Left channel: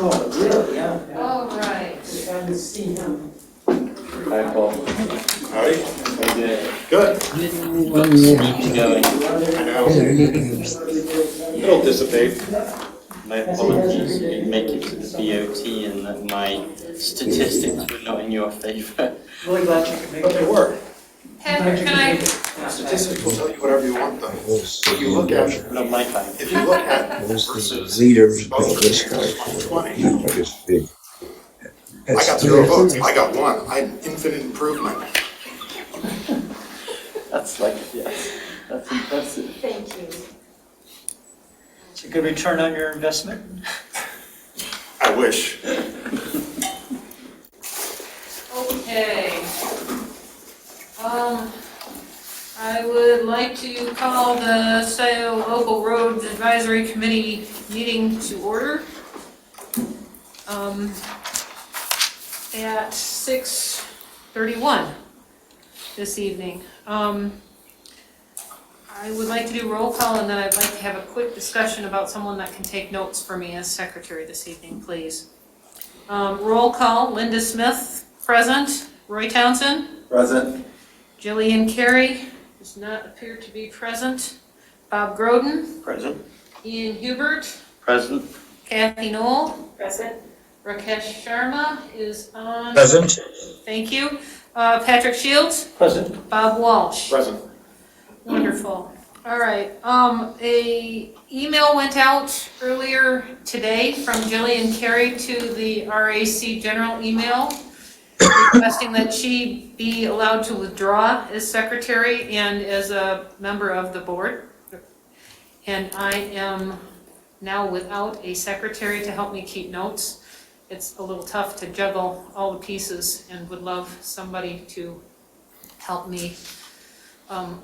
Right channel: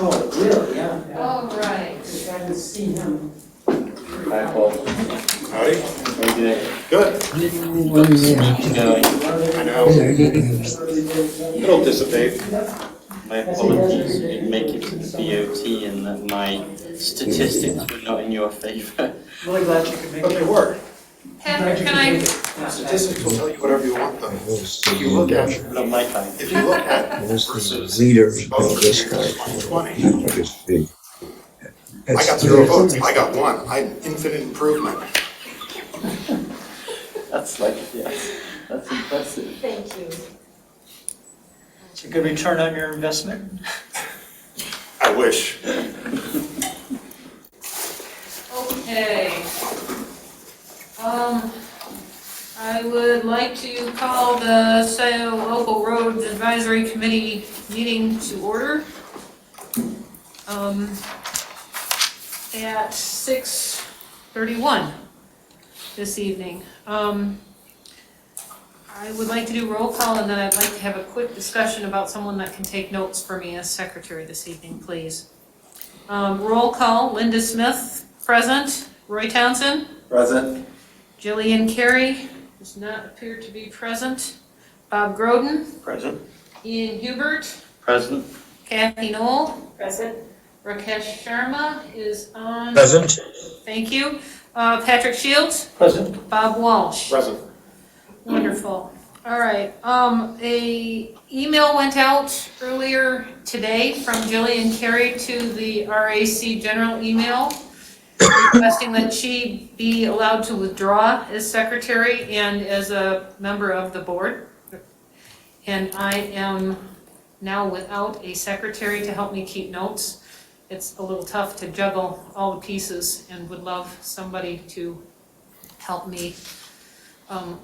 Oh, really? Yeah. All right. I haven't seen him. Hi, Paul. Howdy. How you doing? Good. I know. It'll dissipate. My apologies. You didn't make it to the BOT and that my statistics were not in your favour. Really glad you could make But it. they were. Patrick, can I? Statistics will tell you whatever you want them. If you look at, Not my time. if you look at Most of versus the leaders both of this years, guy. 2020, It's big. I got 0 votes. I got 1. I had infinite improvement. That's like, yeah, that's impressive. Thank you. It's a good return on your investment. I wish. Okay. I would like to call the Scio Local Roads Advisory Committee meeting to order. At 6:31 this evening. I would like to do roll call and then I'd like to have a quick discussion about someone that can take notes for me as secretary this evening, please. Roll call, Linda Smith, present. Roy Townsend. Present. Jillian Kerry does not appear to be present. Bob Groden. Present. Ian Hubert. Present. Kathy Knol. Present. Rakesh Sharma is on. Present. Thank you. Patrick Shields. Present. Bob Walsh. Present. Wonderful. All right. A email went out earlier today from Jillian Kerry to the RAC general email requesting that she be allowed to withdraw as secretary and as a member of the board. And I am now without a secretary to help me keep notes. It's a little tough to juggle all the pieces and would love somebody to help me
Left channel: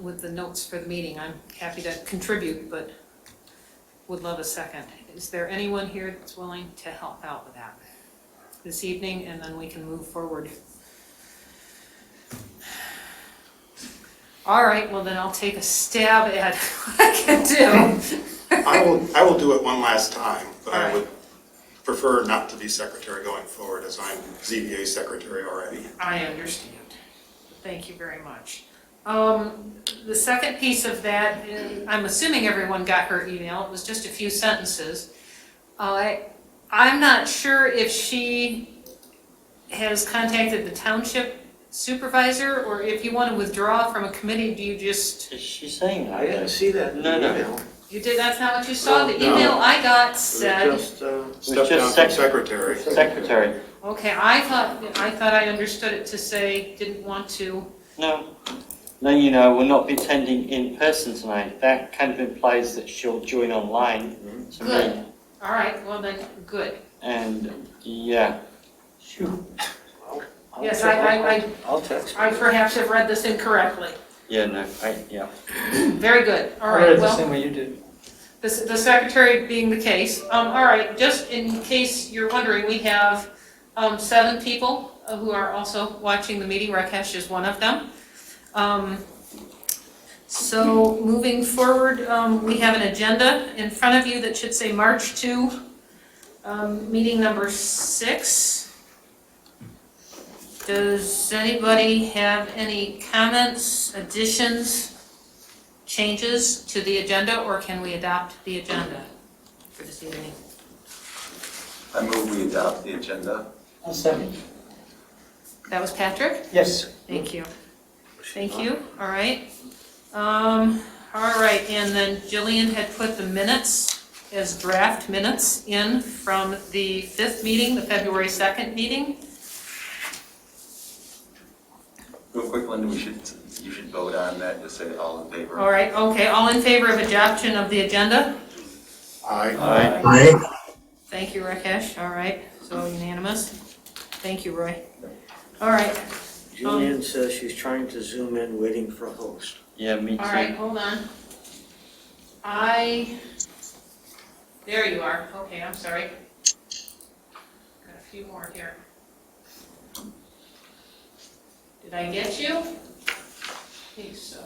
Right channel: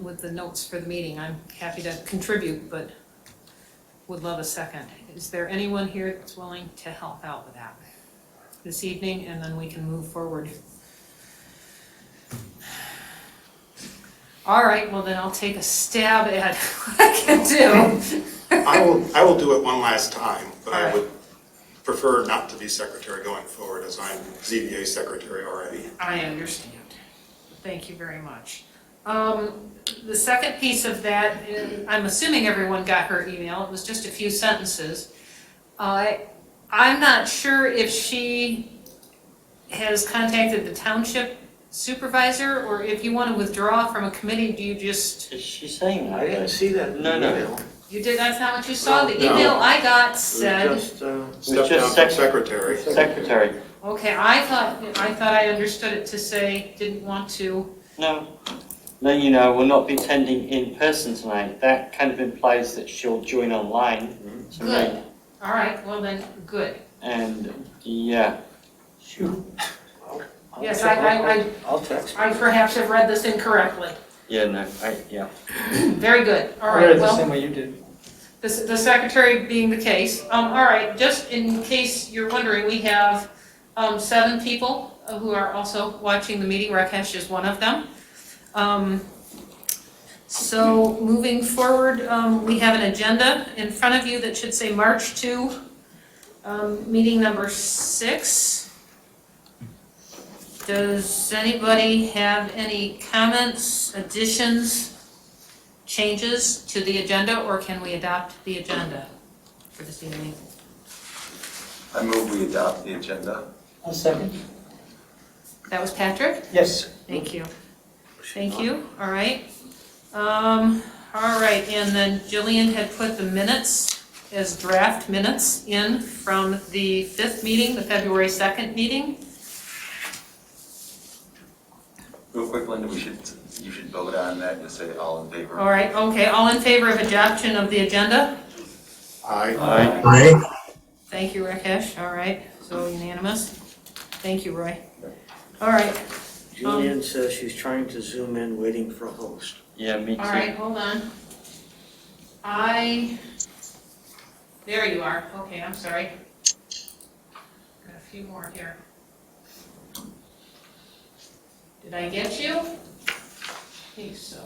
with the notes for the meeting. I'm happy to contribute, but would love a second. Is there anyone here that's willing to help out with that this evening, and then we can move forward? All right, well then I'll take a stab at what I can do. I will do it one last time, but All I right. would prefer not to be secretary going forward as I'm ZBA secretary already. I understand. Thank you very much. The second piece of that, I'm assuming everyone got her email. It was just a few sentences. I'm not sure if she has contacted the township supervisor, or if you want to withdraw from a committee, do you just... Is she saying that? I didn't see that. No, no. You did, that's not what you saw? The No. email I got It said... was just, Step down from secretary. Secretary. Okay, I thought I understood it to say didn't want to... No. No, you know, we'll not be attending in person tonight. That kind of implies that she'll join online. To Good. me. All right, well then, good. And, yeah. Yes, I I'll text. I perhaps have read this incorrectly. Yeah, no, yeah. Very good. All I right, read it the well, same way you did. the secretary being the case. All right, just in case you're wondering, we have 7 people who are also watching the meeting. Rakesh is one of them. So moving forward, we have an agenda in front of you that should say March 2, meeting number 6. Does anybody have any comments, additions, changes to the agenda, or can we adopt the agenda for this evening? I move we adopt the agenda. I'll second. That was Patrick? Yes. Thank you. Thank you, all right. All right, and then Jillian had put the minutes as draft minutes in from the 5th meeting, the February 2nd meeting. Real quick, Linda, you should vote on that, just say all in favor. All right, okay, all in favor of adoption of the agenda? Aye. Aye. Thank you, Rakesh, all right, so unanimous. Thank you, Roy. All right, Jillian says she's trying to zoom in, waiting for a host. Yeah, me too. all right, hold on. There you are, okay, I'm sorry. Got a few more here. Did I get you? I think so.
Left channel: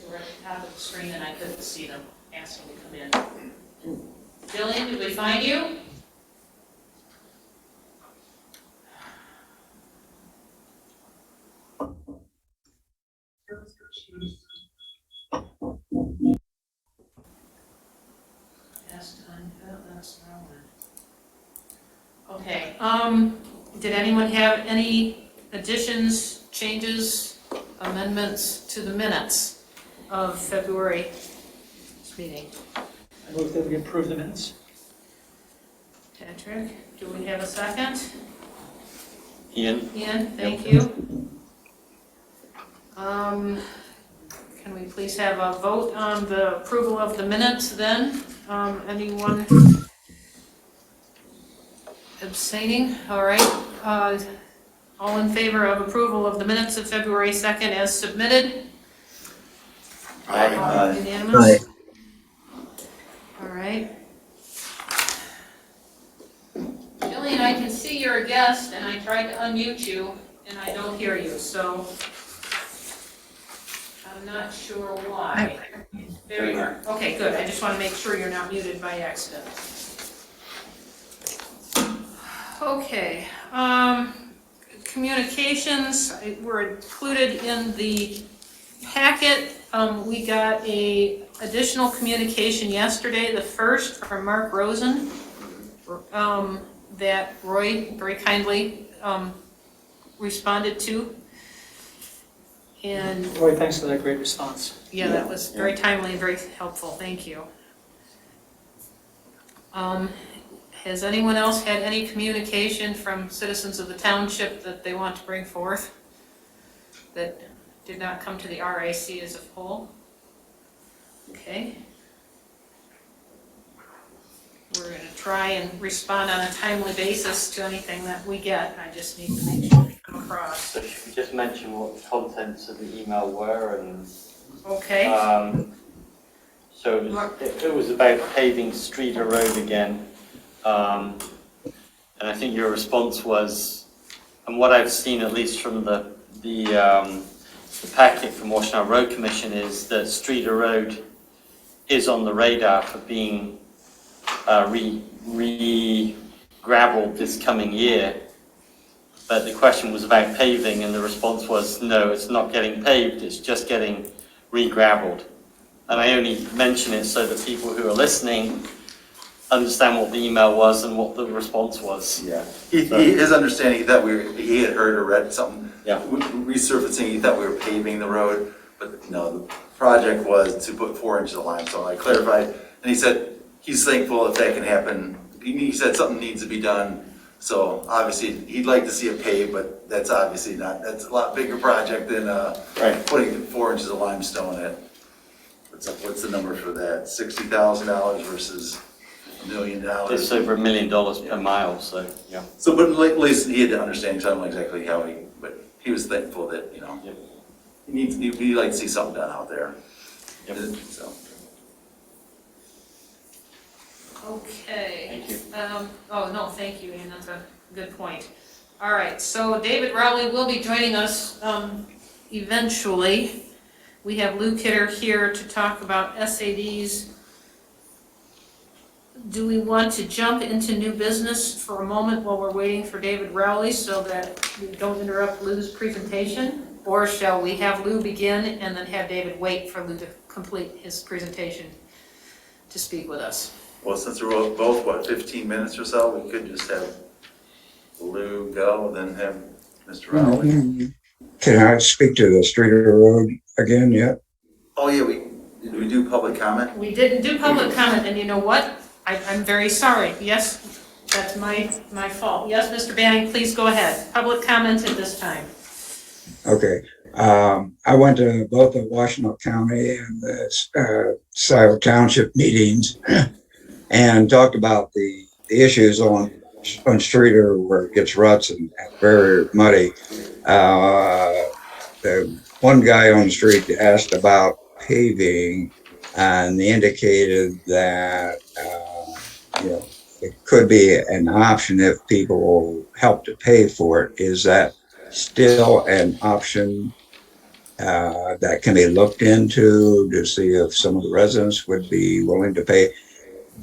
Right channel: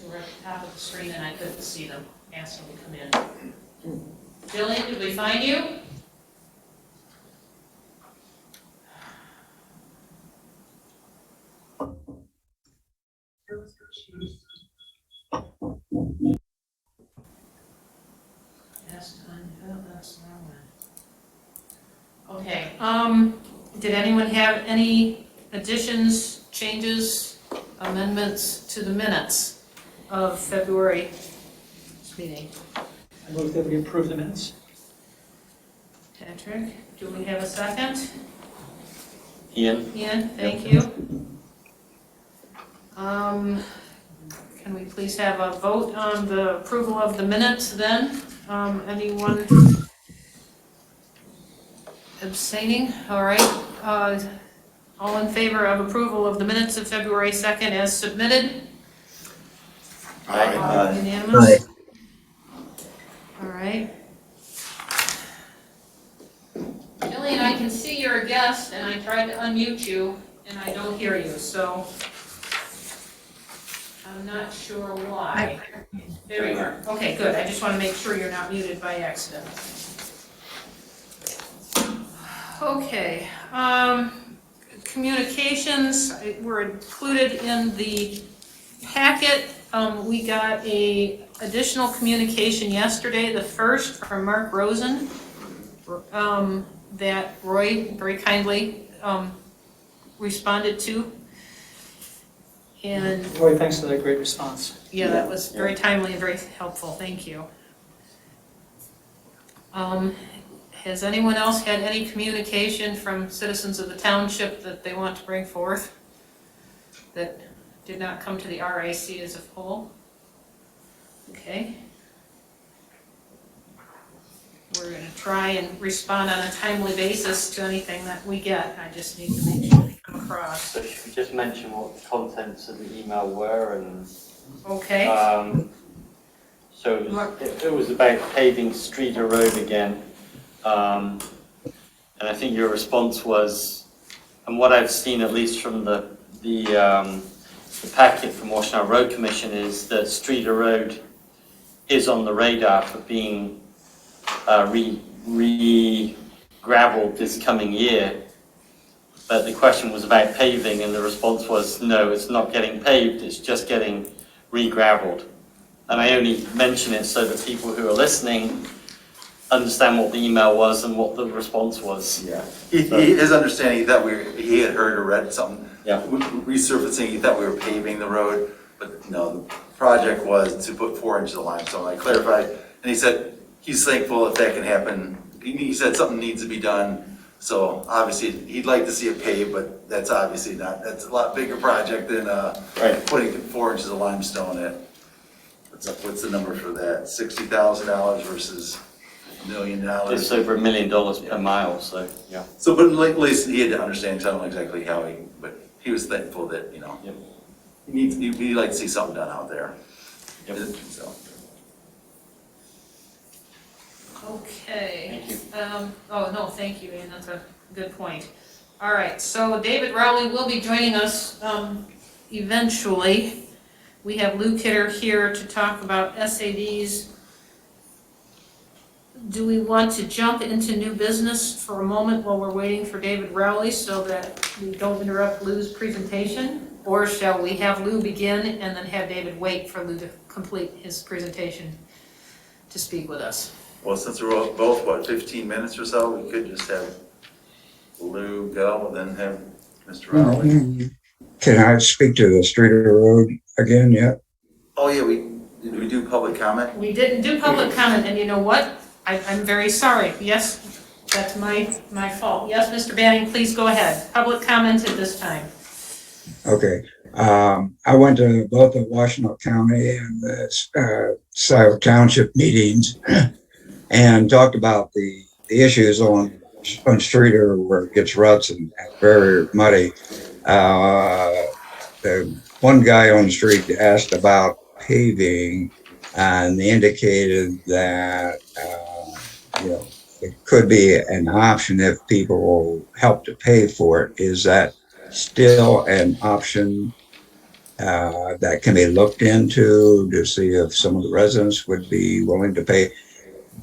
They were at the top of the screen and I couldn't see them. Asked them to come in. Jillian, did we find you? Okay, did anyone have any additions, changes, amendments to the minutes of February's meeting? I move that we approve the minutes. Patrick, do we have a second? Ian? Ian, thank you. Can we please have a vote on the approval of the minutes then? Anyone abstaining? All right. All in favor of approval of the minutes of February 2nd as submitted? Aye. Unanimous? All right. Jillian, I can see you're a guest, and I tried to unmute you, and I don't hear you, so I'm not sure why. There you are. Okay, good. I just want to make sure you're not muted by accident. Okay. Communications were included in the packet. We got a additional communication yesterday, the first from Mark Rosen, that Roy very kindly responded to. And Roy, thanks for that great response. yeah, that was very timely and very helpful. Thank you. Has anyone else had any communication from citizens of the township that they want to bring forth that did not come to the RAC as a whole? Okay. We're going to try and respond on a timely basis to anything that we get. I just need to make sure we come across. So should we just mention what the contents of the email were and Okay. so it was about paving Streeter Road again. And I think your response was, and what I've seen at least from the packet from Washington Road Commission is that Streeter Road is on the radar for being re-gravelled this coming year. But the question was about paving, and the response was, no, it's not getting paved, it's just getting re-gravelled. And I only mention it so that people who are listening understand what the email was and what the response was. Yeah, his understanding, he thought he had heard or read something. Yeah. Resurfacing, he thought we were paving the road, but no, the project was to put 4 inches of limestone. I clarified, and he said he's thankful if that can happen. He said something needs to be done, so obviously he'd like to see it paved, but that's obviously not, that's a lot bigger project than putting 4 inches of limestone in. What's the number for that? $60,000 versus $1 million. It's over $1 million per mile, so yeah. So, but at least he had to understand, so I don't know exactly how but he was thankful that, you know, Yep. he'd like to see something done out there. Yep. So. Okay. Thank you. Oh, no, thank you, Ian, that's a good point. All right, so David Rowley will be joining us eventually. We have Lew Kidder here to talk about SADs. Do we want to jump into new business for a moment while we're waiting for David Rowley so that we don't interrupt Lew's presentation? Or shall we have Lew begin and then have David wait for Lew to complete his presentation to speak with us? Well, since we're both, 15 minutes or so, we could just have Lew go, and then have Mr. Rowley. Can I speak to the Streeter Road again yet? Oh, yeah, did we do public comment? We didn't do public comment, and you know what? I'm very sorry. Yes, that's my fault. Yes, Mr. Banning, please go ahead. Public comment at this time. Okay. I went to both the Washington County and the Scioto Township meetings and talked about the issues on Streeter where it gets ruts and very muddy. The one guy on the street asked about paving, and they indicated that it could be an option if people will help to pay for it. Is that still an option that can be looked into to see if some of the residents would be willing to pay?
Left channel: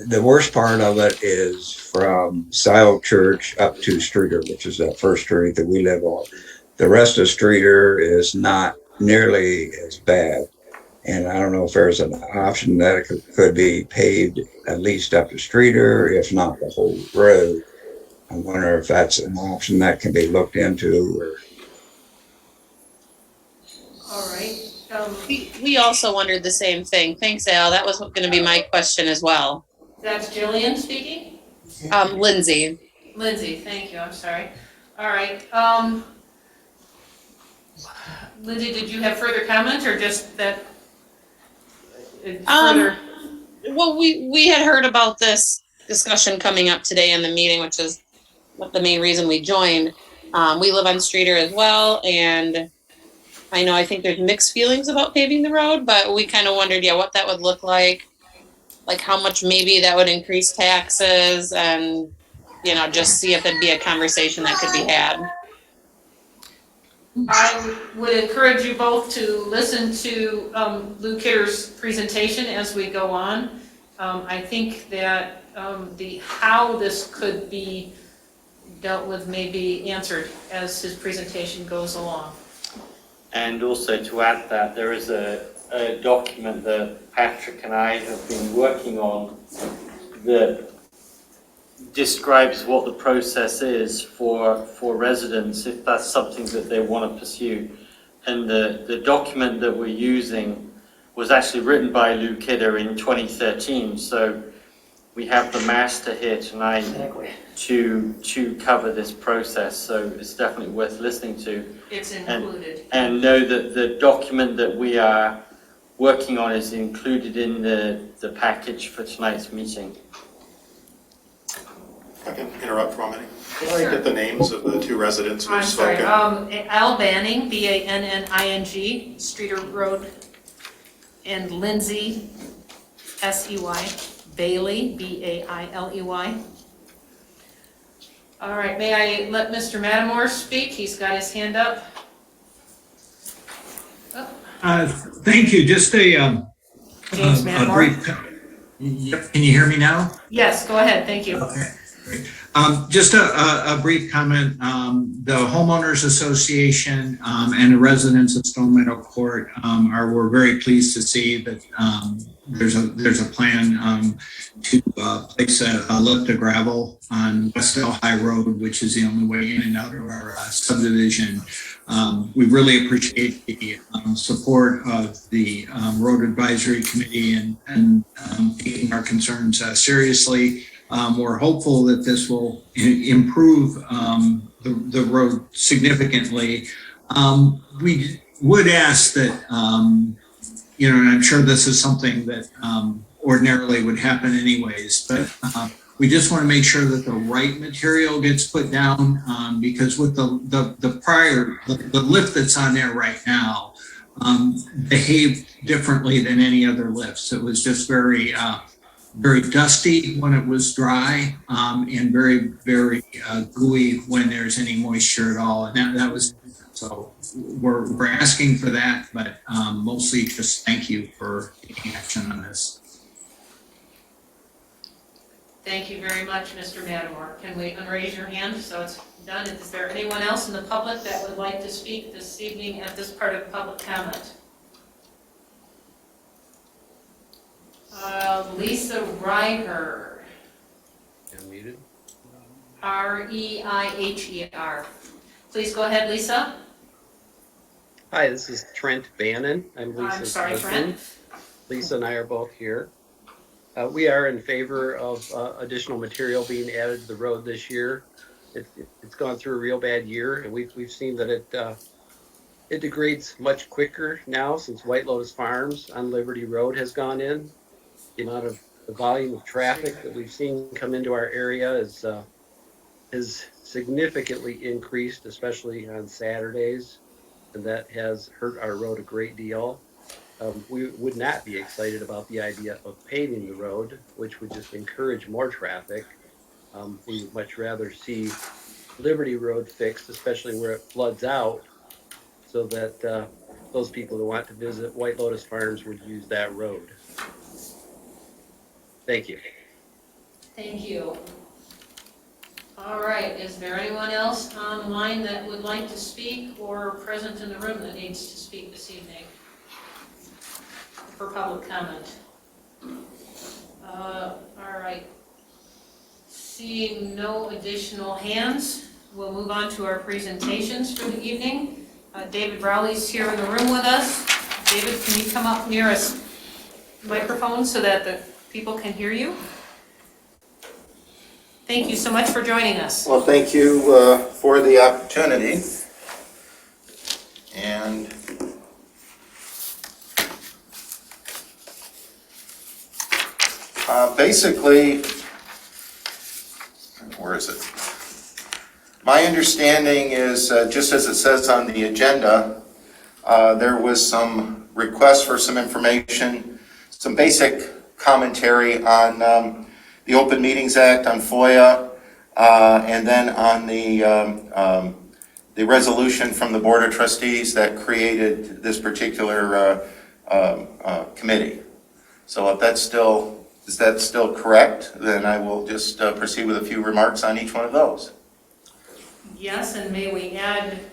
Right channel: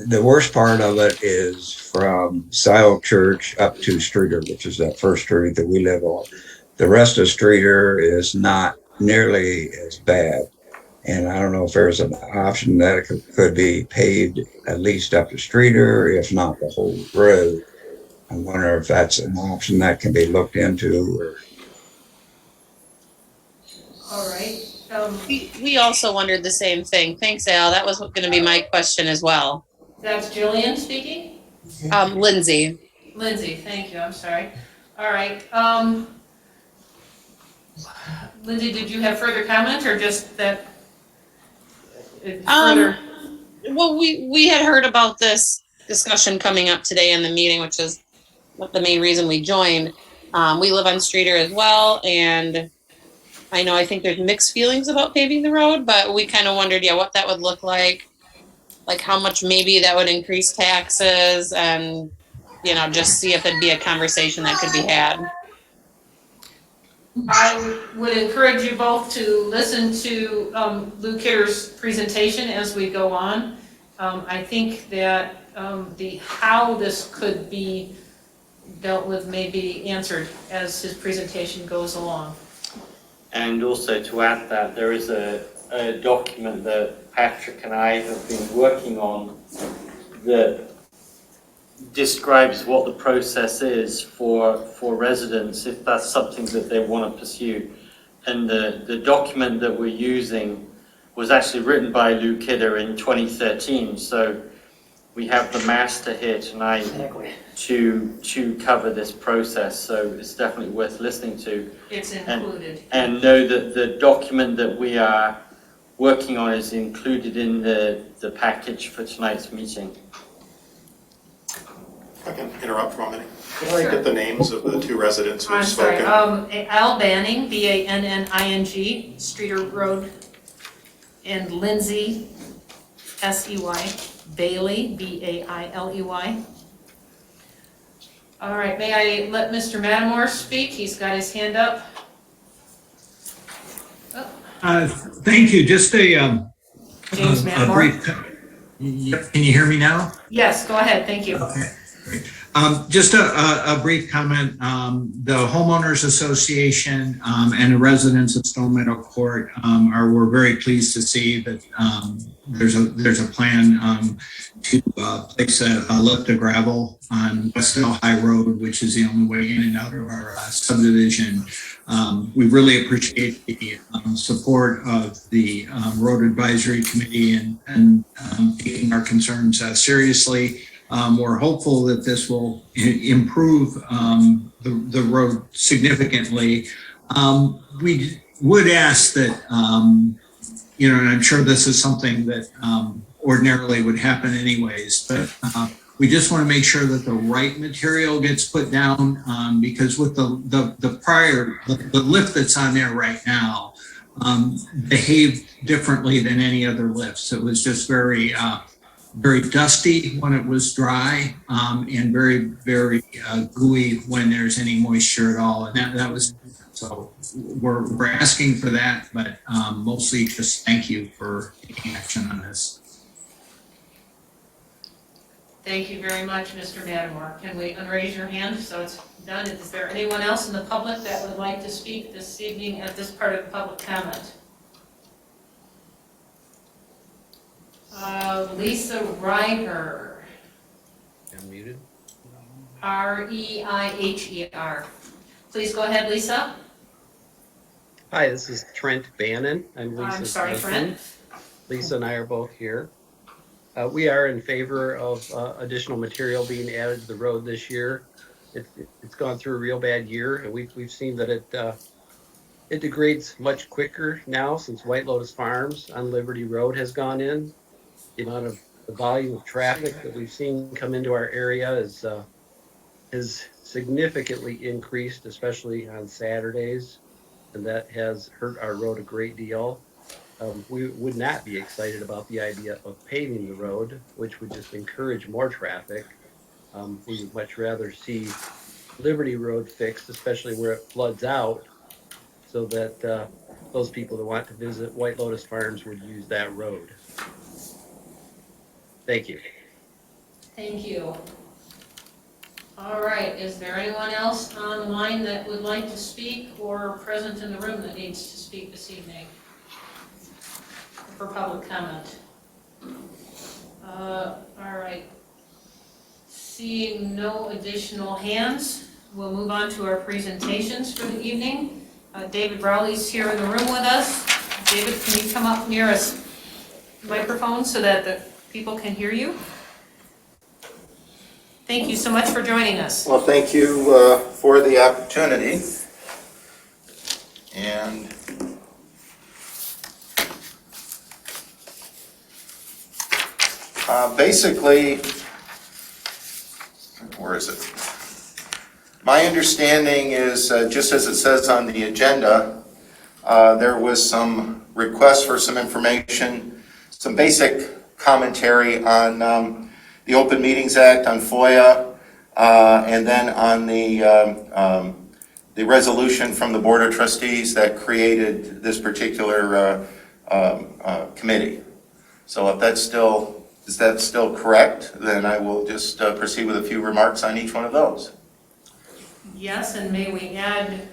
the worst part of it is from Scioto Church up to Streeter, which is that first street that we live on. The rest of Streeter is not nearly as bad. And I don't know if there's an option that it could be paved at least up to Streeter, if not the whole road. I wonder if that's an option that can be looked into. Or All right. We also wondered the same thing. Thanks, Al. That was going to be my question as well. That's Jillian speaking? Lindsay. Lindsay, thank you, I'm sorry. All right, Lindsay, did you have further comment or just that? Further? Well, we had heard about this discussion coming up today in the meeting, which is the main reason we joined. We live on Streeter as well, and I think there's mixed feelings about paving the road, but we kind of wondered, what that would look like how much maybe that would increase taxes, and just see if it'd be a conversation that could be had. I would encourage you both to listen to Lew Kidder's presentation as we go on. I think that the how this could be dealt with may be answered as his presentation goes along. And also to add that there is a document that Patrick and I have been working on that describes what the process is for residents if that's something that they want to pursue. And the document that we're using was actually written by Lew Kidder in 2013. So we have the master here tonight to cover this process. So it's definitely worth listening to. It's included. And know that the document that we are working on is included in the package for tonight's meeting. If I can interrupt for a minute. Can Sure. I get the names of the two residents who've I'm sorry, spoken? Al Banning, Banning, Streeter Road, and Lindsay, Sey, Bailey, Bailey. All right, may I let Mr. Matamore speak? He's got his hand up. Thank you. Just a James Matamore. brief. Yep. Can you hear me now? Yes, go ahead, thank you. Okay. Great. Just a brief comment. The Homeowners Association and the residents of Stone Meadow Court we're very pleased to see that there's a plan to place a lift of gravel on West Elm High Road, which is the only way in and out of our subdivision. We really appreciate the support of the Road Advisory Committee and taking our concerns seriously. We're hopeful that this will improve the road significantly. We would ask that, and I'm sure this is something that ordinarily would happen anyways, but we just want to make sure that the right material gets put down because with the lift that's on there right now behaved differently than any other lifts. It was just very dusty when it was dry and very, very gooey when there's any moisture at all. And that was, so we're asking for that, but mostly just thank you for taking action on this. Thank you very much, Mr. Matamore. Can we unraise your hand so it's done? Is there anyone else in the public that would like to speak this evening at this part of public comment? Lisa Reiher. Unmuted. Reiher. Please go ahead, Lisa. Hi, this is Trent Bannon. I'm Lisa's I'm sorry, husband. Trent. Lisa and I are both here. We are in favor of additional material being added to the road this year. It's gone through a real bad year, and we've seen that it degrades much quicker now since White Lotus Farms on Liberty Road has gone in. The amount of the volume of traffic that we've seen come into our area has significantly increased, especially on Saturdays, and that has hurt our road a great deal. We would not be excited about the idea of paving the road, which would just encourage more traffic. We would much rather see Liberty Road fixed, especially where it floods out, so that those people who want to visit White Lotus Farms would use that road. Thank you. Thank you. All right, is there anyone else on the line that would like to speak or present in the room that needs to speak this evening for public comment? All right. Seeing no additional hands, we'll move on to our presentations for the evening. David Rowley's here in the room with us. David, can you come up near a microphone so that the people can hear you? Thank you so much for joining us. Well, thank you for the opportunity. And basically, where is it? My understanding is, just as it says on the agenda, there was some request for some information, some basic commentary on the Open Meetings Act, on Foia, and then on the resolution from the Board of Trustees that created this particular committee. So if that's is that still correct? Then I will just proceed with a few remarks on each one of those. Yes, and may we add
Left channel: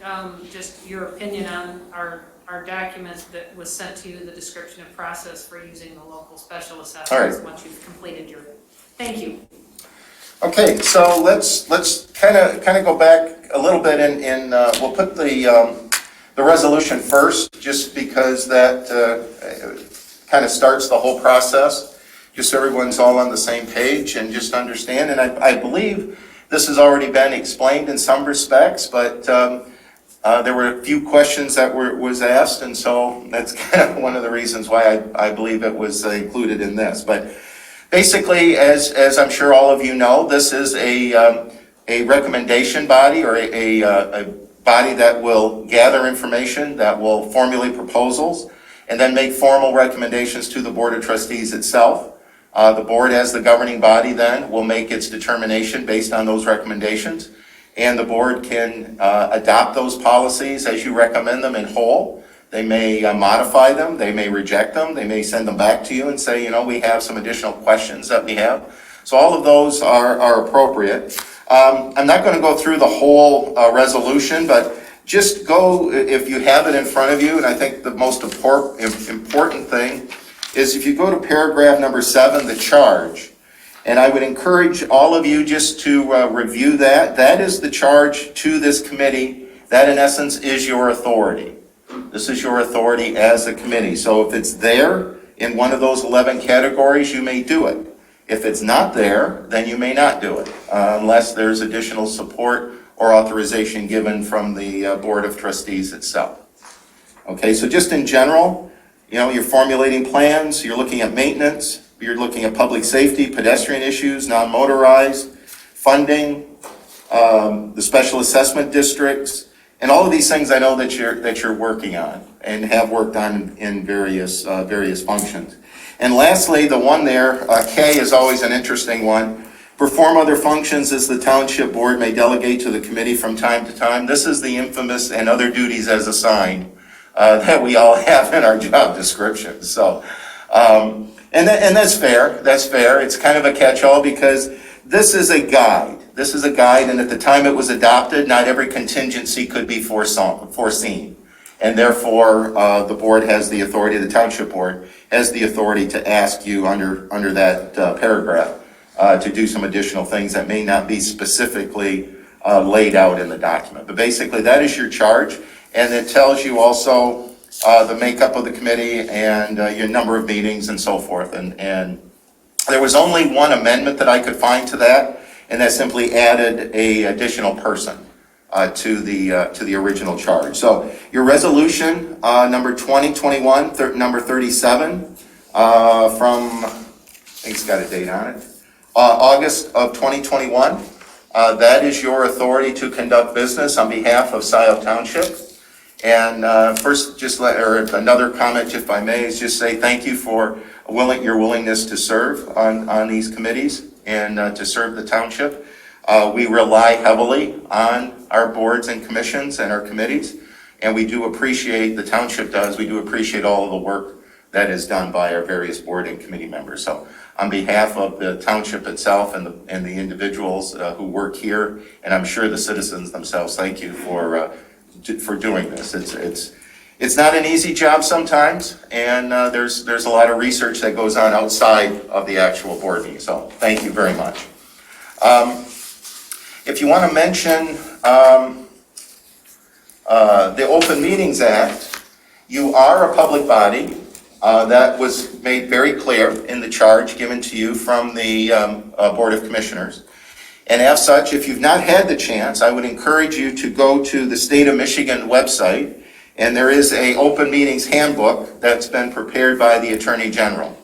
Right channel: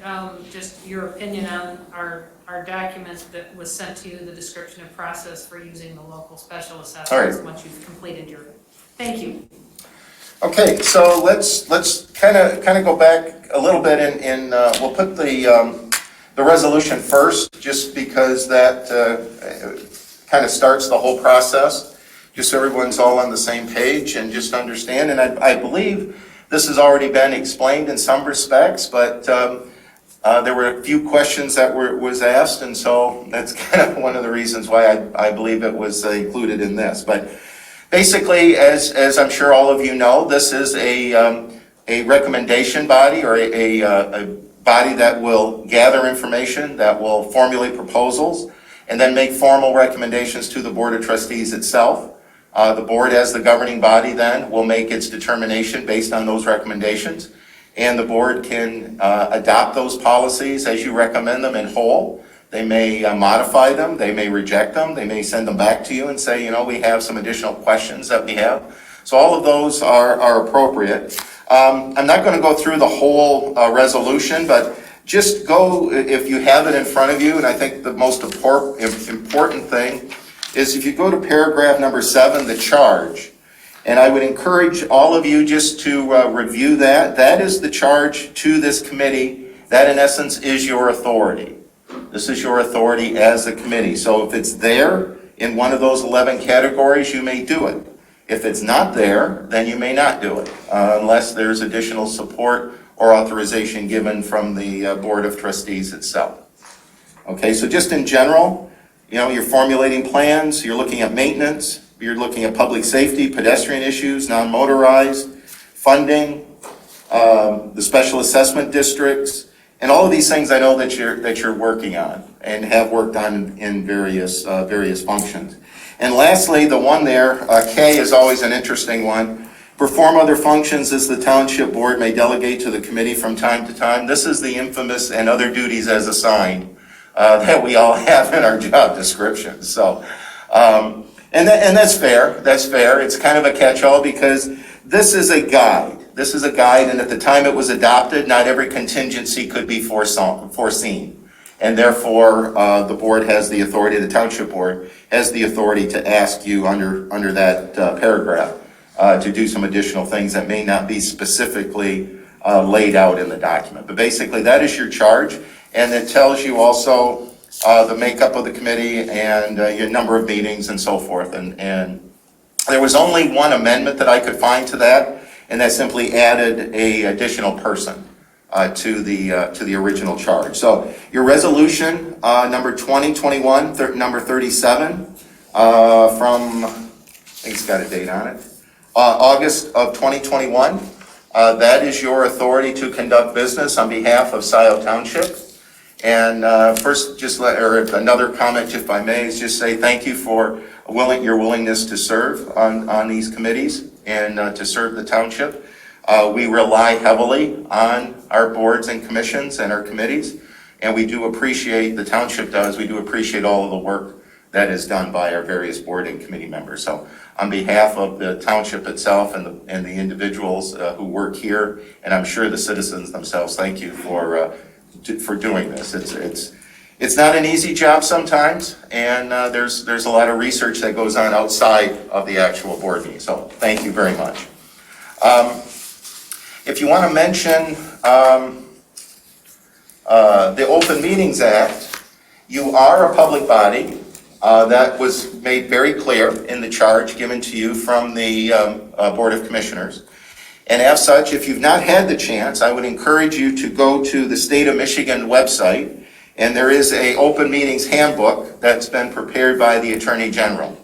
just your opinion on our documents that was sent to you, the description of process for using the local special assessments once you've completed your. Thank you. Okay, so let's kind of go back a little bit and we'll put the resolution first, just because that kind of starts the whole process, just so everyone's all on the same page and just understand. And I believe this has already been explained in some respects, but there were a few questions that was asked, and so that's kind of one of the reasons why I believe it was included in this. But basically, as I'm sure all of you know, this is a recommendation body, or a body that will gather information, that will formulate proposals, and then make formal recommendations to the Board of Trustees itself. The board, as the governing body, then will make its determination based on those recommendations, and the board can adopt those policies as you recommend them in whole. They may modify them, they may reject them, they may send them back to you and say, we have some additional questions that we have. So all of those are appropriate. I'm not going to go through the whole resolution, but just go, if you have it in front of you, and I think the most important thing is if you go to paragraph number 7, the charge, and I would encourage all of you just to review that. That is the charge to this committee. That, in essence, is your authority. This is your authority as a committee. So if it's there in one of those 11 categories, you may do it. If it's not there, then you may not do it, unless there's additional support or authorization given from the Board of Trustees itself. Okay, so just in general, you're formulating plans, you're looking at maintenance, you're looking at public safety, pedestrian issues, non-motorized, funding, the special assessment districts, and all of these things I know that you're working on and have worked on in various functions. And lastly, the one there, K, is always an interesting one. Perform other functions as the Township Board may delegate to the committee from time to time. This is the infamous and other duties as assigned that we all have in our job description. So, and that's fair. That's fair. It's kind of a catch-all because this is a guide. This is a guide, and at the time it was adopted, not every contingency could be foreseen. And therefore, the board has the authority, the Township Board has the authority to ask you under that paragraph to do some additional things that may not be specifically laid out in the document. But basically, that is your charge. And it tells you also the makeup of the committee and your number of meetings and so forth. And there was only one amendment that I could find to that, and that simply added a additional person to the original charge. So your resolution number 2021, number 37 from, I think it's got a date on it, August of 2021. That is your authority to conduct business on behalf of Scio Township. And first, another comment, if I may, is just say thank you for your willingness to serve on these committees and to serve the township. We rely heavily on our boards and commissions and our committees, and we do appreciate, the township does, we do appreciate all of the work that is done by our various board and committee members. So on behalf of the township itself and the individuals who work here, and I'm sure the citizens themselves, thank you for doing this. It's not an easy job sometimes, and there's a lot of research that goes on outside of the actual board meeting, so thank you very much. If you want to mention the Open Meetings Act, you are a public body. That was made very clear in the charge given to you from the Board of Commissioners. And as such, if you've not had the chance, I would encourage you to go to the State of Michigan website, and there is a Open Meetings Handbook that's been prepared by the Attorney General.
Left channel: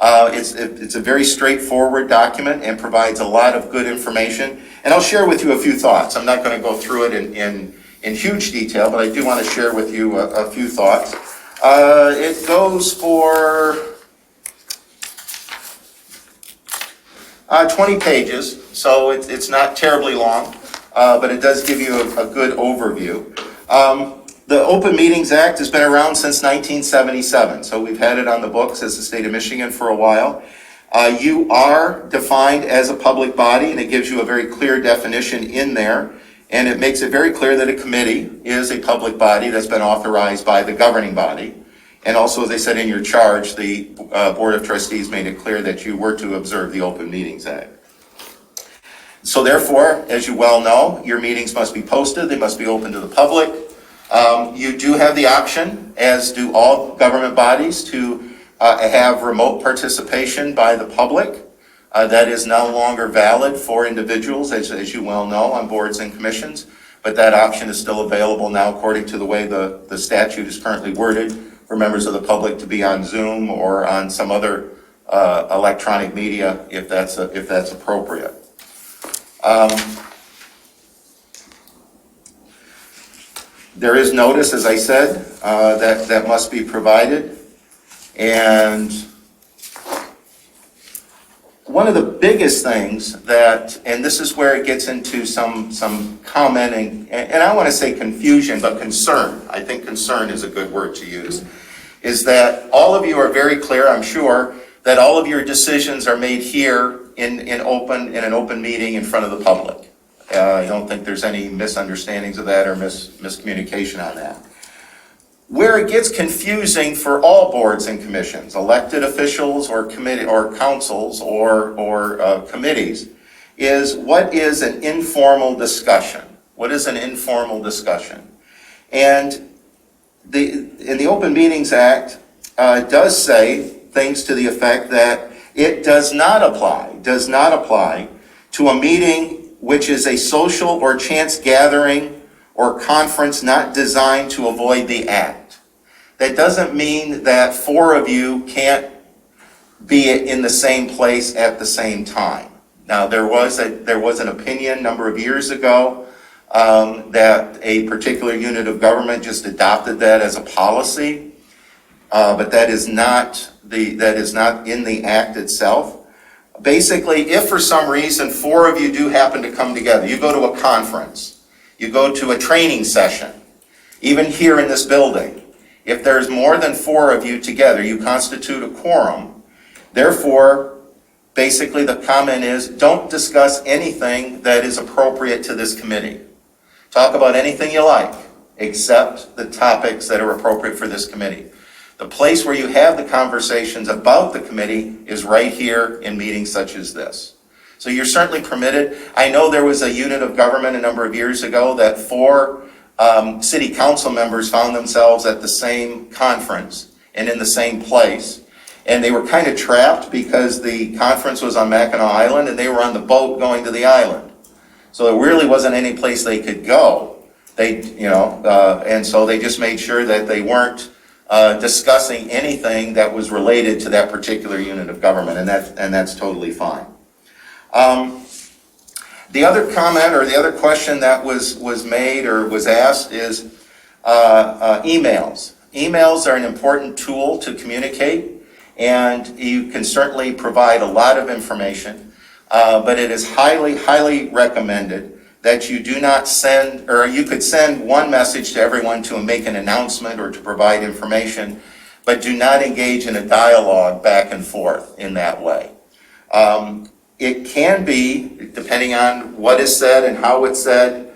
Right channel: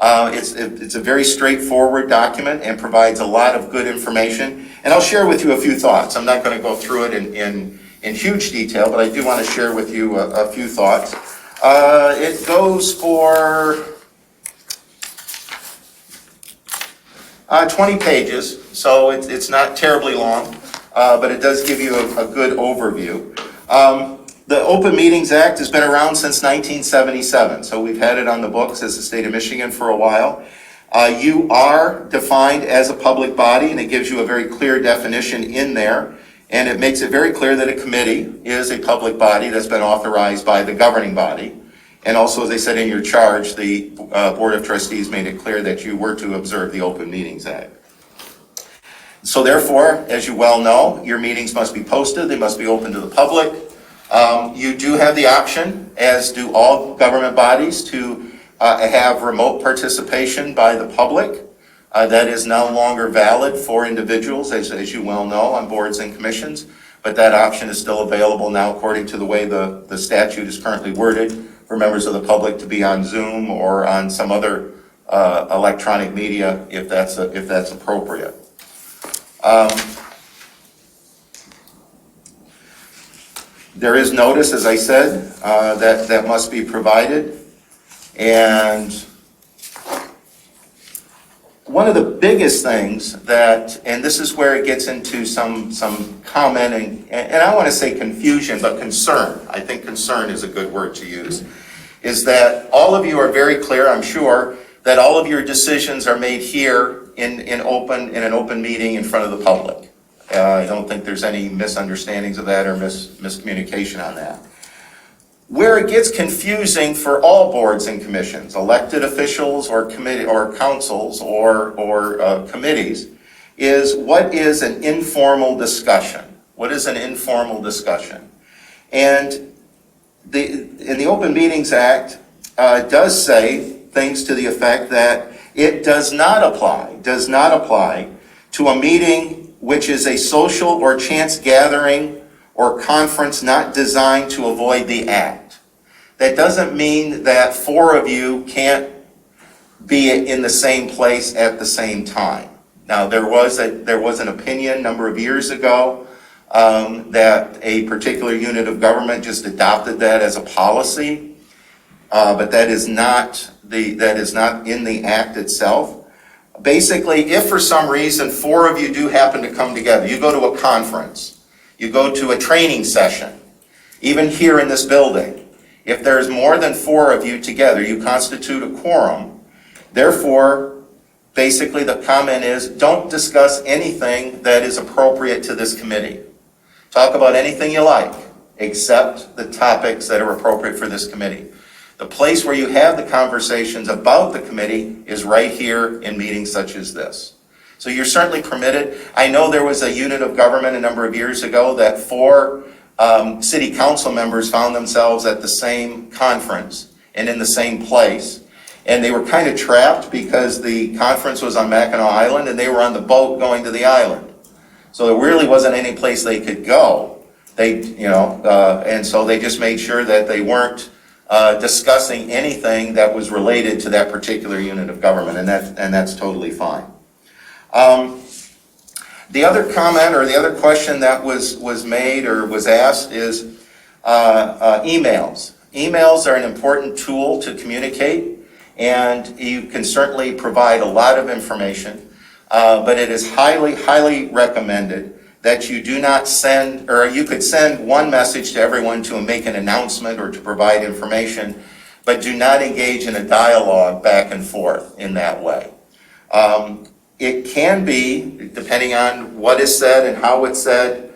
It's a very straightforward document and provides a lot of good information. And I'll share with you a few thoughts. I'm not going to go through it in huge detail, but I do want to share with you a few thoughts. It goes for 20 pages, so it's not terribly long, but it does give you a good overview. The Open Meetings Act has been around since 1977, so we've had it on the books as the state of Michigan for a while. You are defined as a public body, and it gives you a very clear definition in there, and it makes it very clear that a committee is a public body that's been authorized by the governing body. And also, as I said in your charge, the Board of Trustees made it clear that you were to observe the Open Meetings Act. So therefore, as you well know, your meetings must be posted, they must be open to the public. You do have the option, as do all government bodies, to have remote participation by the public. That is no longer valid for individuals, as you well know, on boards and commissions, but that option is still available now according to the way the statute is currently worded for members of the public to be on Zoom or on some other electronic media if that's appropriate. There is notice, as I said, that must be provided, and one of the biggest things that, and this is where it gets into some commenting, and I want to say confusion, but concern, I think concern is a good word to use, is that all of you are very clear, I'm sure, that all of your decisions are made here in an open meeting in front of the public. I don't think there's any misunderstandings of that or miscommunication on that. Where it gets confusing for all boards and commissions, elected officials or committee or councils or committees, is what is an informal discussion? What is an informal discussion? And in the Open Meetings Act does say things to the effect that it does not apply to a meeting which is a social or chance gathering or conference not designed to avoid the act. That doesn't mean that four of you can't be in the same place at the same time. Now, there was an opinion a number of years ago that a particular unit of government just adopted that as a policy, but that is not in the act itself. Basically, if for some reason four of you do happen to come together, you go to a conference, you go to a training session, even here in this building, if there's more than four of you together, you constitute a quorum. Therefore, basically the comment is, don't discuss anything that is appropriate to this committee. Talk about anything you like, except the topics that are appropriate for this committee. The place where you have the conversations about the committee is right here in meetings such as this. So you're certainly permitted. I know there was a unit of government a number of years ago that four city council members found themselves at the same conference and in the same place. And they were kind of trapped because the conference was on Mackinac Island and they were on the boat going to the island. So there really wasn't any place they could go. And so they just made sure that they weren't discussing anything that was related to that particular unit of government, and that's totally fine. The other comment or the other question that was made or was asked is emails. Emails are an important tool to communicate, and you can certainly provide a lot of information, but it is highly, highly recommended that you do not send, or you could send one message to everyone to make an announcement or to provide information, but do not engage in a dialogue back and forth in that way. It can be, depending on what is said and how it's said,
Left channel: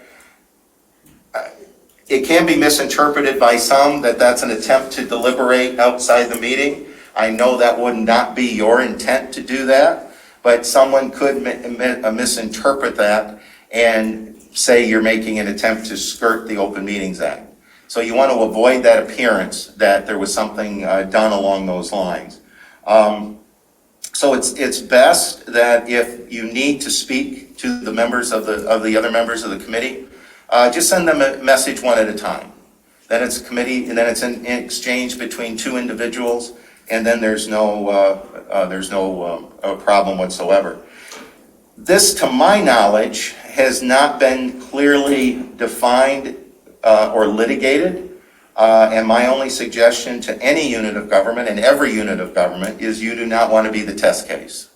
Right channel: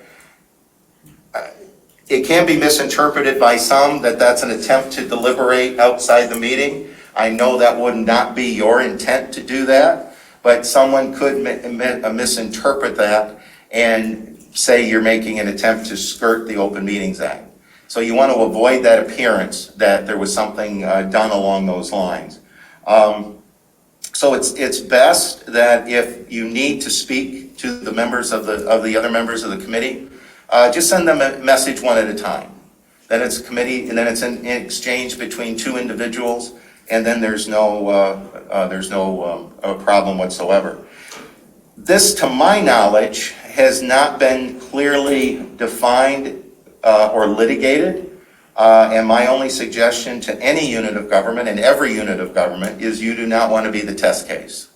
it can be misinterpreted by some that that's an attempt to deliberate outside the meeting. I know that would not be your intent to do that, but someone could misinterpret that and say you're making an attempt to skirt the Open Meetings Act. So you want to avoid that appearance that there was something done along those lines. So it's best that if you need to speak to the members of the other members of the committee, just send them a message one at a time. Then it's a committee, and then it's an exchange between two individuals, and then there's no problem whatsoever. This, to my knowledge, has not been clearly defined or litigated. And my only suggestion to any unit of government and every unit of government is you do not want to be the test case.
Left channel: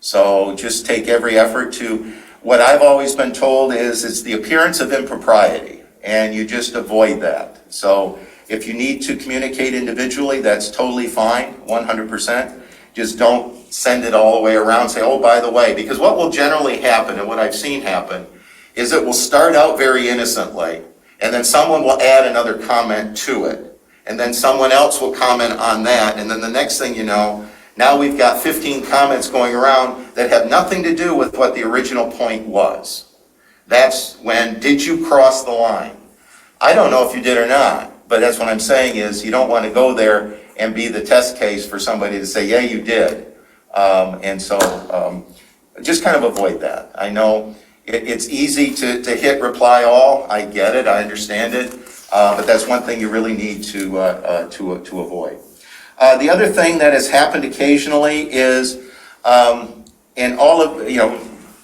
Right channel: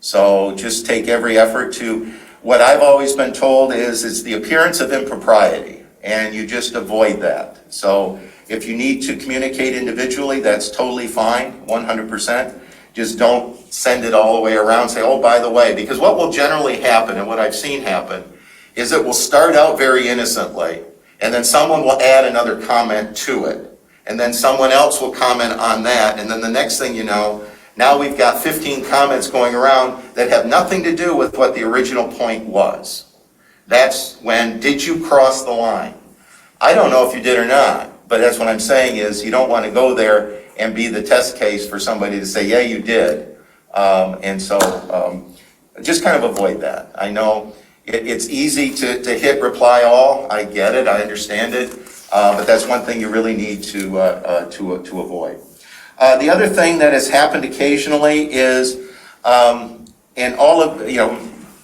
So just take every effort to, what I've always been told is it's the appearance of impropriety, and you just avoid that. So if you need to communicate individually, that's totally fine, 100%. Just don't send it all the way around, say, oh, by the way, because what will generally happen, and what I've seen happen, is it will start out very innocently, and then someone will add another comment to it, and then someone else will comment on that, and then the next thing you know, now we've got 15 comments going around that have nothing to do with what the original point was. That's when, did you cross the line? I don't know if you did or not, but that's what I'm saying is you don't want to go there and be the test case for somebody to say, yeah, you did. And so just kind of avoid that. I know it's easy to hit reply all. I get it. I understand it. But that's one thing you really need to avoid. The other thing that has happened occasionally is, and all of,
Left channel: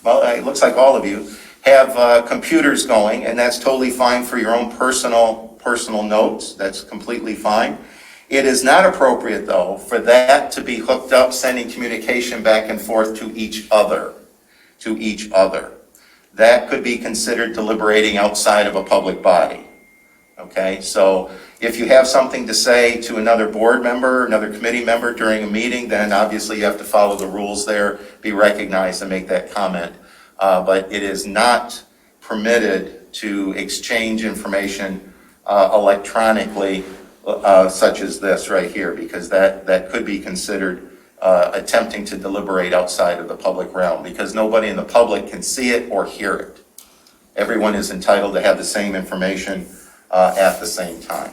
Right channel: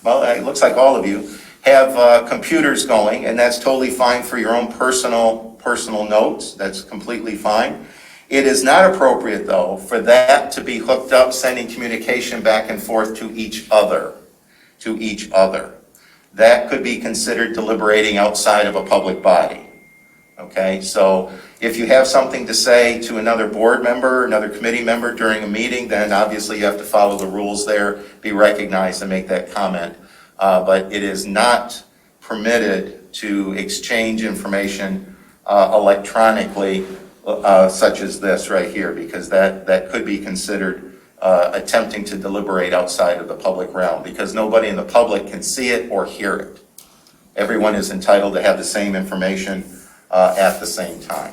well, it looks like all of you have computers going, and that's totally fine for your own personal notes. That's completely fine. It is not appropriate, though, for that to be hooked up, sending communication back and forth to each other. That could be considered deliberating outside of a public body. Okay, so if you have something to say to another board member, another committee member during a meeting, then obviously you have to follow the rules there, be recognized and make that comment. But it is not permitted to exchange information electronically such as this right here, because that could be considered attempting to deliberate outside of the public realm, because nobody in the public can see it or hear it. Everyone is entitled to have the same information at the same time.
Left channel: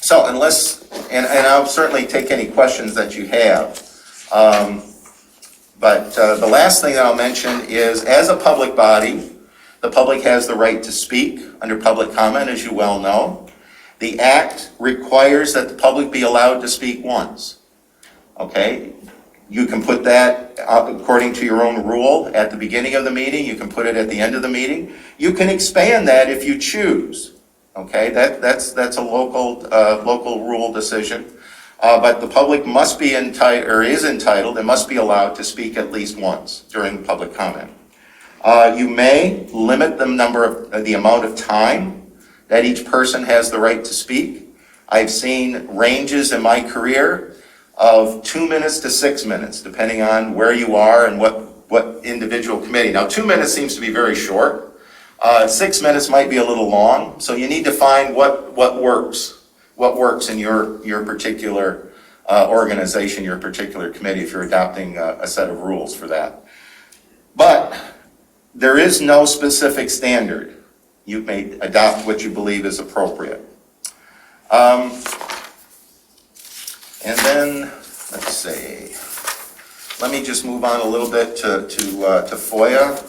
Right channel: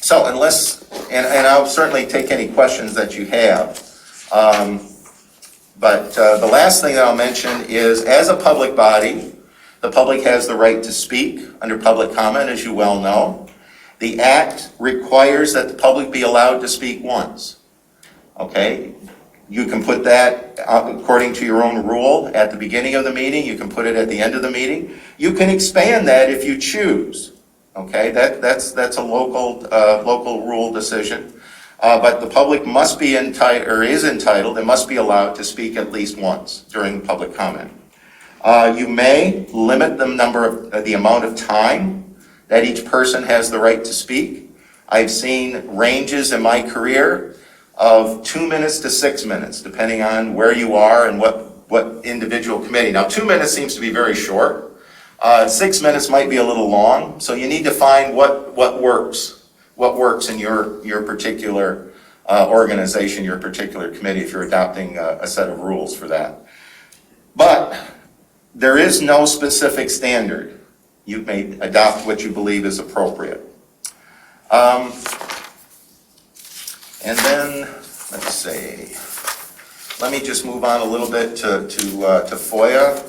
So unless, and I'll certainly take any questions that you have, but the last thing that I'll mention is, as a public body, the public has the right to speak under public comment, as you well know. The Act requires that the public be allowed to speak once. Okay? You can put that according to your own rule at the beginning of the meeting. You can put it at the end of the meeting. You can expand that if you choose. Okay? That's a local rule decision. But the public must be entitled, or is entitled, and must be allowed to speak at least once during public comment. You may limit the amount of time that each person has the right to speak. I've seen ranges in my career of 2 minutes to 6 minutes, depending on where you are and what individual committee. Now, 2 minutes seems to be very short. 6 minutes might be a little long, so you need to find what works in your particular organization, your particular committee, if you're adopting a set of rules for that. But there is no specific standard. You may adopt what you believe is appropriate. And then, let's see. Let me just move on a little bit to Foia.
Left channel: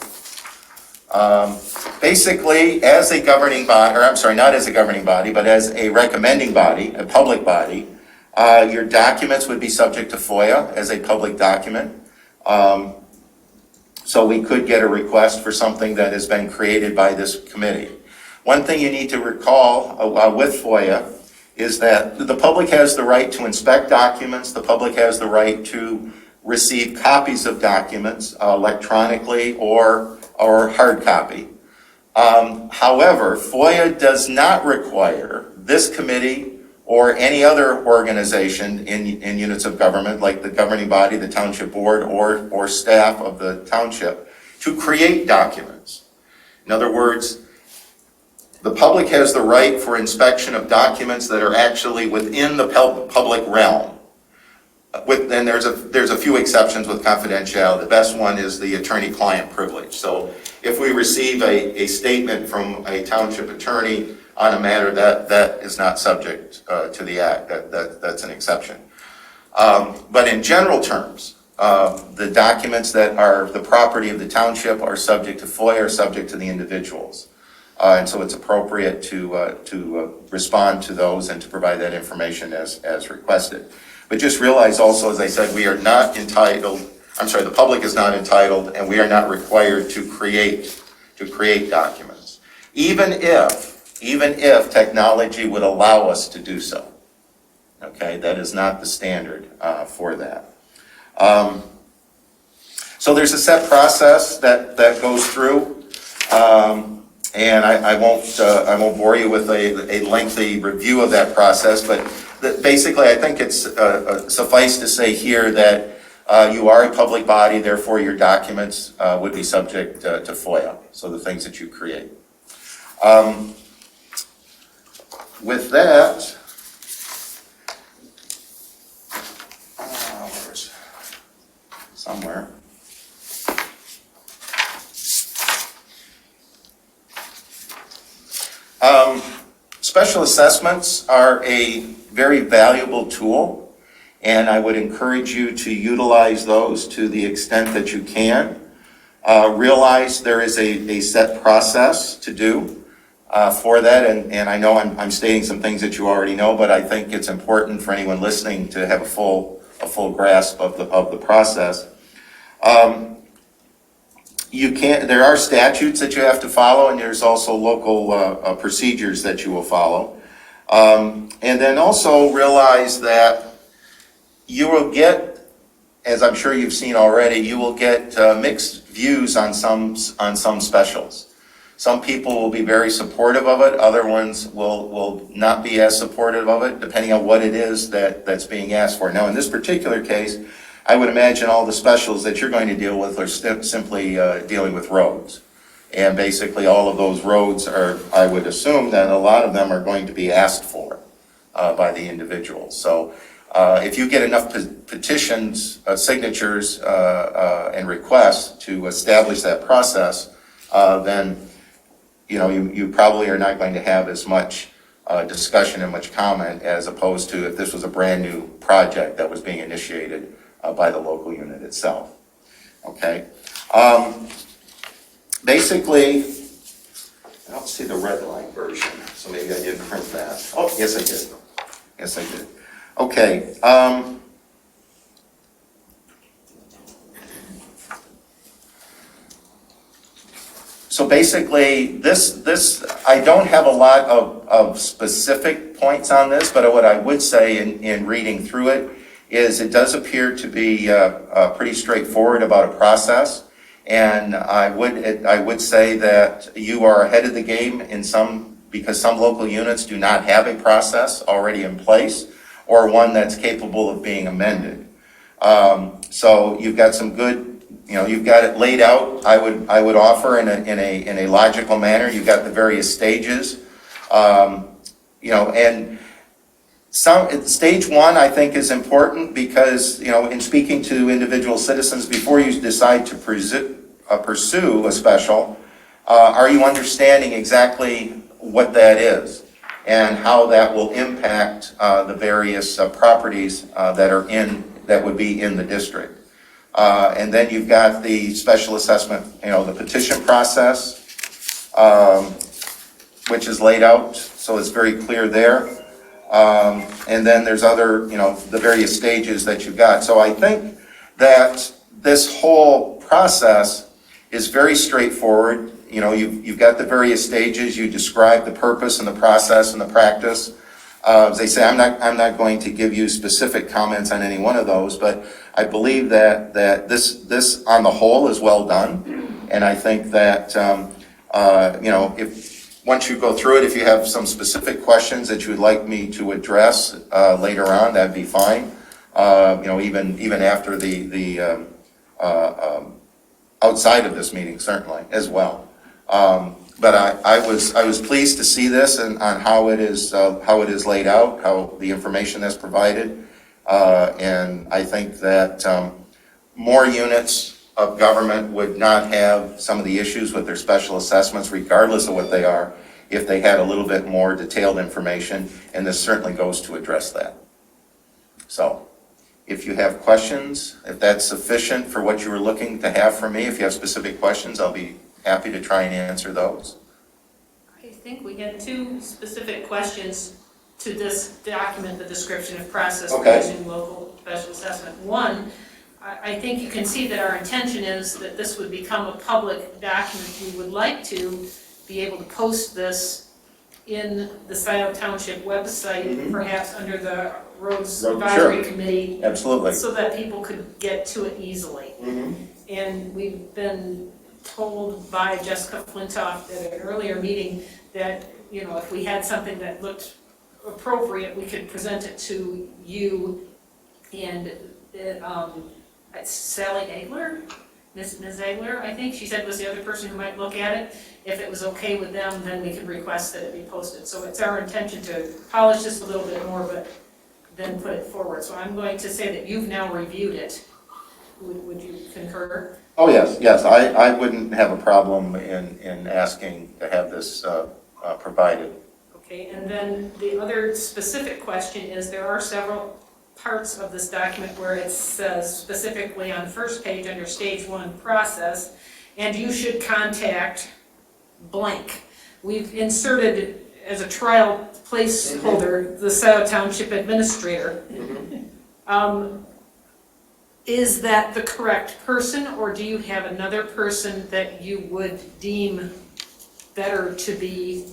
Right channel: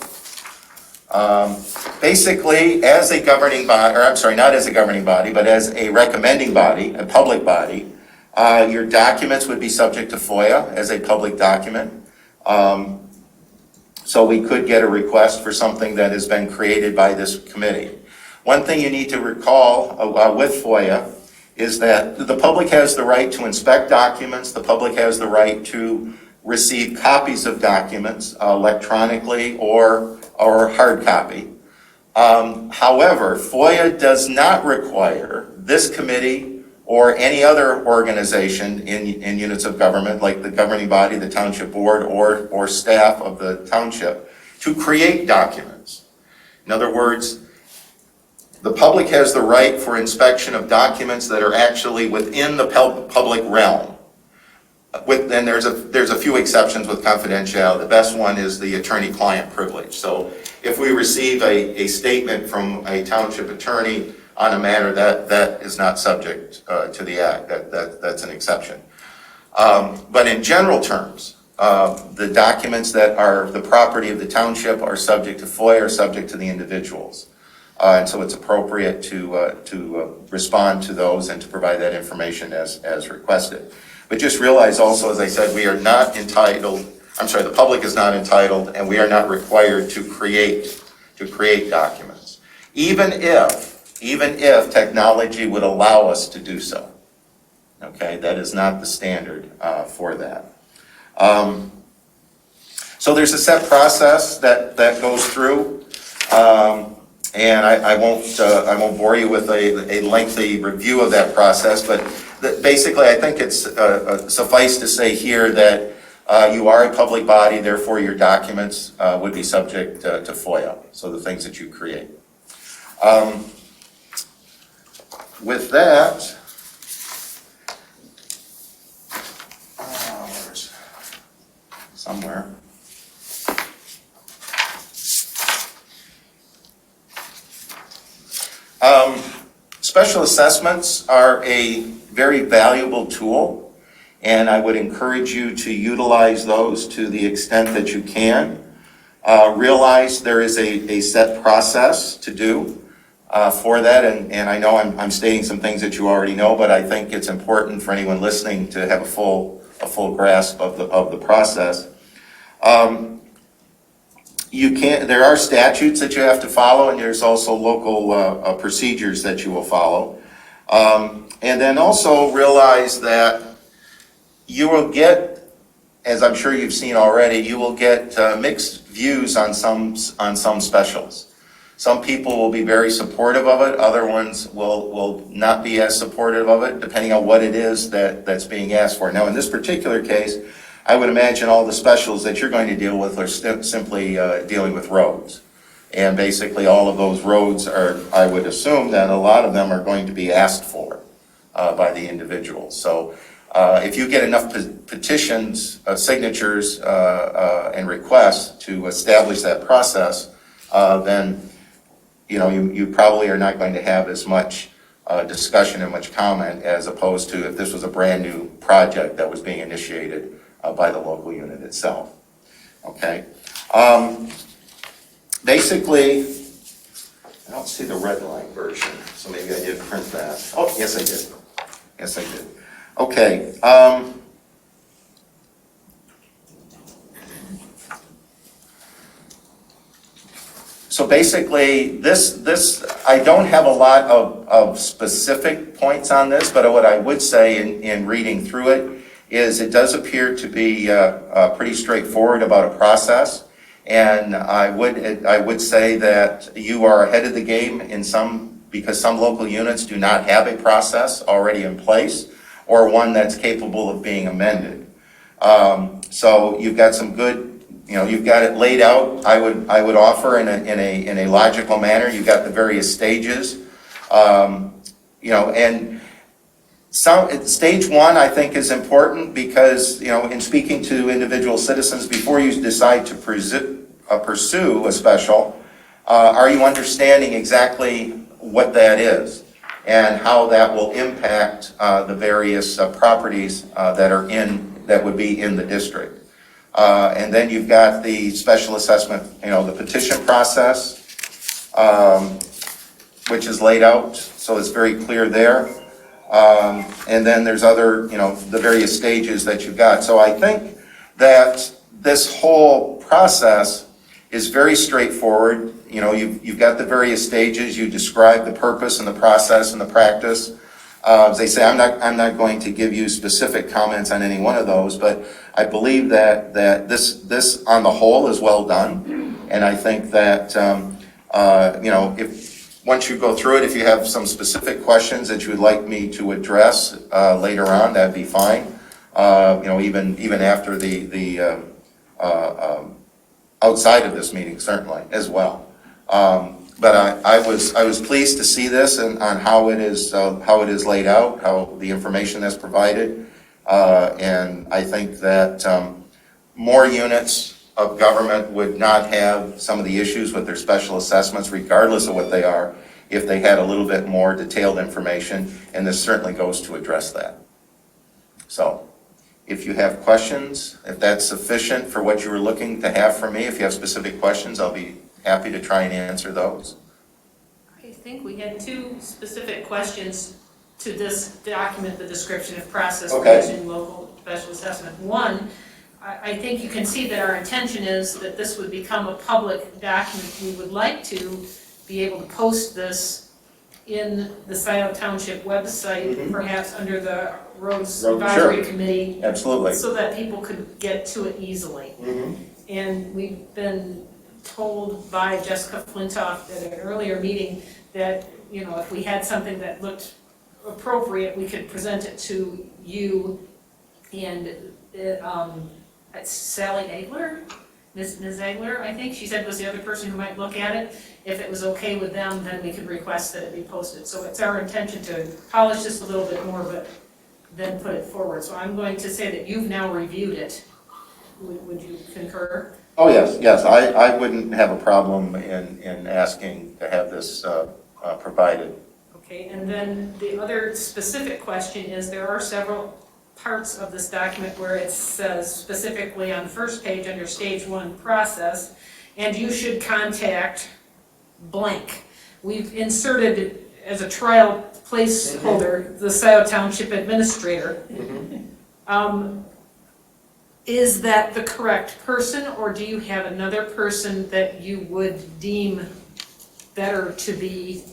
Basically, as a governing body, or I'm sorry, not as a governing body, but as a recommending body, a public body, your documents would be subject to Foia as a public document. So we could get a request for something that has been created by this committee. One thing you need to recall with Foia is that the public has the right to inspect documents. The public has the right to receive copies of documents electronically or hard copy. However, Foia does not require this committee or any other organization in units of government, like the governing body, the township board, or staff of the township, to create documents. In other words, the public has the right for inspection of documents that are actually within the public realm. Then there's a few exceptions with confidentiality. The best one is the attorney-client privilege. So if we receive a statement from a township attorney on a matter that is not subject to the act, that's an exception. But in general terms, the documents that are the property of the township are subject to FOIA, are subject to the individuals. And so it's appropriate to respond to those and to provide that information as requested. But just realize also, as I said, we are not entitled, the public is not entitled, and we are not required to create documents. Even if technology would allow us to do so. Okay, that is not the standard for that. So there's a set process that goes through. And I won't bore you with a lengthy review of that process, but basically I think it's suffice to say here that you are a public body, therefore your documents would be subject to FOIA, so the things that you create. With that, where's somewhere. Special assessments are a very valuable tool, and I would encourage you to utilize those to the extent that you can. Realize there is a set process to do for that, and I know I'm stating some things that you already know, but I think it's important for anyone listening to have a full grasp of the process. There are statutes that you have to follow, and there's also local procedures that you will follow. And then also realize that you will get, as I'm sure you've seen already, you will get mixed views on some specials. Some people will be very supportive of it, other ones will not be as supportive of it, depending on what it is that's being asked for. Now, in this particular case, I would imagine all the specials that you're going to deal with are simply dealing with roads. And basically all of those roads are, I would assume that a lot of them are going to be asked for by the individuals. So if you get enough petitions, signatures, and requests to establish that process, then you probably are not going to have as much discussion and much comment as opposed to if this was a brand new project that was being initiated by the local unit itself. Okay. Basically, I don't see the red line version, so maybe I didn't print that. Oh, yes I did. Yes I did. Okay. So basically, this I don't have a lot of specific points on this, but what I would say in reading through it is it does appear to be pretty straightforward about a process, and I would say that you are ahead of the game because some local units do not have a process already in place or one that's capable of being amended. So you've got some good, you've got it laid out. I would offer in a logical manner. You've got the various stages, and stage one, I think, is important because, in speaking to individual citizens, before you decide to pursue a special, are you understanding exactly what that is and how that will impact the various properties that would be in the district? And then you've got the special assessment, the petition process, which is laid out, so it's very clear there. And then there's other, the various stages that you've got. So I think that this whole process is very straightforward. You've got the various stages. You describe the purpose and the process and the practice. As they say, I'm not going to give you specific comments on any one of those, but I believe that this on the whole is well done. And I think that, once you go through it, if you have some specific questions that you would like me to address later on, that'd be fine. Even after the outside of this meeting, certainly, as well. But I was pleased to see this and on how it is laid out, how the information that's provided. And I think that more units of government would not have some of the issues with their special assessments, regardless of what they are, if they had a little bit more detailed information, and this certainly goes to address that. So, if you have questions, if that's sufficient for what you were looking to have from me, if you have specific questions, I'll be happy to try and answer those. I think we had two specific questions to this document, the description of process using local special assessment. One, I think you can see that our intention is that this would become a public document. We would like to be able to post this in the Scioto Township website, perhaps under the Roads Advisory Committee. Absolutely. So that people could get to it easily. And we've been told by Jessica Flintoff at an earlier meeting that, if we had something that looked appropriate, we could present it to you and Sally Egler, Ms. Egler, I think she said was the other person who might look at it. If it was okay with them, then we could request that it be posted. So it's our intention to polish this a little bit more, but then put it forward. So I'm going to say that you've now reviewed it. Would you concur? Oh, yes. I wouldn't have a problem in asking to have this provided. Okay, and then the other specific question is there are several parts of this document where it says specifically on the first page under stage 1 process, and you should contact blank. We've inserted as a trial placeholder the Scioto Township Administrator. Is that the correct person, or do you have another person that you would deem better to be?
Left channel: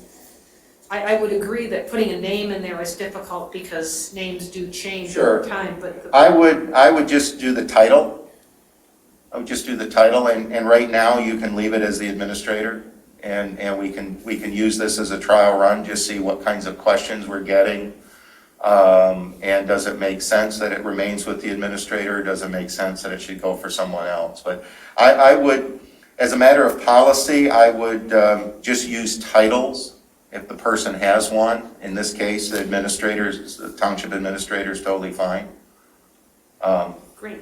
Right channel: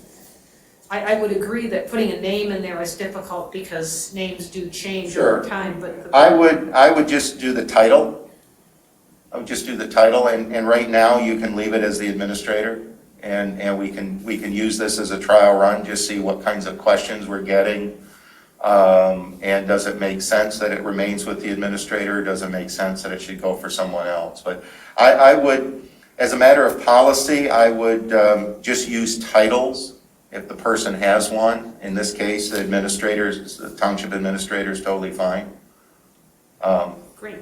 I would agree that putting a name in there is difficult because names do change over time, but I would just do the title. I would just do the title, and right now you can leave it as the administrator, and we can use this as a trial run, just see what kinds of questions we're getting, and does it make sense that it remains with the administrator, or does it make sense that it should go for someone else? But I would, as a matter of policy, I would just use titles. If the person has one, in this case, the township administrator is totally fine. great.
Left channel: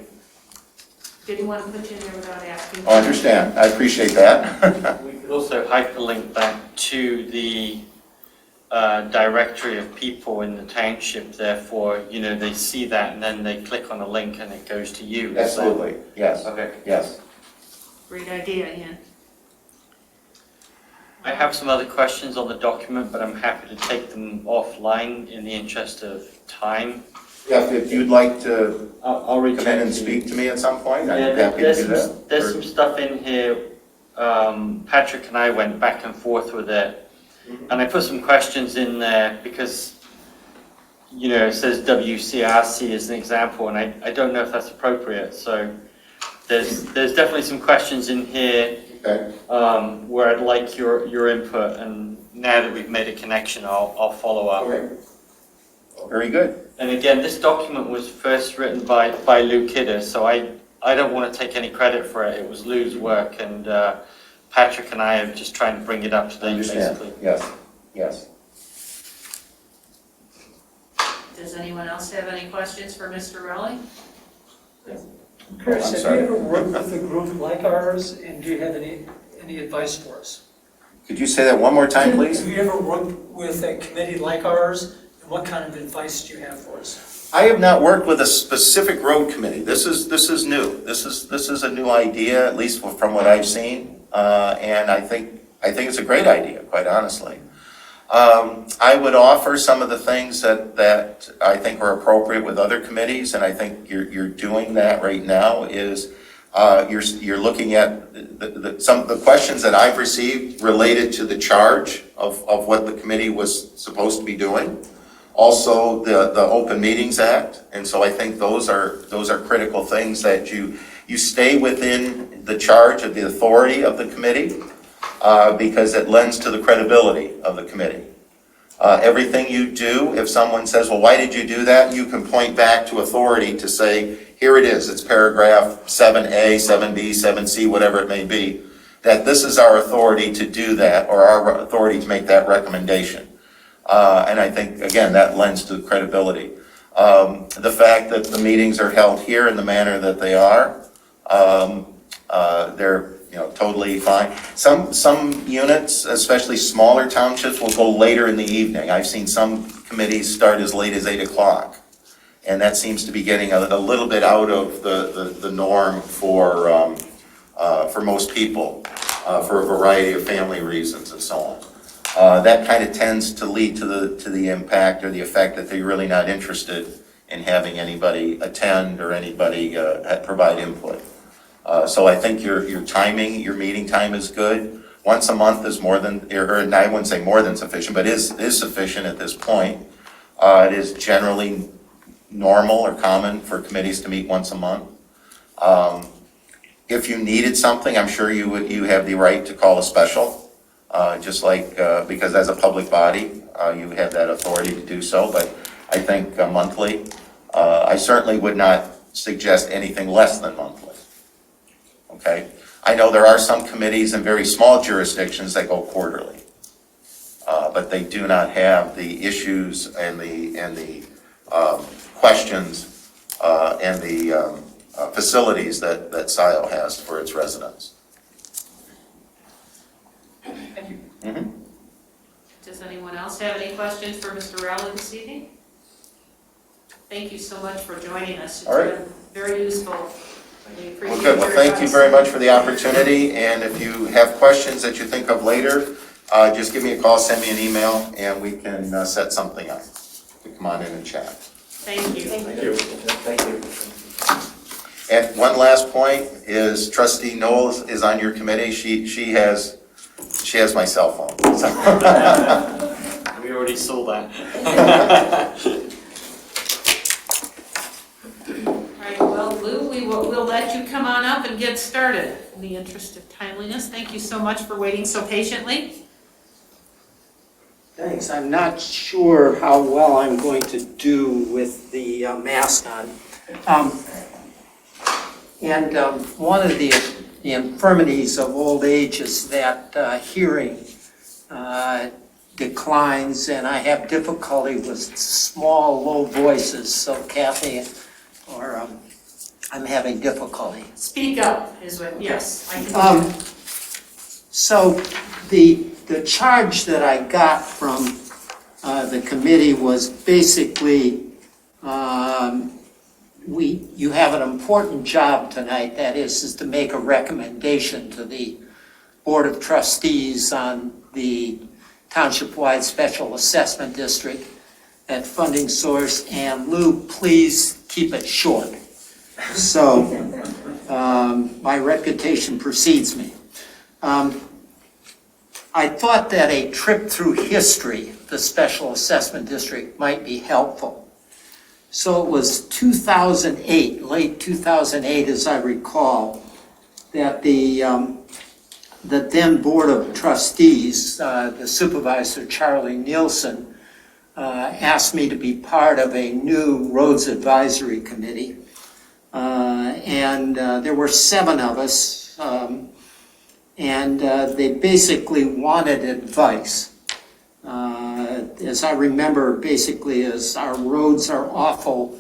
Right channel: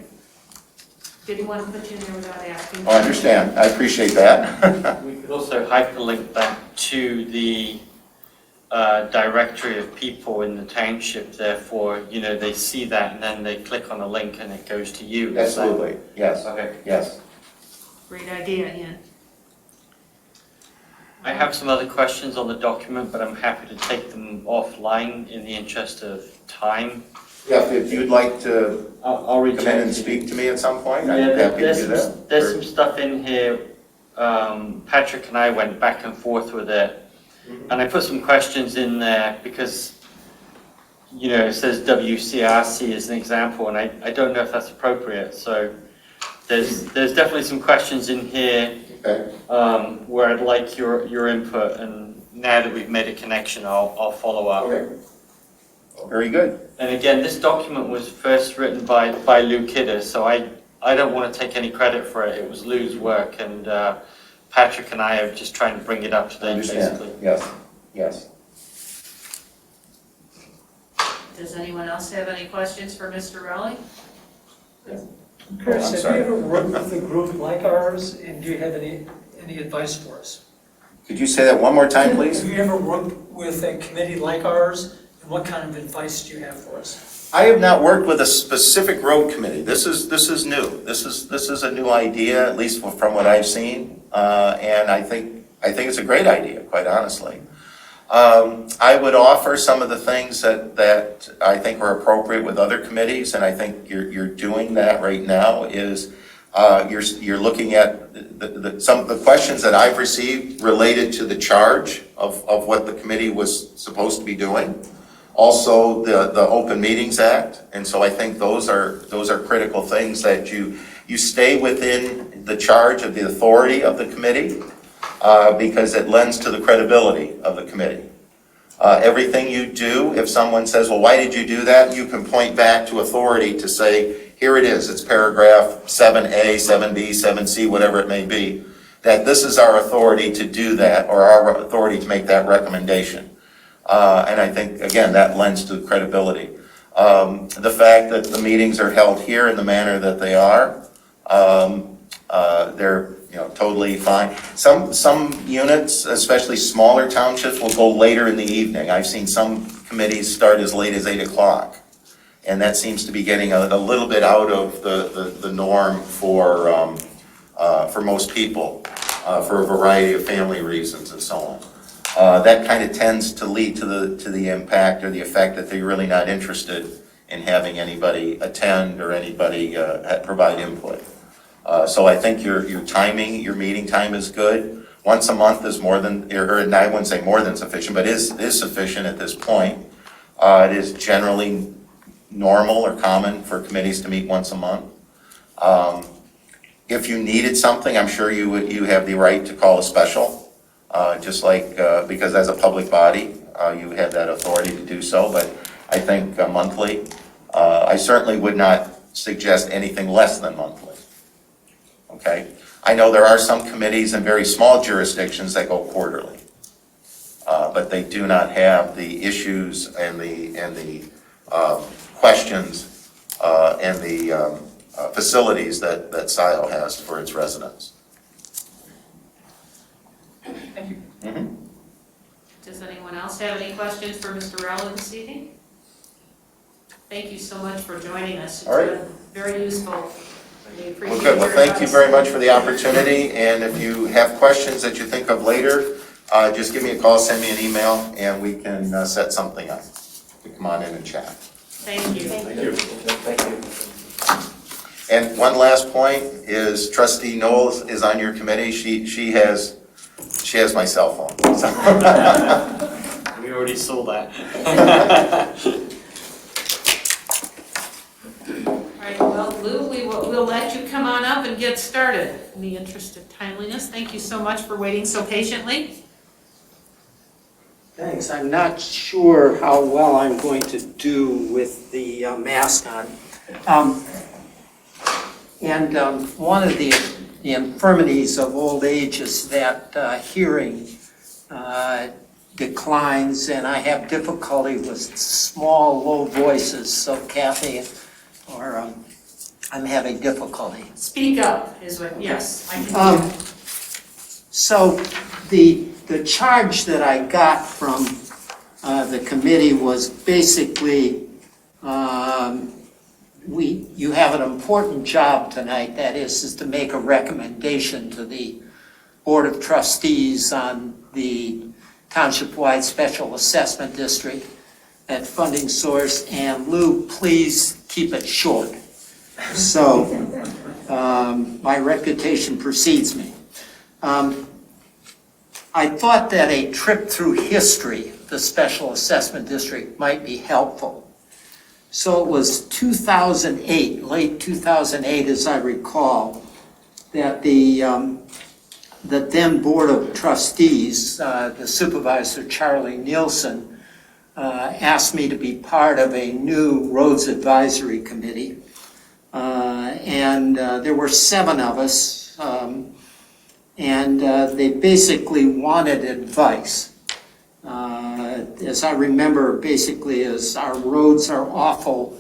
Didn't want to put you in there without asking. I understand. I appreciate that. We could also hyperlink that to the directory of people in the township. Therefore, they see that and then they click on a link and it goes to you. Absolutely. Yes. Okay. Yes. Great idea, Ian. I have some other questions on the document, but I'm happy to take them offline in the interest of time. Yeah, if you'd like to I'll reach come in and speak to me at some point, Yeah, I'm happy to do that. There's some stuff in here. Patrick and I went back and forth with it, and I put some questions in there because, it says WCRC as an example, and I don't know if that's appropriate. So there's definitely some questions in here. Okay. Where I'd like your input, and now that we've made a connection, I'll follow up. Okay. Very good. And again, this document was first written by Lew Kidder, so I don't want to take any credit for it. It was Lew's work, and Patrick and I are just trying to bring it up to date, basically. Yes. Does anyone else have any questions for Mr. Rowley? Chris, I'm have you ever worked with a group like ours, and do you have any advice for us? Could you say that one more time, please? Have you ever worked with a committee like ours, and what kind of advice do you have for us? I have not worked with a specific road committee. This is new. This is a new idea, at least from what I've seen, and I think it's a great idea, quite honestly. I would offer some of the things that I think are appropriate with other committees, and I think you're doing that right now, is you're looking at some of the questions that I've received related to the charge of what the committee was supposed to be doing. Also, the Open Meetings Act, and so I think those are critical things that you stay within the charge of the authority of the committee. because it lends to the credibility of the committee. Everything you do, if someone says, well, why did you do that? You can point back to authority to say, here it is, it's paragraph 7A, 7B, 7C, whatever it may be, that this is our authority to do that, or our authority to make that recommendation. And I think, again, that lends to credibility. The fact that the meetings are held here in the manner that they are, they're totally fine. Some units, especially smaller townships, will go later in the evening. I've seen some committees start as late as 8 o'clock. And that seems to be getting a little bit out of the norm for most people, for a variety of family reasons and so on. That kind of tends to lead to the impact or the effect that they're really not interested in having anybody attend or anybody provide input. So I think your timing, your meeting time is good. Once a month is more than, or I wouldn't say more than sufficient, but is sufficient at this point. It is generally normal or common for committees to meet once a month. If you needed something, I'm sure you have the right to call a special, just like, because as a public body, you have that authority to do so, but I think monthly. I certainly would not suggest anything less than monthly. Okay? I know there are some committees in very small jurisdictions that go quarterly, but they do not have the issues and the questions and the facilities that SCIO has for its residents. Thank you. Mm-hmm. Does anyone else have any questions for Mr. Rowley this evening? Thank you so much for joining us. It's All right. been very useful. We appreciate Well, good. Well, your thank you advice. very much for the opportunity, and if you have questions that you think of later, just give me a call, send me an email, and we can set something up. You can come on in and chat. Thank you. Thank you. Thank you. And one last point is Trustee Knol is on your committee. She has my cell phone. So. We already saw that. All right, well, Lew, we'll let you come on up and get started in the interest of timeliness. Thank you so much for waiting so patiently. Thanks. I'm not sure how well I'm going to do with the mask on. One of the infirmities of old age is that hearing declines, and I have difficulty with small, low voices. So Kathy, I'm having difficulty. Speak up is what, yes, I can do. So the charge that I got from the committee was basically, you have an important job tonight, that is to make a recommendation to the Board of Trustees on the Township-wide Special Assessment District, that funding source, and Lew, please keep it short. So my reputation precedes me. I thought that a trip through history, the Special Assessment District, might be helpful. So it was 2008, late 2008, as I recall, that the then Board of Trustees, the supervisor, Charlie Nielsen, asked me to be part of a new Roads Advisory Committee. And there were 7 of us, and they basically wanted advice. As I remember, basically, is our roads are awful.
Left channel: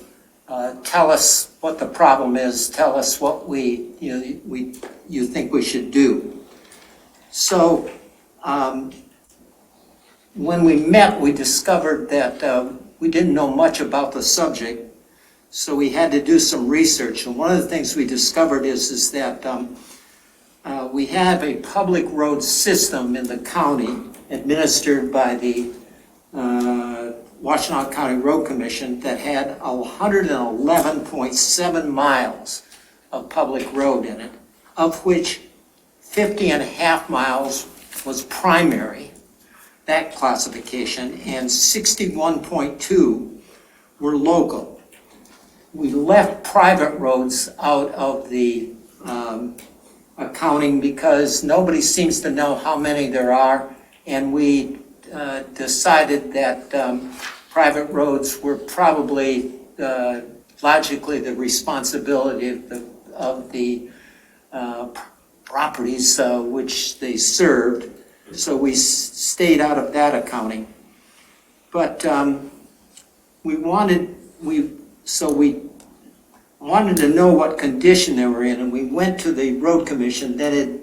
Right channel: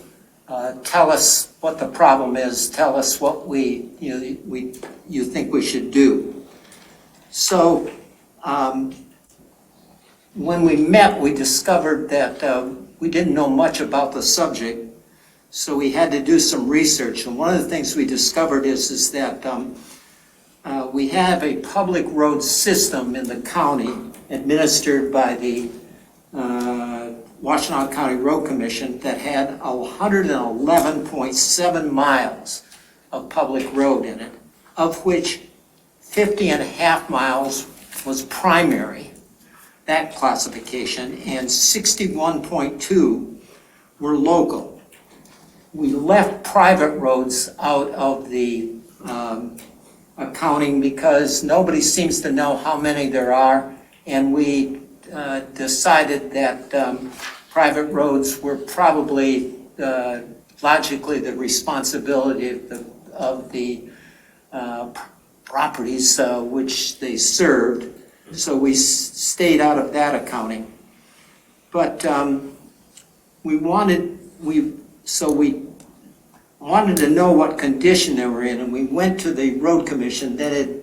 Tell us what the problem is. Tell us what you think we should do. So when we met, we discovered that we didn't know much about the subject. So we had to do some research. And one of the things we discovered is that we have a public road system in the county administered by the Washtenaw County Road Commission that had 111.7 miles of public road in it, of which 50.5 miles was primary, that classification, and 61.2 were local. We left private roads out of the accounting because nobody seems to know how many there are. And we decided that private roads were probably logically the responsibility of the properties which they served. So we stayed out of that accounting. But we wanted to know what condition they were in, and we went to the road commission. Then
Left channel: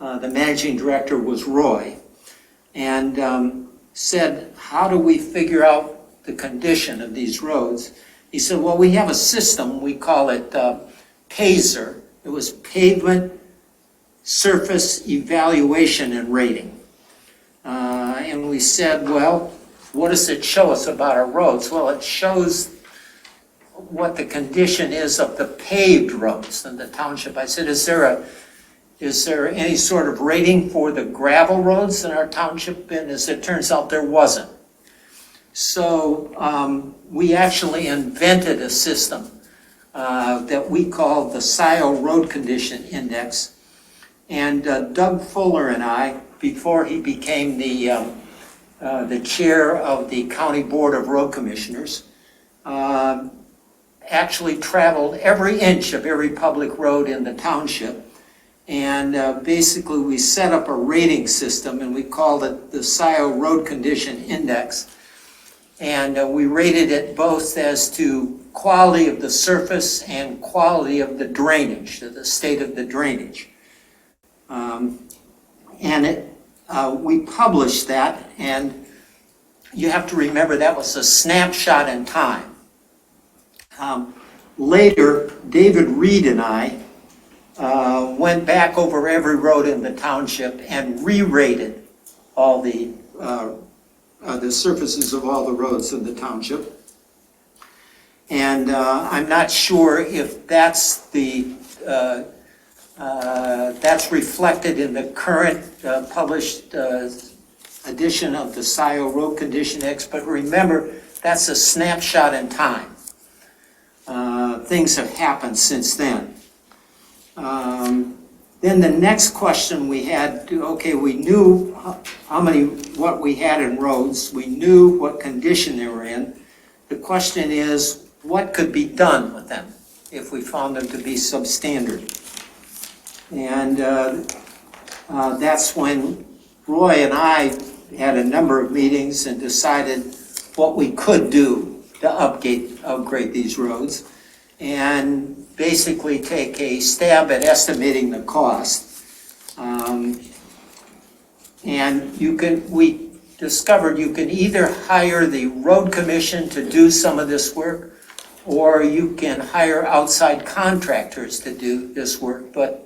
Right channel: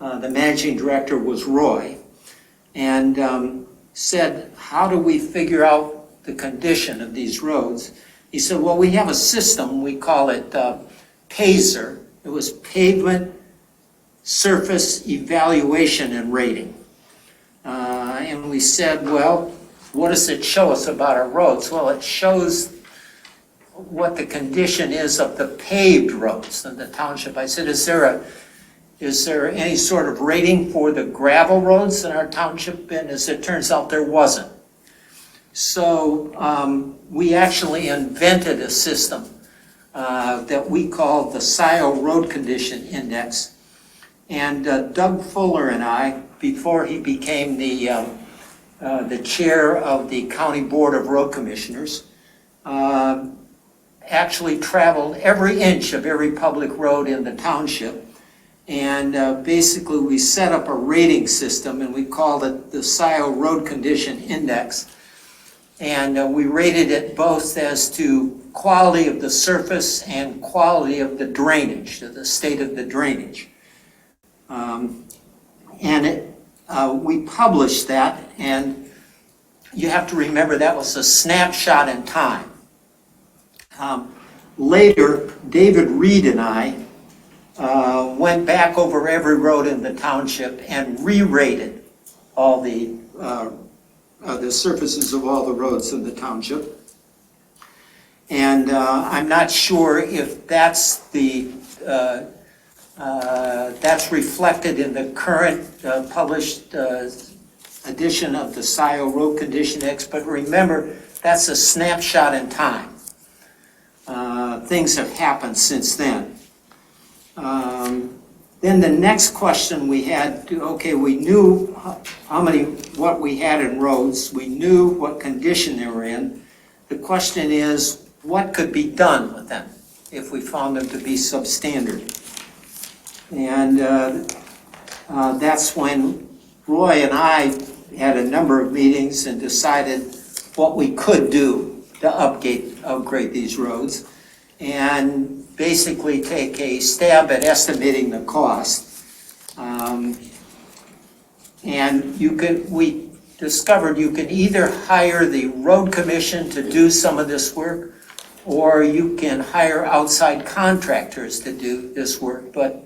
the managing director was Roy, and said, how do we figure out the condition of these roads? He said, well, we have a system, we call it PASER. It was Pavement Surface Evaluation and Rating. And we said, well, what does it show us about our roads? Well, it shows what the condition is of the paved roads in the township. I said, is there any sort of rating for the gravel roads in our township? And as it turns out, there wasn't. So we actually invented a system that we call the Scio Road Condition Index. And Doug Fuller and I, before he became the chair of the County Board of Road Commissioners, actually traveled every inch of every public road in the township. And basically we set up a rating system, and we called it the Scio Road Condition Index. And we rated it both as to quality of the surface and quality of the drainage, the state of the drainage. We published that, and you have to remember that was a snapshot in time. Later, David Reed and I went back over every road in the township and re-rated all the surfaces of all the roads in the township. And I'm not sure if that's that's reflected in the current published edition of the Scio Road Condition Index, but remember, that's a snapshot in time. Things have happened since then. Then the next question we had, okay, we knew what we had in roads, we knew what condition they were in. The question is, what could be done with them if we found them to be substandard? And that's when Roy and I had a number of meetings and decided what we could do to upgrade these roads, and basically take a stab at estimating the cost. And we discovered you can either hire the road commission to do some of this work, or you can hire outside contractors to do this work. But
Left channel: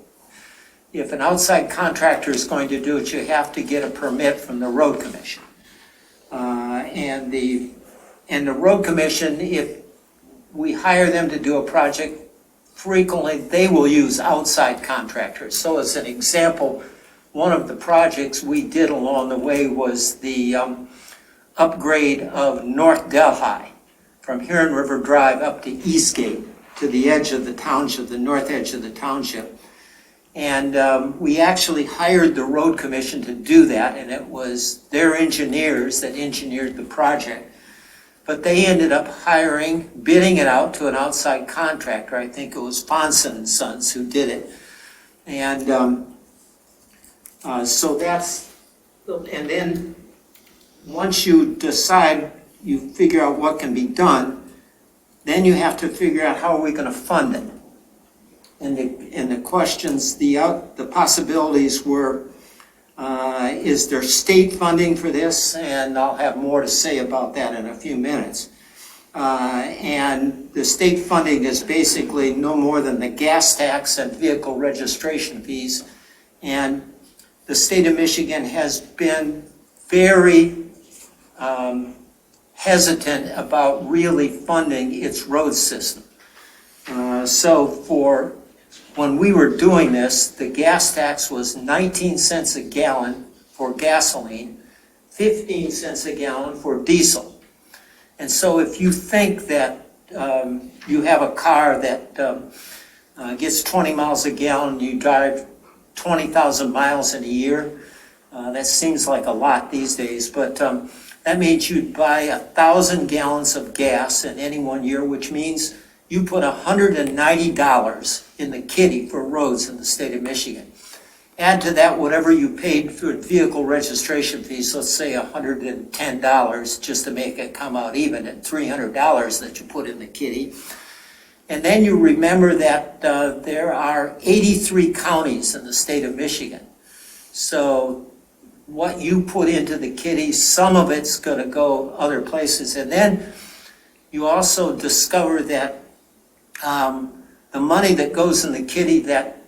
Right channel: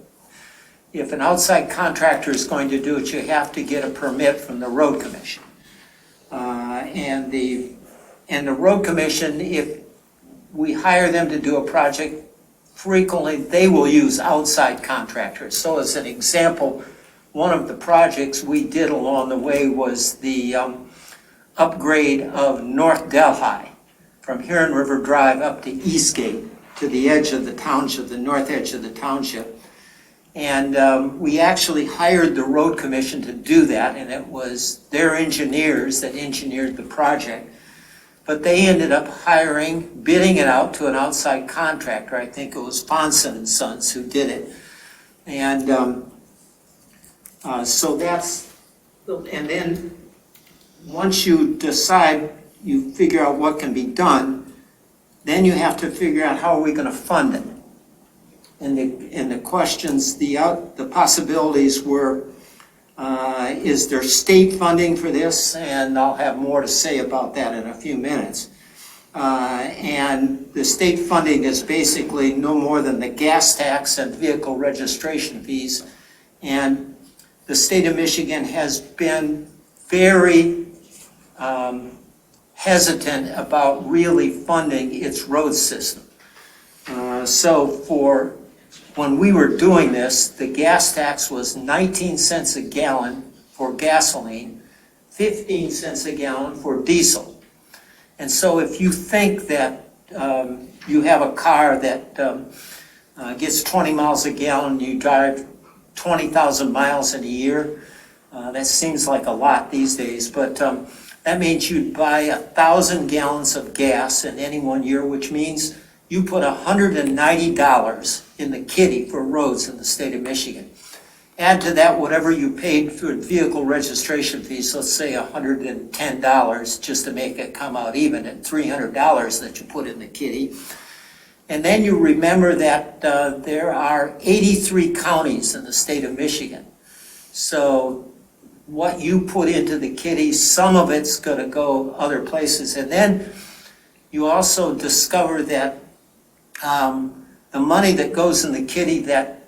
if an outside contractor is going to do it, you have to get a permit from the road commission. And the road commission, if we hire them to do a project, frequently they will use outside contractors. So as an example, one of the projects we did along the way was the upgrade of North Delhi from Huron River Drive up to Eastgate to the edge of the township, the north edge of the township. And we actually hired the road commission to do that, and it was their engineers that engineered the project. But they ended up bidding it out to an outside contractor. I think it was Fonson and Sons who did it. And and then once you decide, you figure out what can be done, then you have to figure out how are we going to fund it. And the questions, the possibilities were, is there state funding for this? And I'll have more to say about that in a few minutes. And the state funding is basically no more than the gas tax and vehicle registration fees. And the state of Michigan has been very hesitant about really funding its road system. So when we were doing this, the gas tax was 19 cents a gallon for gasoline, 15 cents a gallon for diesel. And so if you think that you have a car that gets 20 miles a gallon, you drive 20,000 miles in a year. That seems like a lot these days, but that means you'd buy 1,000 gallons of gas in any one year, which means you put $190 in the kitty for roads in the state of Michigan. Add to that whatever you paid for vehicle registration fees, let's say $110 just to make it come out even, and $300 that you put in the kitty. And then you remember that there are 83 counties in the state of Michigan. So what you put into the kitty, some of it's going to go other places. And then you also discover that the money that goes in the kitty, that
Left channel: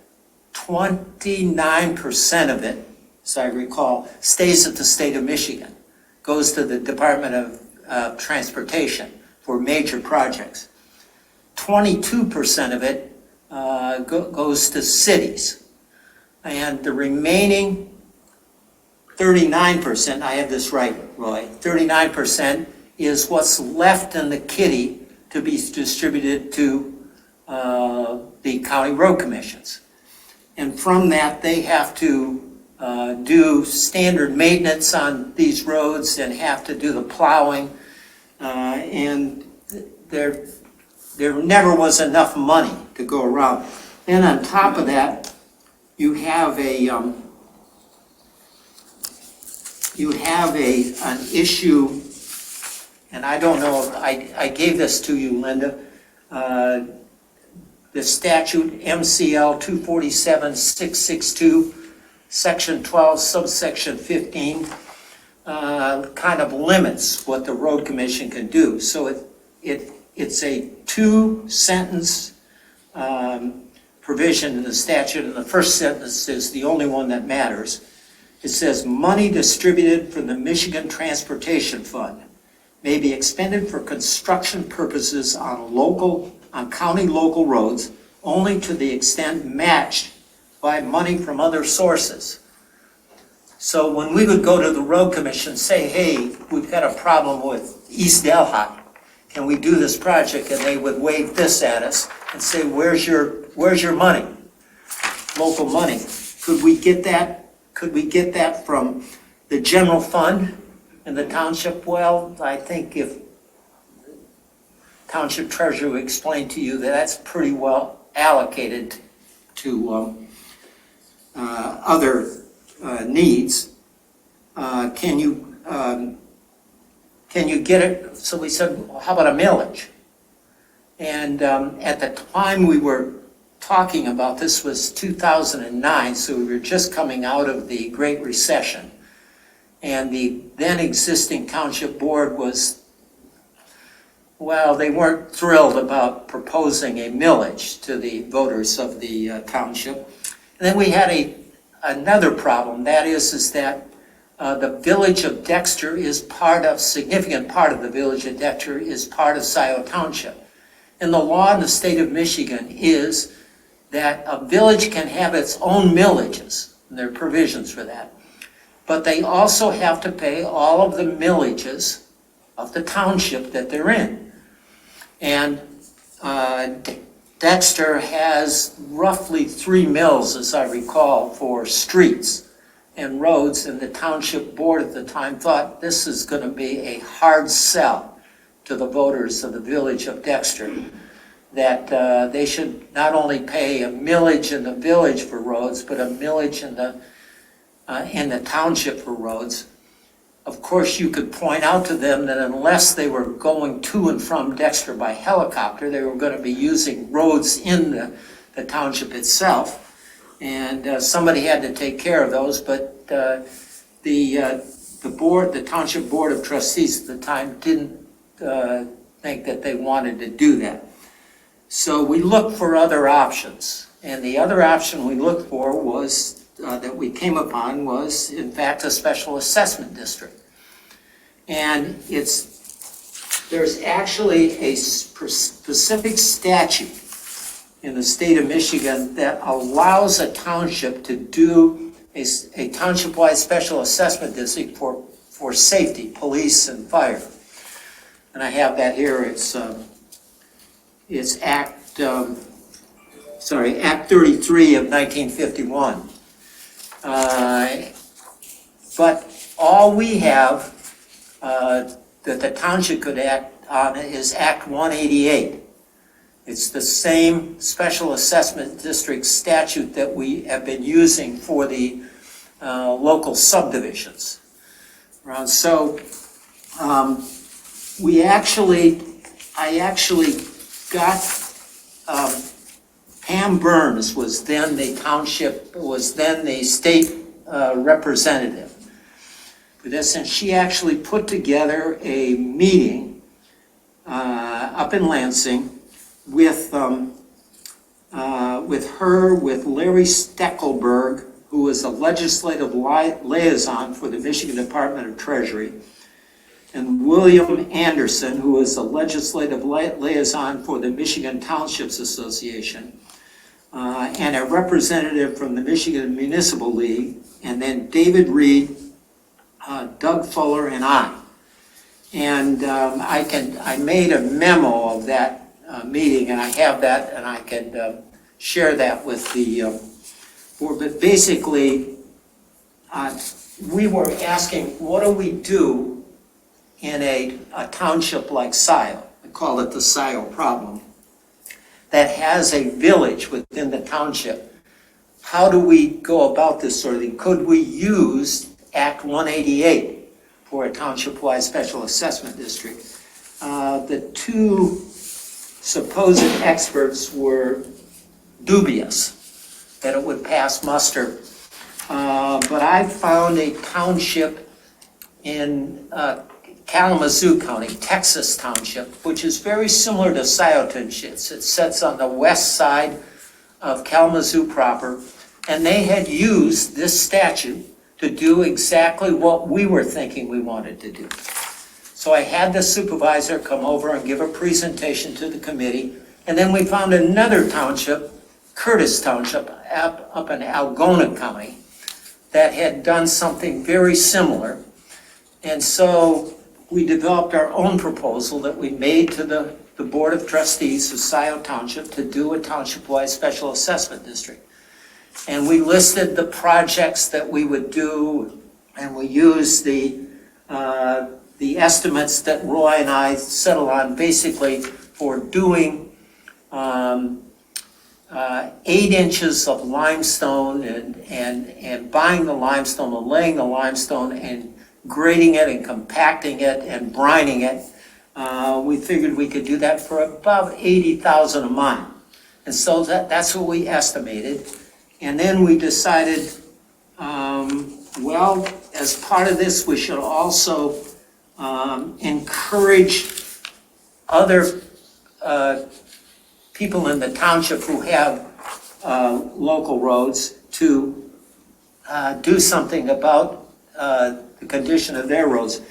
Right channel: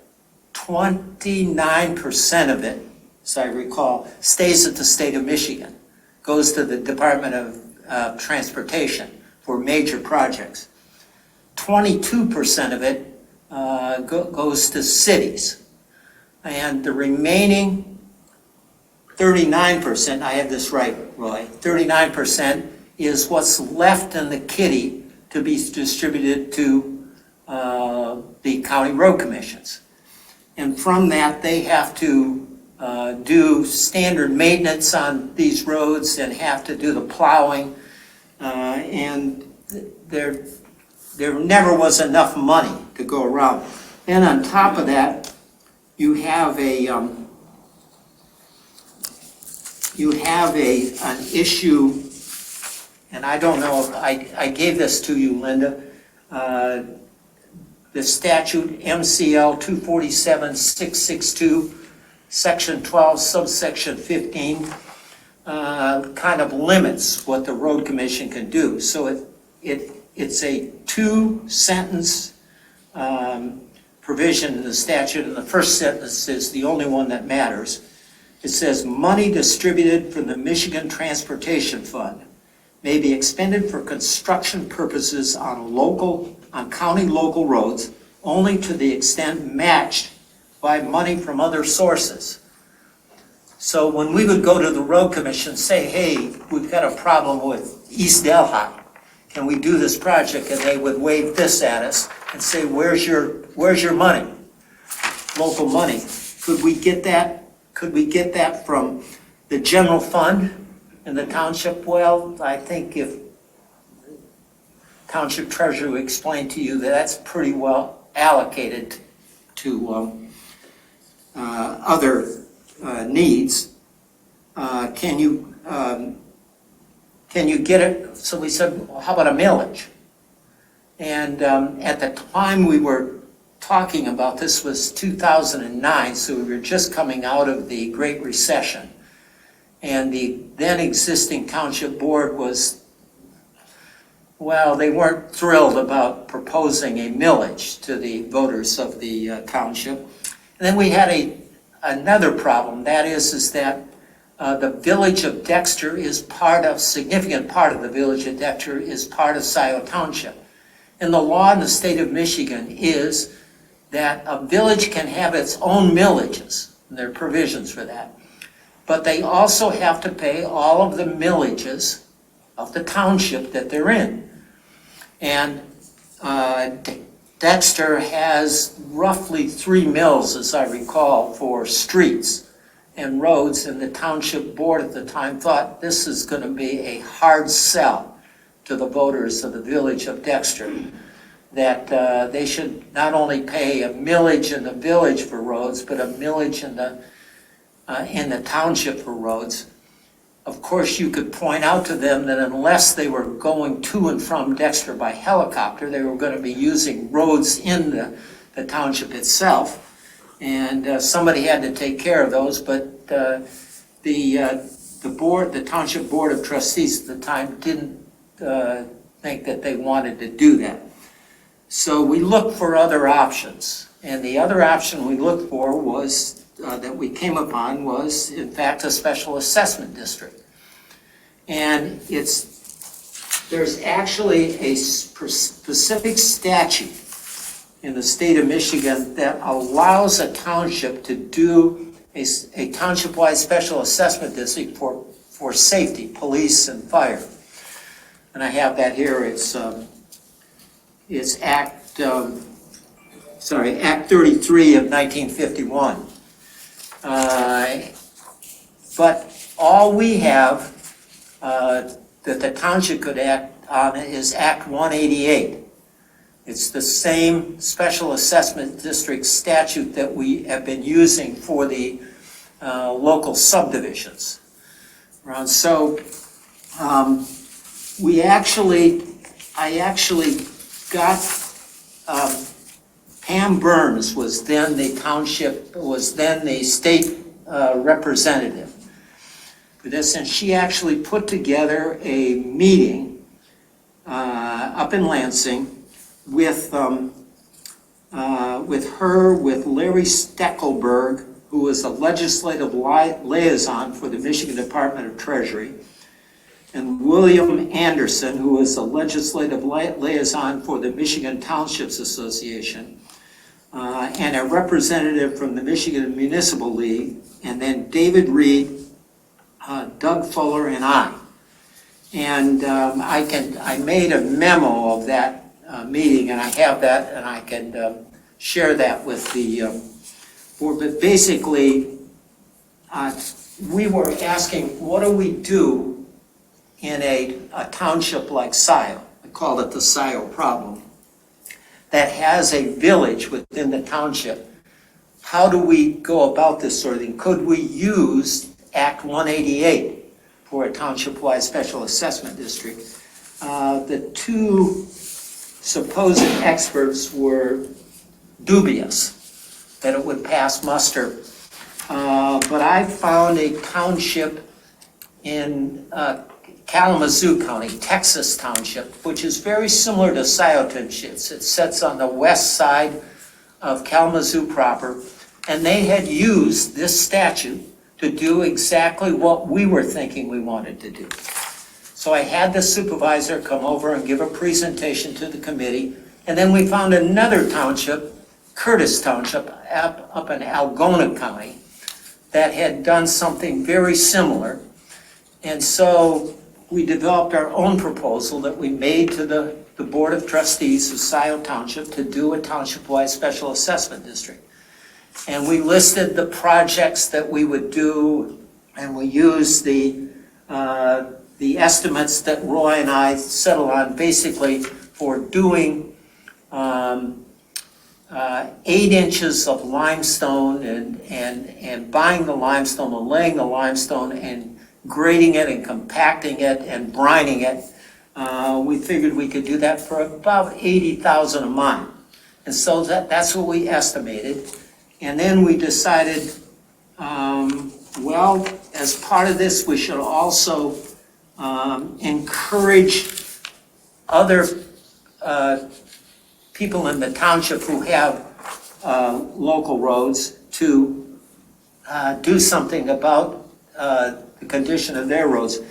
29% of it, as I recall, stays at the state of Michigan, goes to the Department of Transportation for major projects. 22% of it goes to cities. And the remaining 39%, I have this right, Roy, 39% is what's left in the kitty to be distributed to the county road commissions. And from that, they have to do standard maintenance on these roads and have to do the plowing. And there never was enough money to go around. And on top of that, you have an issue, and I don't know if I gave this to you, Linda. The statute MCL 247-662, section 12, subsection 15, kind of limits what the road commission can do. So it's a two-sentence provision in the statute, and the first sentence is the only one that matters. It says, money distributed from the Michigan Transportation Fund may be expended for construction purposes on county local roads only to the extent matched by money from other sources. So when we would go to the road commission, say, hey, we've got a problem with East Delhi, can we do this project? And they would wave this at us and say, where's your money? Local money. Could we get that? Could we get that from the general fund in the township? Well, I think if township treasurer would explain to you that that's pretty well allocated to other needs. Can you get it? So we said, well, how about a millage? And at the time we were talking about this was 2009, so we were just coming out of the Great Recession. And the then existing township board was, well, they weren't thrilled about proposing a millage to the voters of the township. And then we had another problem, that is that the village of Dexter is significant part of the village of Dexter is part of Scio Township. And the law in the state of Michigan is that a village can have its own millages, and there are provisions for that. But they also have to pay all of the millages of the township that they're in. And Dexter has roughly 3 mills, as I recall, for streets and roads, and the township board at the time thought this is going to be a hard sell to the voters of the village of Dexter, that they should not only pay a millage in the village for roads, but a millage in the township for roads. Of course, you could point out to them that unless they were going to and from Dexter by helicopter, they were going to be using roads in the township itself. And somebody had to take care of those, but the Township Board of Trustees at the time didn't think that they wanted to do that. So we looked for other options. And the other option we looked for was that we came upon was, in fact, a special assessment district. And there's actually a specific statute in the state of Michigan that allows a township to do a township-wide special assessment district for safety, police and fire. And I have that here. It's Act 33 of 1951. But all we have that the township could act on is Act 188. It's the same special assessment district statute that we have been using for the local subdivisions. So I actually got, Pam Burns was then the state representative for this, and she actually put together a meeting up in Lansing with Larry Steckelberg, who was a legislative liaison for the Michigan Department of Treasury, and William Anderson, who was a legislative liaison for the Michigan Townships Association, and a representative from the Michigan Municipal League, and then David Reed, Doug Fuller, and I. And I made a memo of that meeting, and I have that, and I can share that with the board. But basically, we were asking, what do we do in a township like Scio? I call it the Scio problem, that has a village within the township. How do we go about this sort of thing? Could we use Act 188 for a township-wide special assessment district? The two supposed experts were dubious that it would pass muster. But I found a township in Kalamazoo County, Texas Township, which is very similar to Scio Township. It sits on the west side of Kalamazoo proper, and they had used this statute to do exactly what we were thinking we wanted to do. So I had the supervisor come over and give a presentation to the committee, and then we found another township, Curtis Township, up in Algona County, that had done something very similar. And so we developed our own proposal that we made to the Board of Trustees of Scio Township to do a township-wide special assessment district. And we listed the projects that we would do, and we used the estimates that Roy and I settled on, basically for doing 8 inches of limestone and buying the limestone and laying the limestone and grading it and compacting it and brining it. We figured we could do that for about $80,000 a mile. And so that's what we estimated. And then we decided, well, as part of this, we should also encourage other people in the township who have local roads to do something about the condition of their roads.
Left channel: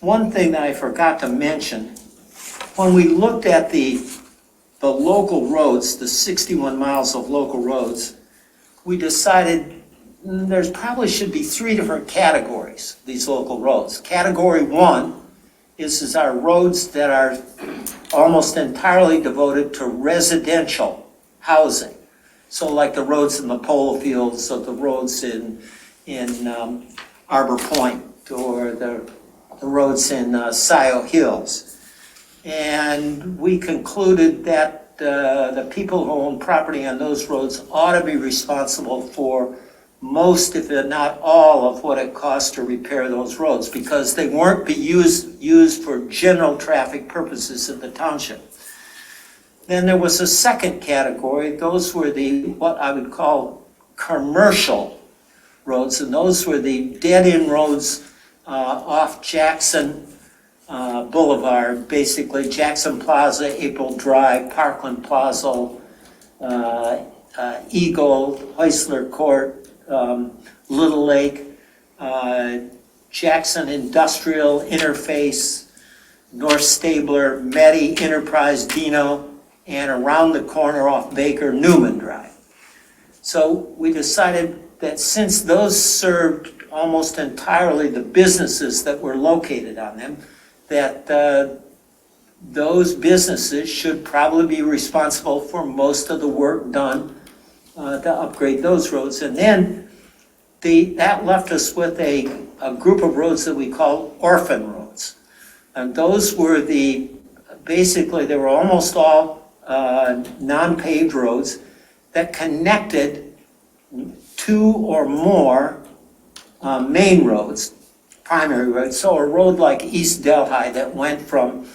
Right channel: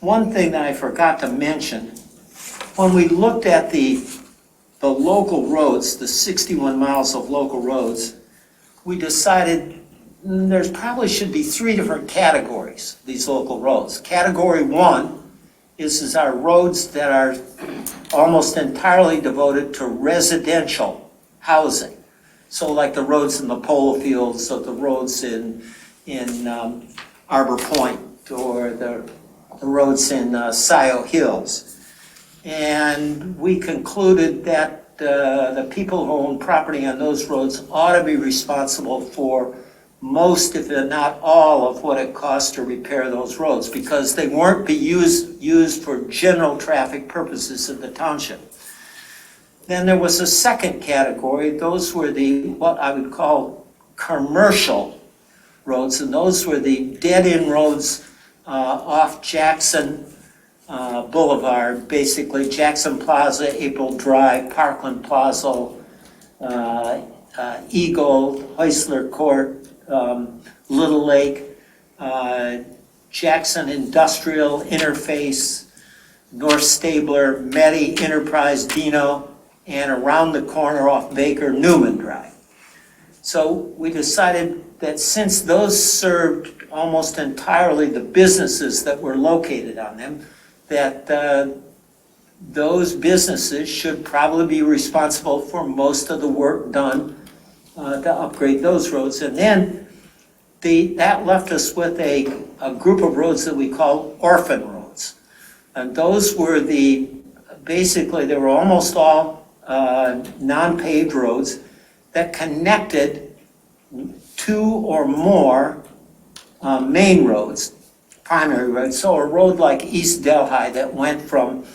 One thing that I forgot to mention, when we looked at the local roads, the 61 miles of local roads, we decided there's probably should be 3 different categories, these local roads. Category 1 is our roads that are almost entirely devoted to residential housing. So like the roads in the polo fields, or the roads in Arbor Point, or the roads in Scio Hills. And we concluded that the people who own property on those roads ought to be responsible for most, if not all, of what it costs to repair those roads, because they weren't used for general traffic purposes in the township. Then there was a second category. Those were what I would call commercial roads, and those were the dead-end roads off Jackson Boulevard, basically Jackson Plaza, April Drive, Parkland Plaza, Eagle, Heisler Court, Little Lake, Jackson Industrial Interface, North Stabler, Meddy Enterprise, Dino, and around the corner off Baker, Newman Drive. So we decided that since those served almost entirely the businesses that were located on them, that those businesses should probably be responsible for most of the work done to upgrade those roads. And then that left us with a group of roads that we call Orphan Roads. And those were basically, they were almost all non-paved roads that connected two or more main roads, primary roads. So a road like East Delhi that went from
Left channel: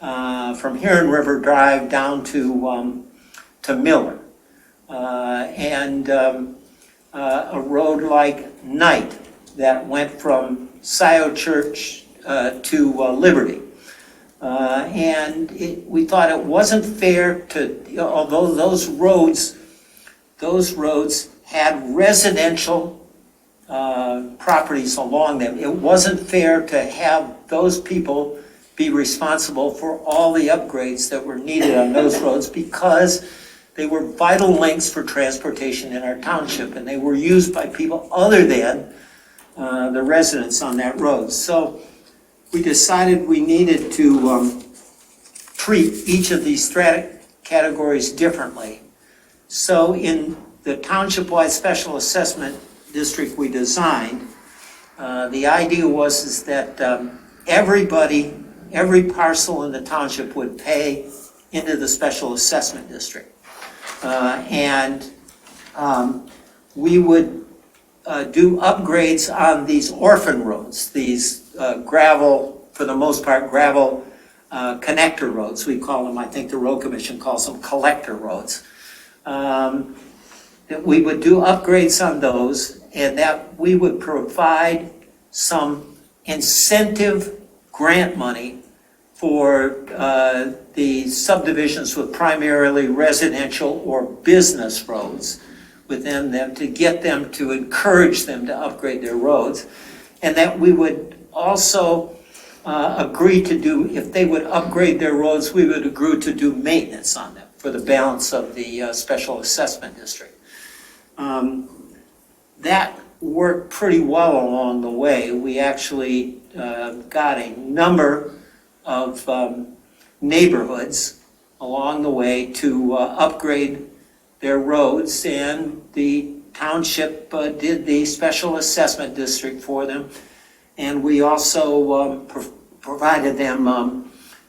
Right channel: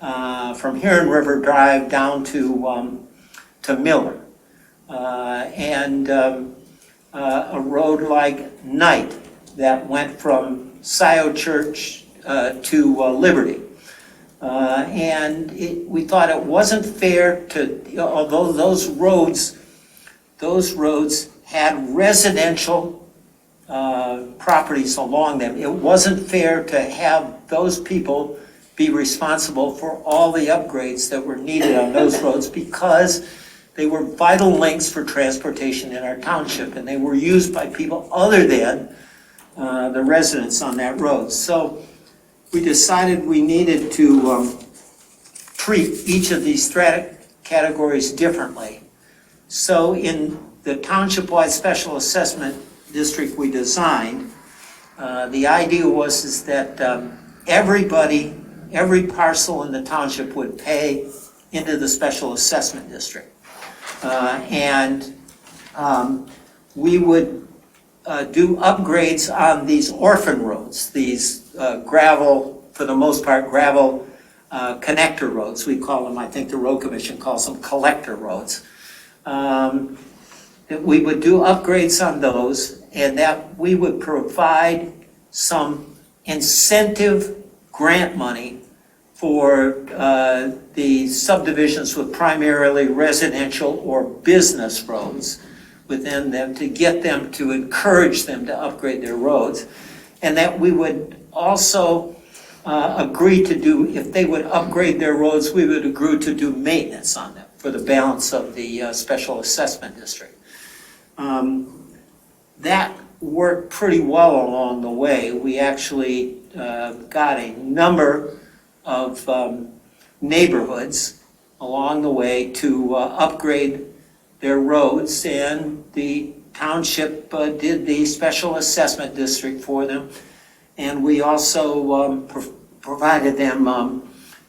Huron River Drive down to Miller. And a road like Knight that went from Scio Church to Liberty. And we thought it wasn't fair although those roads had residential properties along them, it wasn't fair to have those people be responsible for all the upgrades that were needed on those roads, because they were vital links for transportation in our township, and they were used by people other than the residents on that road. So we decided we needed to treat each of these categories differently. So in the township-wide special assessment district we designed, the idea was that every parcel in the township would pay into the special assessment district. And we would do upgrades on these orphan roads, these gravel, for the most part, gravel connector roads. We call them, I think the road commission calls them collector roads. That we would do upgrades on those, and that we would provide some incentive grant money for the subdivisions with primarily residential or business roads within them, to get them, to encourage them to upgrade their roads. And that we would also agree to do, if they would upgrade their roads, we would agree to do maintenance on them for the balance of the special assessment district. That worked pretty well along the way. We actually got a number of neighborhoods along the way to upgrade their roads, and the township did the special assessment district for them. And we also provided them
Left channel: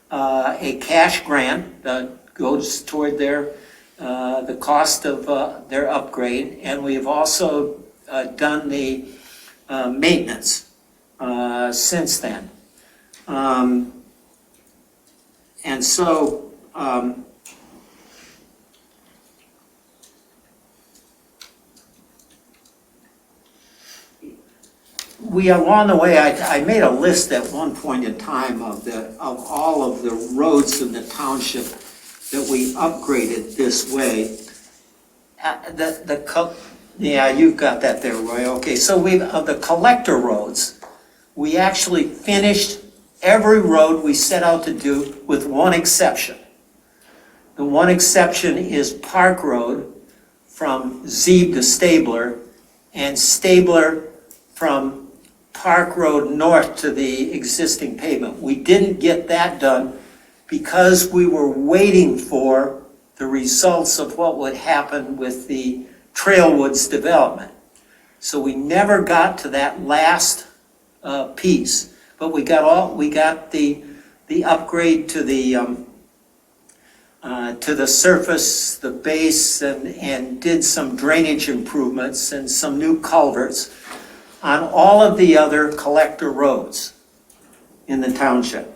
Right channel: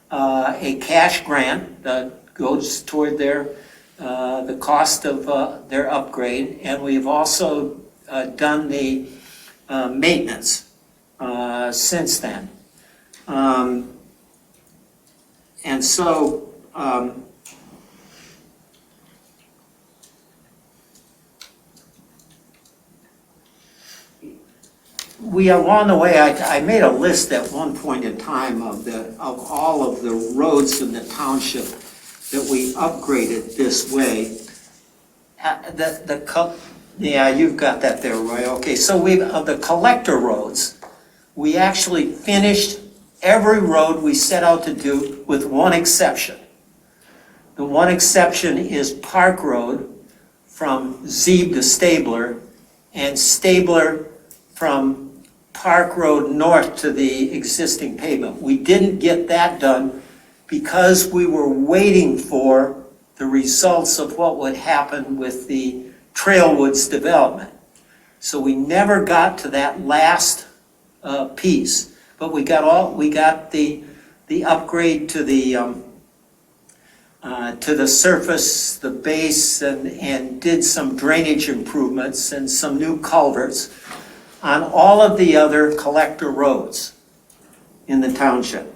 a cash grant that goes toward the cost of their upgrade. And we've also done the maintenance since then. And so along the way, I made a list at one point in time of all of the roads in the township that we upgraded this way. Yeah, you've got that there, Roy. Okay, so of the collector roads, we actually finished every road we set out to do, with one exception. The one exception is Park Road from Zeeb to Stabler, and Stabler from Park Road north to the existing pavement. We didn't get that done because we were waiting for the results of what would happen with the Trailwoods development. So we never got to that last piece, but we got the upgrade to the surface, the base, and did some drainage improvements and some new culverts on all of the other collector roads in the township.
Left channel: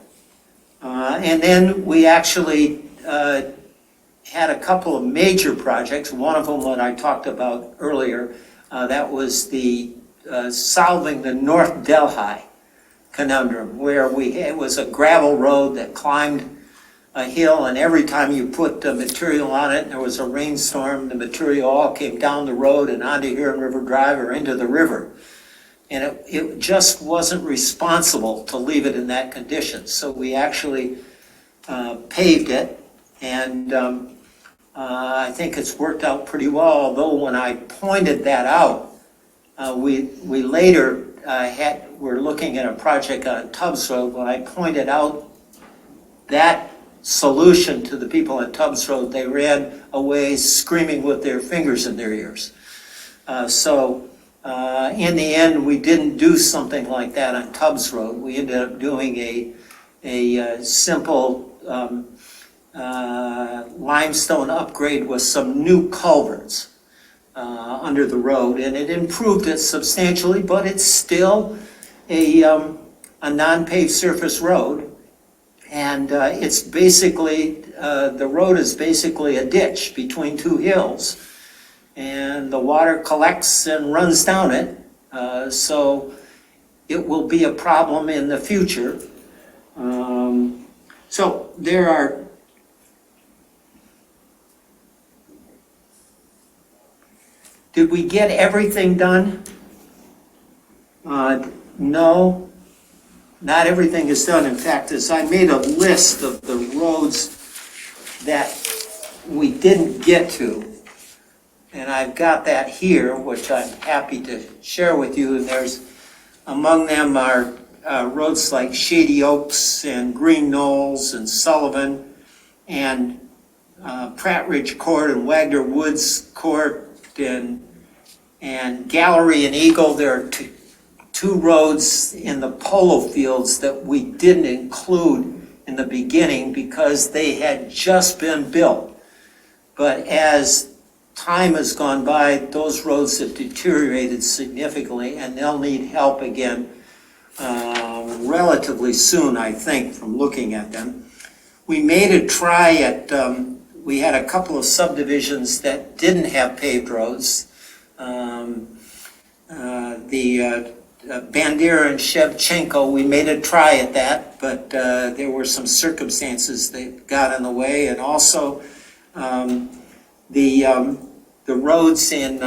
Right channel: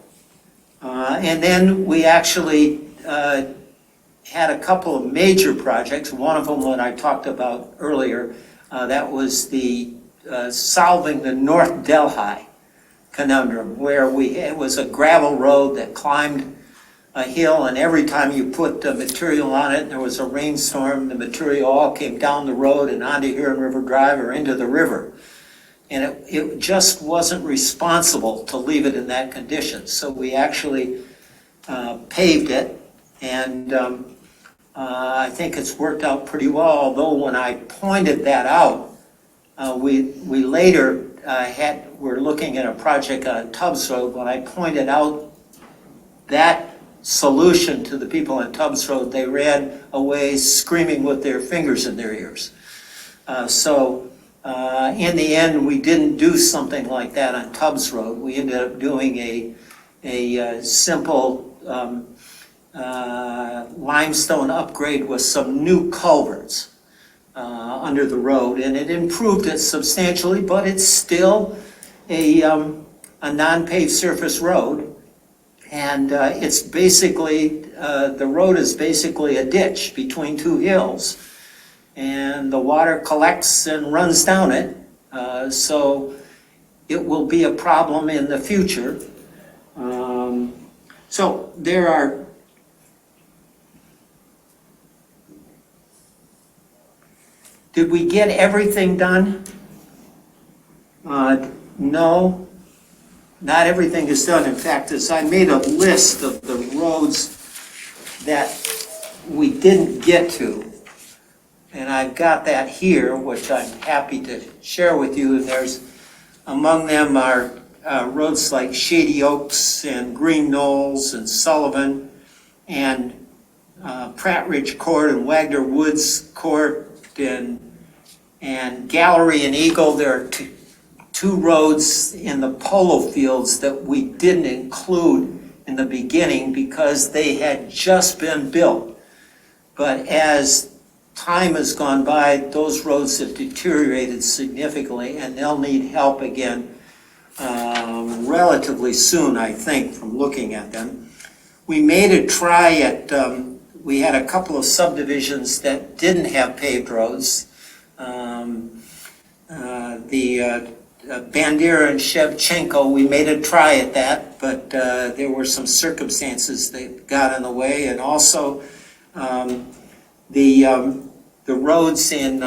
And then we actually had a couple of major projects. One of them, what I talked about earlier, that was the solving the North Delhi conundrum, where it was a gravel road that climbed a hill, and every time you put the material on it and there was a rainstorm, the material all came down the road and onto Huron River Drive or into the river. And it just wasn't responsible to leave it in that condition. So we actually paved it, and I think it's worked out pretty well, although when I pointed that out, we later were looking at a project on Tubbs Road. When I pointed out that solution to the people on Tubbs Road, they ran away screaming with their fingers in their ears. So In the end, we didn't do something like that on Tubbs Road. We ended up doing a simple limestone upgrade with some new culverts under the road, and it improved it substantially, but it's still a non-paved surface road. And it's basically, the road is basically a ditch between two hills. And the water collects and runs down it. So it will be a problem in the future. So there are, did we get everything done? No. Not everything is done. In fact, as I made a list of the roads that we didn't get to, and I've got that here, which I'm happy to share with you. And there's, among them are roads like Shady Oaks and Green Knolls and Sullivan and Pratt Ridge Court and Wagner Woods Court and Gallery and Eagle. There are two roads in the polo fields that we didn't include in the beginning because they had just been built. But as time has gone by, those roads have deteriorated significantly, and they'll need help again relatively soon, I think, from looking at them. We made a try at, we had a couple of subdivisions that didn't have paved roads. Bandera and Shevchenko, we made a try at that, but there were some circumstances that got in the way, and also the roads in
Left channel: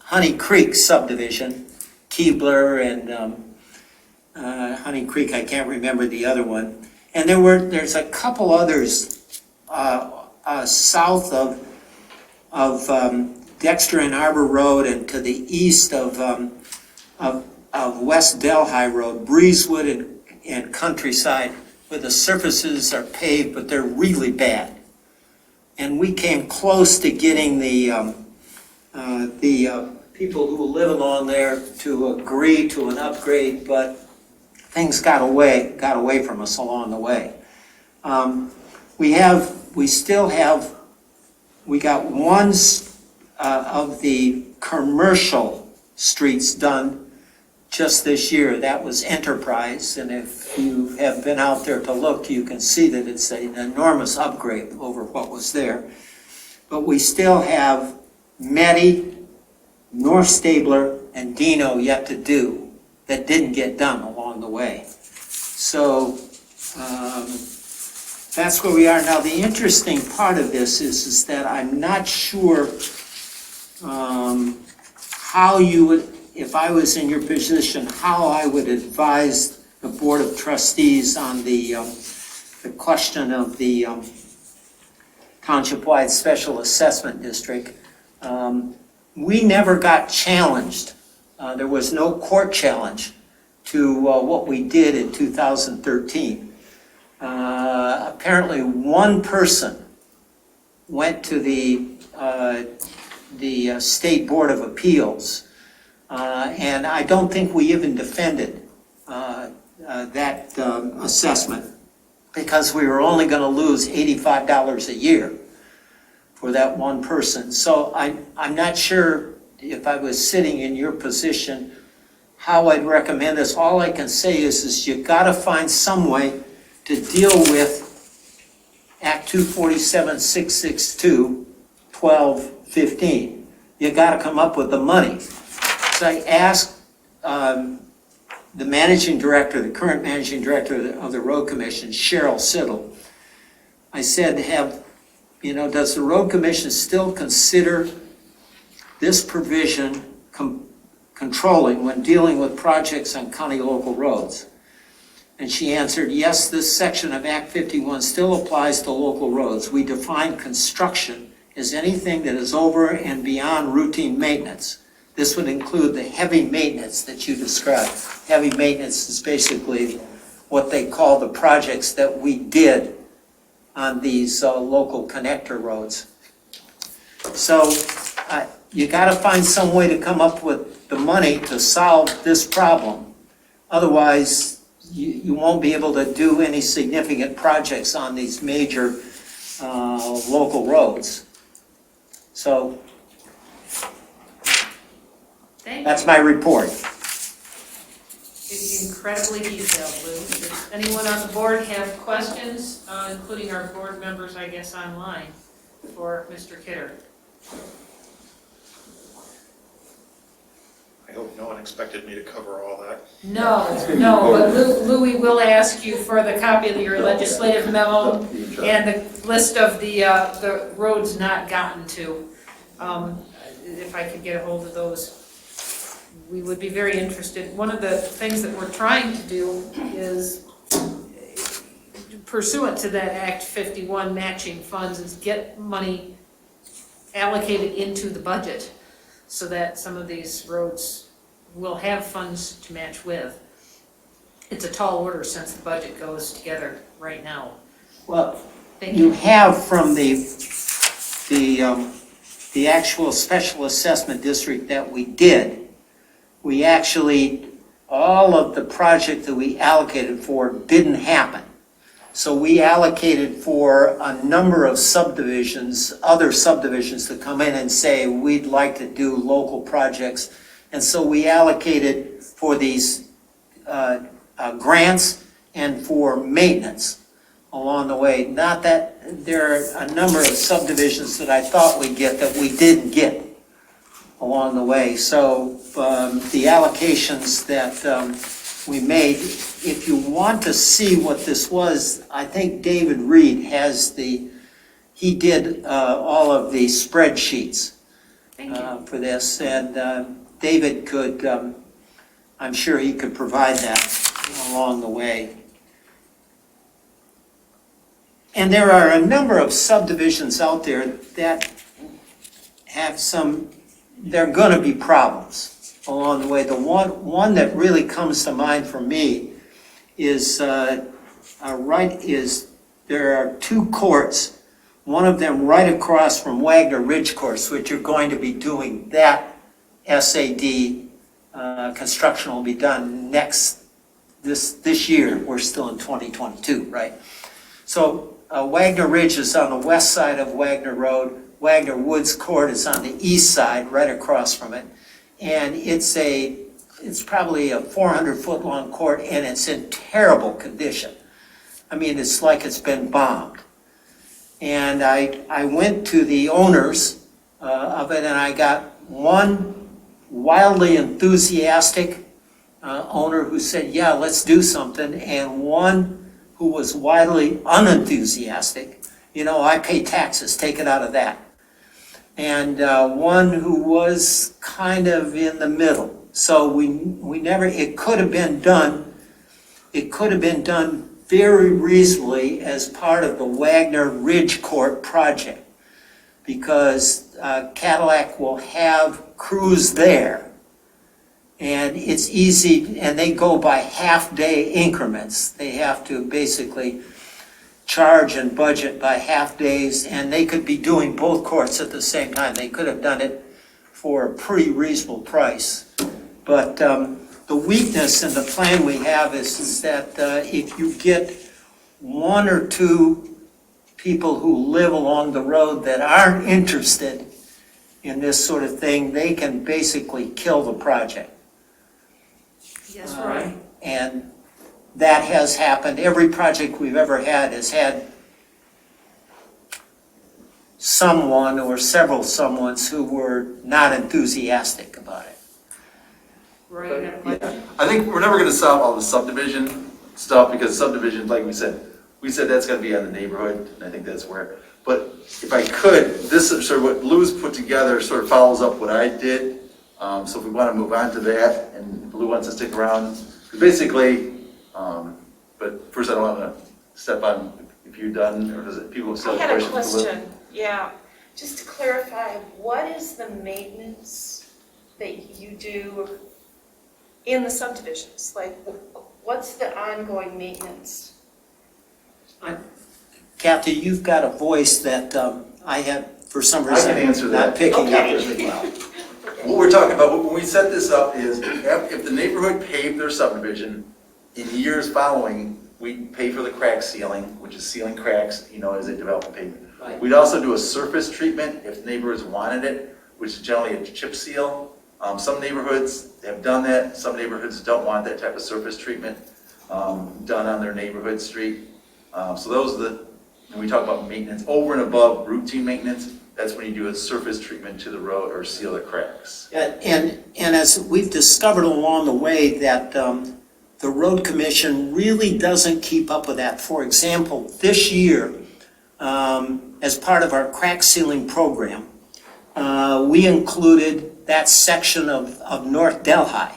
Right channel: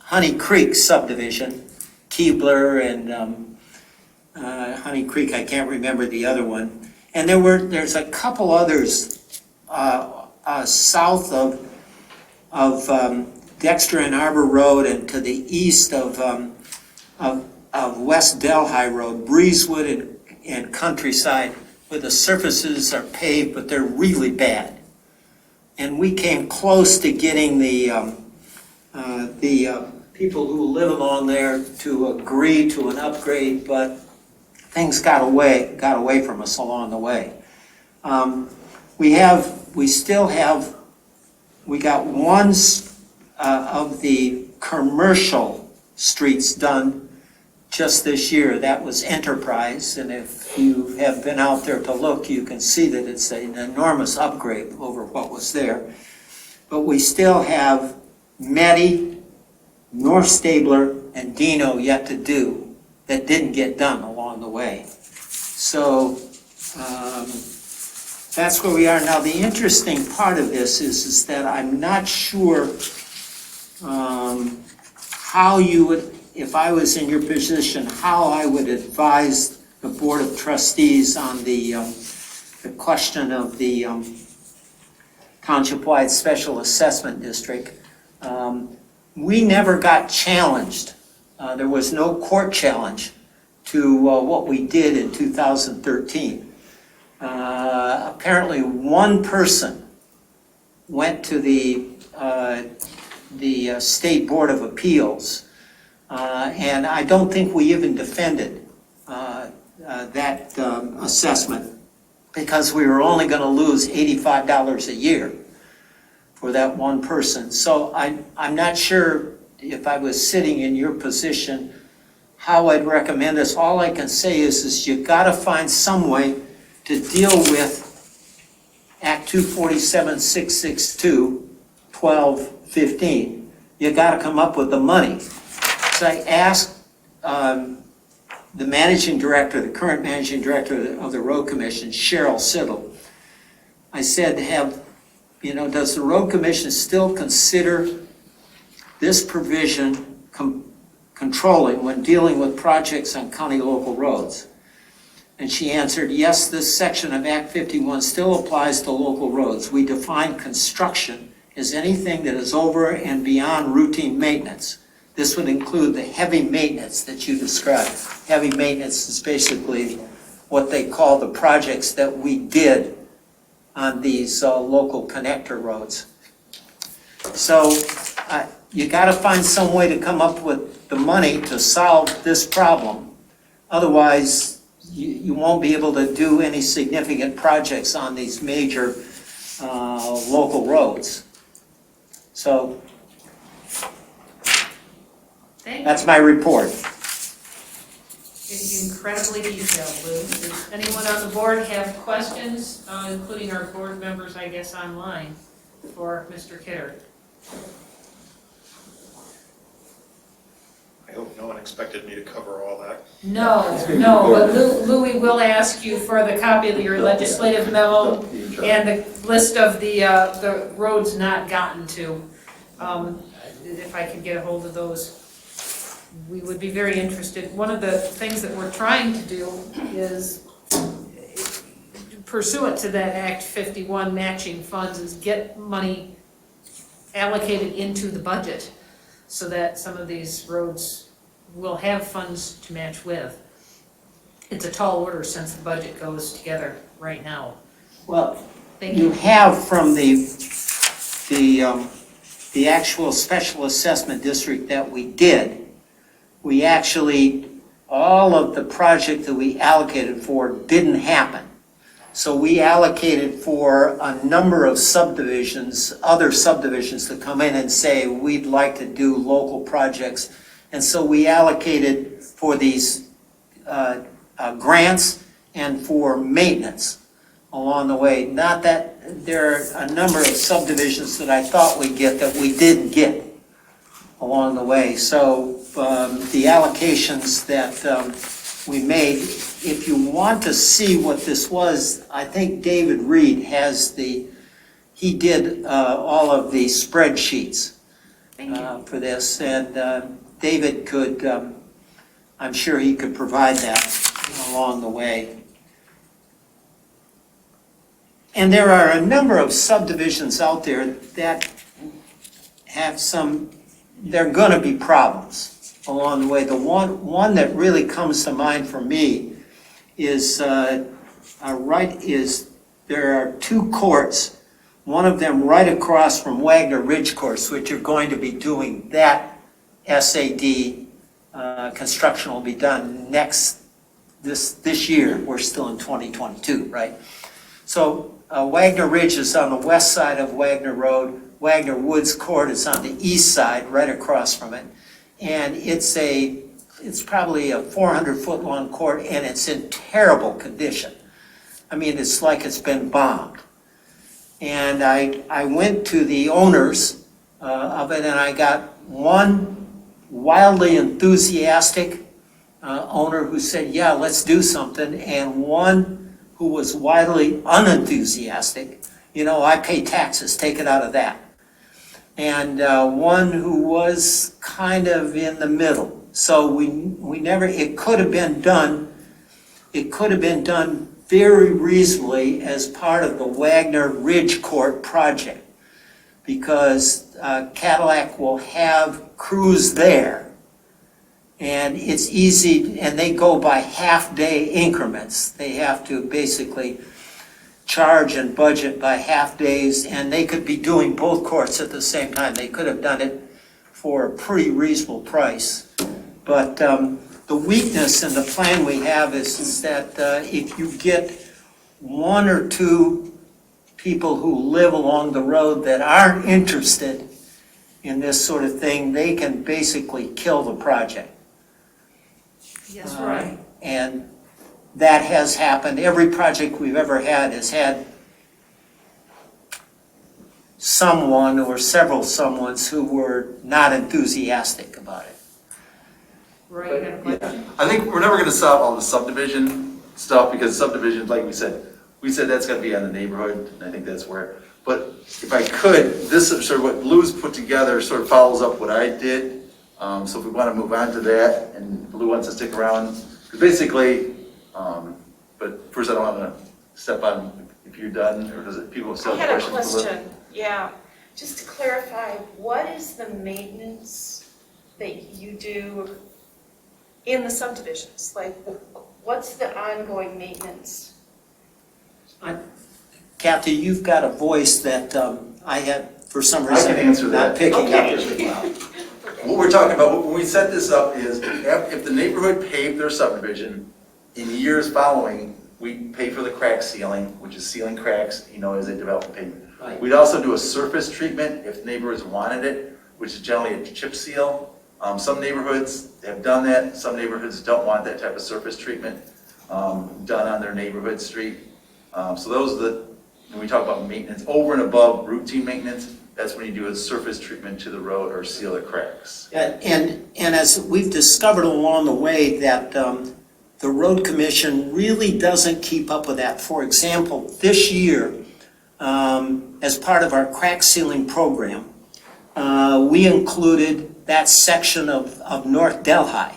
Honey Creek subdivision, Keebler and Honey Creek, I can't remember the other one. And there's a couple others south of Dexter and Arbor Road and to the east of West Delhi Road, Breezewood and Countryside, where the surfaces are paved, but they're really bad. And we came close to getting the people who live along there to agree to an upgrade, but things got away from us along the way. We got one of the commercial streets done just this year. That was Enterprise, and if you have been out there to look, you can see that it's an enormous upgrade over what was there. But we still have Meddy, North Stabler, and Dino yet to do that didn't get done along the way. So that's where we are now. The interesting part of this is that I'm not sure how you would, if I was in your position, how I would advise the Board of Trustees on the question of the Township-wide Special Assessment District. We never got challenged. There was no court challenge to what we did in 2013. Apparently one person went to the State Board of Appeals, and I don't think we even defended that assessment because we were only going to lose $85 a year for that one person. So I'm not sure if I was sitting in your position how I'd recommend this. All I can say is you've got to find some way to deal with Act 247-662, 12-15. You got to come up with the money. So I asked the managing director, the current managing director of the Road Commission, Cheryl Siddle. I said, does the Road Commission still consider this provision controlling when dealing with projects on county local roads? And she answered, yes, this section of Act 51 still applies to local roads. We define construction as anything that is over and beyond routine maintenance. This would include the heavy maintenance that you described. Heavy maintenance is basically what they call the projects that we did on these local connector roads. So you gotta find some way to come up with the money to solve this problem. Otherwise, you won't be able to do any significant projects on these major local roads. So Thank you. that's my report. It's incredibly detailed, Lew. Does anyone on the board have questions, including our board members, I guess, online, for Mr. Kidder? I hope no one expected me to cover all that. No, but Louis will ask you for the copy of your legislative memo and the list of the roads not gotten to. If I can get a hold of those, we would be very interested. One of the things that we're trying to do is, pursuant to that Act 51 matching funds, is get money allocated into the budget so that some of these roads will have funds to match with. It's a tall order since the budget goes together right now. Well, Thank you you. have from the actual special assessment district that we did, we actually, all of the project that we allocated for didn't happen. So we allocated for a number of subdivisions, other subdivisions to come in and say, we'd like to do local projects. And so we allocated for these grants and for maintenance along the way. Not that there are a number of subdivisions that I thought we'd get that we didn't get along the way. So the allocations that we made, if you want to see what this was, I think David Reed has he did all of the spreadsheets for this. And David could, I'm sure he could provide that along the way. And there are a number of subdivisions out there that have they're gonna be problems along the way. The one that really comes to mind for me is, there are two courts, one of them right across from Wagner Ridge Course, which are going to be doing that SAD construction will be done this year. We're still in 2022, right? So Wagner Ridge is on the west side of Wagner Road. Wagner Woods Court is on the east side, right across from it. And it's probably a 400-foot long court, and it's in terrible condition. I mean, it's like it's been bombed. And I went to the owners of it, and I got one wildly enthusiastic owner who said, yeah, let's do something, and one who was wildly unenthusiastic. You know, I pay taxes, take it out of that. And one who was kind of in the middle. So we never, it could have been done very reasonably as part of the Wagner Ridge Court project, because Cadillac will have crews there, and it's easy, and they go by half-day increments. They have to basically charge and budget by half days, and they could be doing both courts at the same time. They could have done it for a pretty reasonable price. But the weakness in the plan we have is that if you get one or two people who live along the road that aren't interested in this sort of thing, they can basically kill the project. Yes, right. And that has happened. Every project we've ever had has had someone or several someones who were not enthusiastic about it. Right. Yeah. I think we're never gonna solve all the subdivision stuff, because subdivisions, like we said that's gonna be on the neighborhood, and I think that's where, but if I could, this is sort of what Lew's put together, sort of follows up what I did. So if we wanna move on to that, and Lew wants to stick around, because basically, but first I don't wanna step on if you're done, or does it, people still have I had a questions? question, yeah. Just to clarify, what is the maintenance that you do in the subdivisions? Like, what's the ongoing maintenance? Kathy, you've got a voice that I have for some I reason. can answer that. Not picking up Okay. as well. What we're talking about, when we set this up is, if the neighborhood paved their subdivision, in years following, we pay for the crack sealing, which is sealing cracks, as they develop the pavement. Right. We'd also do a surface treatment if neighbors wanted it, which is generally a chip seal. Some neighborhoods have done that, some neighborhoods don't want that type of surface treatment done on their neighborhood street. So those are when we talk about maintenance, over and above routine maintenance, that's when you do a surface treatment to the road or seal the cracks. And as we've discovered along the way that the road commission really doesn't keep up with that. For example, this year, as part of our crack sealing program, we included that section of North Delhi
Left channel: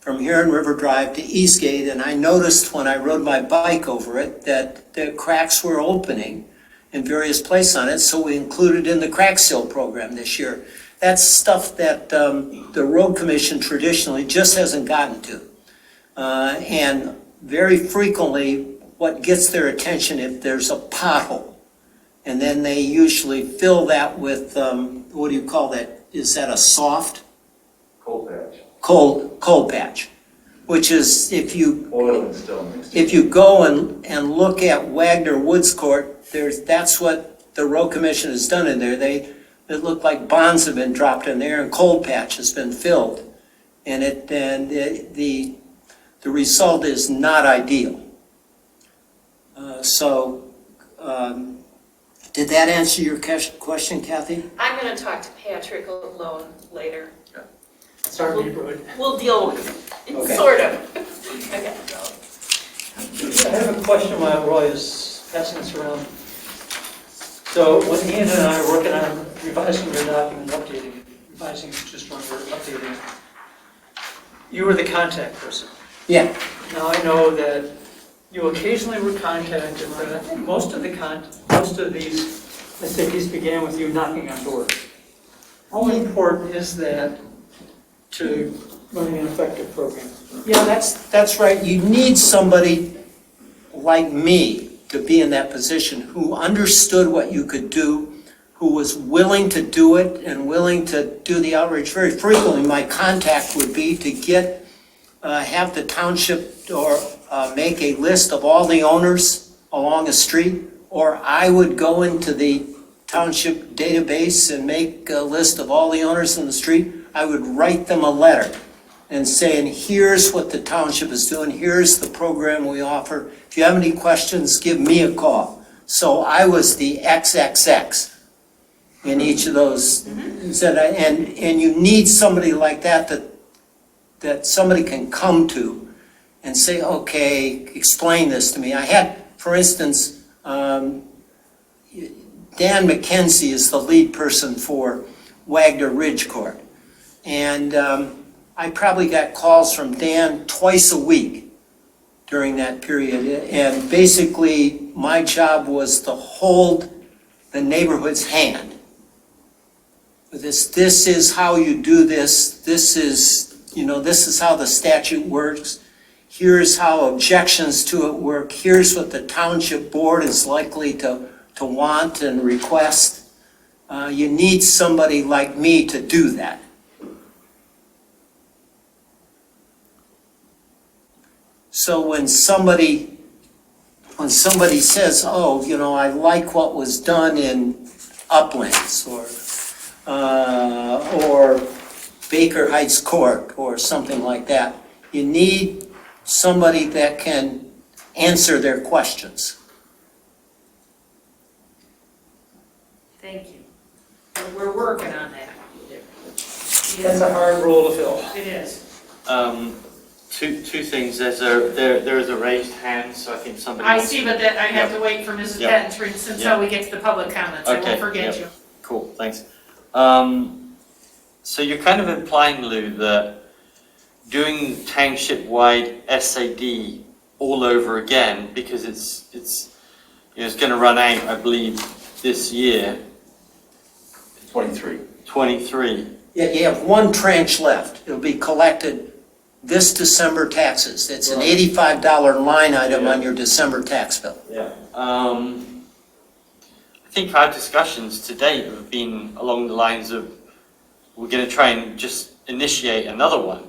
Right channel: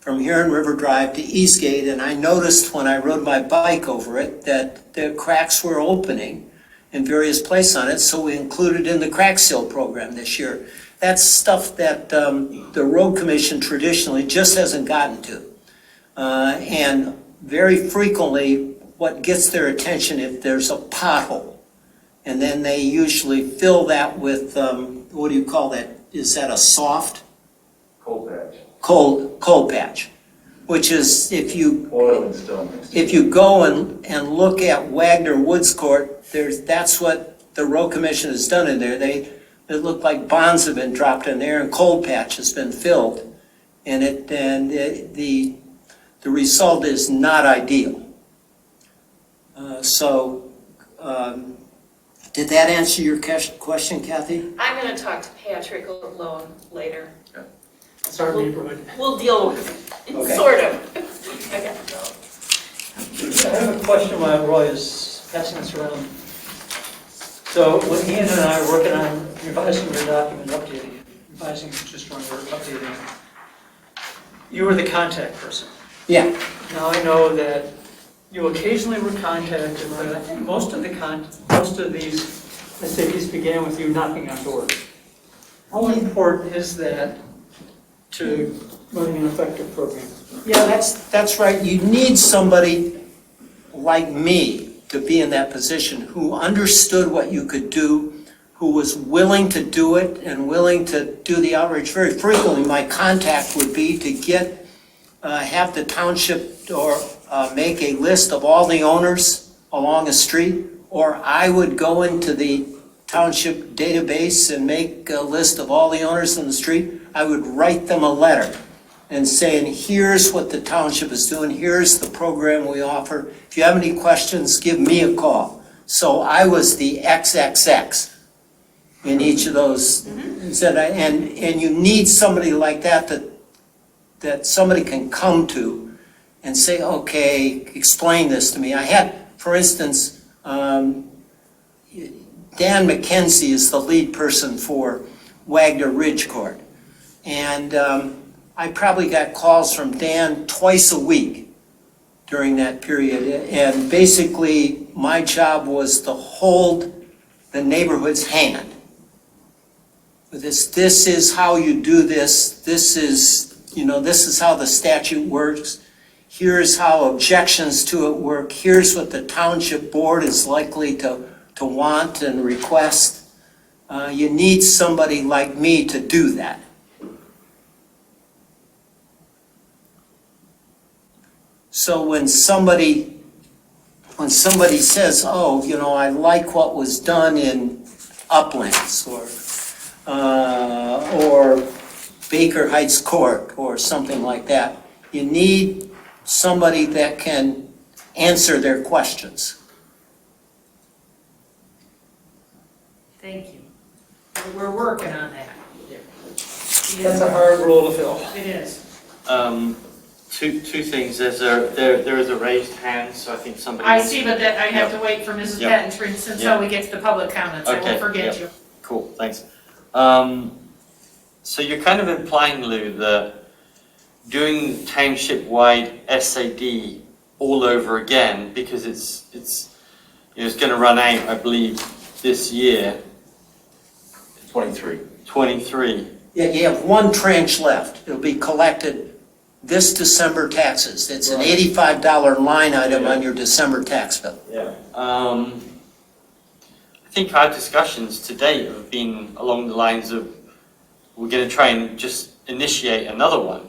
from here in River Drive to Eastgate, and I noticed when I rode my bike over it that the cracks were opening in various places on it, so we included in the crack seal program this year. That's stuff that the road commission traditionally just hasn't gotten to. And very frequently, what gets their attention if there's a pothole, and then they usually fill that with, what do you call that? Is that a soft? Cold patch. Cold patch, which is Oil and stone mixed. if you go and look at Wagner Woods Court, that's what the road commission has done in there. It looked like bonds have been dropped in there and cold patch has been filled, and the result is not ideal. Did that answer your question, Kathy? I'm going to talk to Patrick alone later. It's our neighborhood. We'll deal with it, Okay. sort of. Okay. I have a question while Roy is passing this around. So when Ian and I are working on revising your document, revising just one word, updating, you were the contact person. Yeah. Now I know that you occasionally were contacted, but I think most of these SADs began with you knocking on doors. How important is that to running an effective program? Yeah, that's right. You need somebody like me to be in that position who understood what you could do, who was willing to do it and willing to do the outreach. Very frequently, my contact would be to have the township or make a list of all the owners along a street, or I would go into the township database and make a list of all the owners on the street. I would write them a letter and saying, here's what the township is doing, here's the program we offer. If you have any questions, give me a call. So I was the XXX in each of those. And you need somebody like that somebody can come to and say, okay, explain this to me. I had, for instance, Dan McKenzie is the lead person for Wagner Ridge Court. And I probably got calls from Dan twice a week during that period. And basically, my job was to hold the neighborhood's hand. This is how you do this. This is how the statute works. Here's how objections to it work. Here's what the township board is likely to want and request. You need somebody like me to do that. So when somebody says, oh, I like what was done in Uplands or Baker Heights Court or something like that, you need somebody that can answer their questions. Thank you. We're working on that. That's a hard role to fill. It is. Two things. There is a raised hand, so I think somebody. I see, but that I have to wait for Mrs. Yep. Patton until we get to the public comments. I won't forget you. Cool, thanks. So you're kind of implying, Lew, that doing township-wide SAD all over again, because it's going to run out, I believe, this year. 23. Yeah, you have one tranche left. It'll be collected this December taxes. It's an $85 line item on your December tax bill. Yeah. I I think our discussions to date have been along the lines of we're going to try and just initiate another one.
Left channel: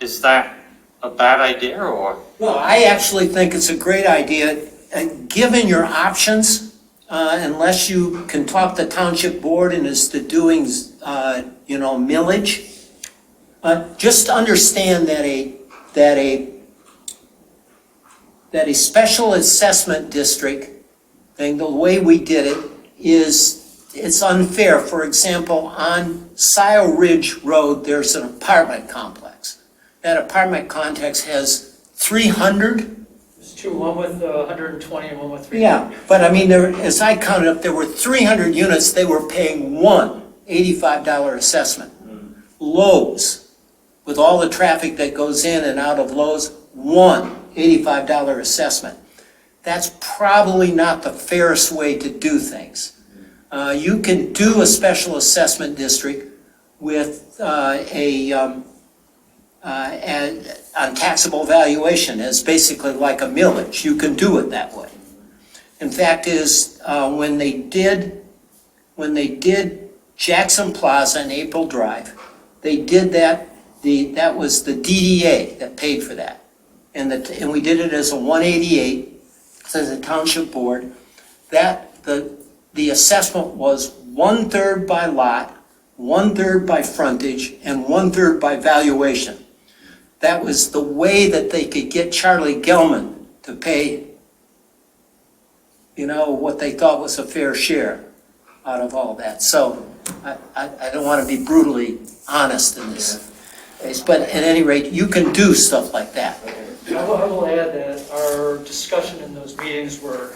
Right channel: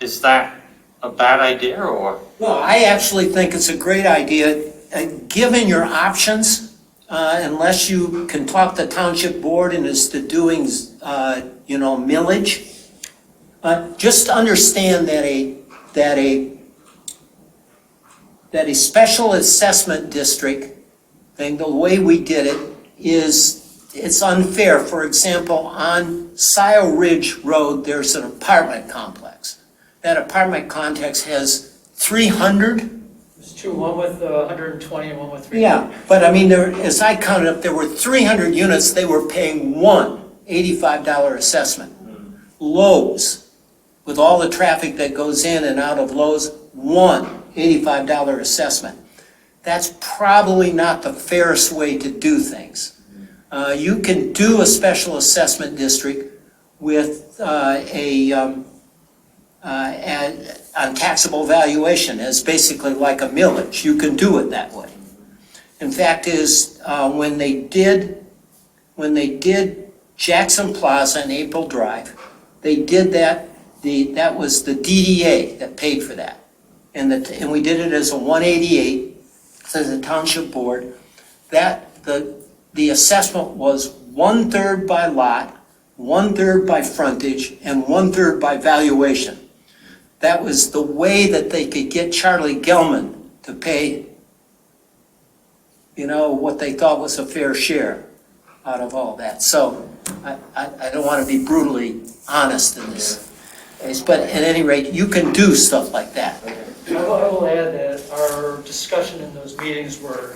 Is that a bad idea, or? Well, I actually think it's a great idea, given your options, unless you can talk the township board and as to doing, millage. Just understand that a special assessment district thing, the way we did it it's unfair. For example, on Scioto Ridge Road, there's an apartment complex. That apartment complex has 300. There's two, one with 120 and one with 300. Yeah, but I mean, as I counted up, there were 300 units, they were paying one $85 assessment. Lowe's, with all the traffic that goes in and out of Lowe's, one $85 assessment. That's probably not the fairest way to do things. You can do a special assessment district with on taxable valuation as basically like a millage. You can do it that way. In fact, when they did Jackson Plaza and April Drive, they did that. That was the DDA that paid for that, and we did it as a 188 as a township board. That the assessment was 1/3 by lot, 1/3 by frontage, and 1/3 by valuation. That was the way that they could get Charlie Gelman to pay, what they thought was a fair share out of all that. So I don't want to be brutally honest in this case, but at any rate, you can do stuff like that. I will add that our discussion in those meetings were,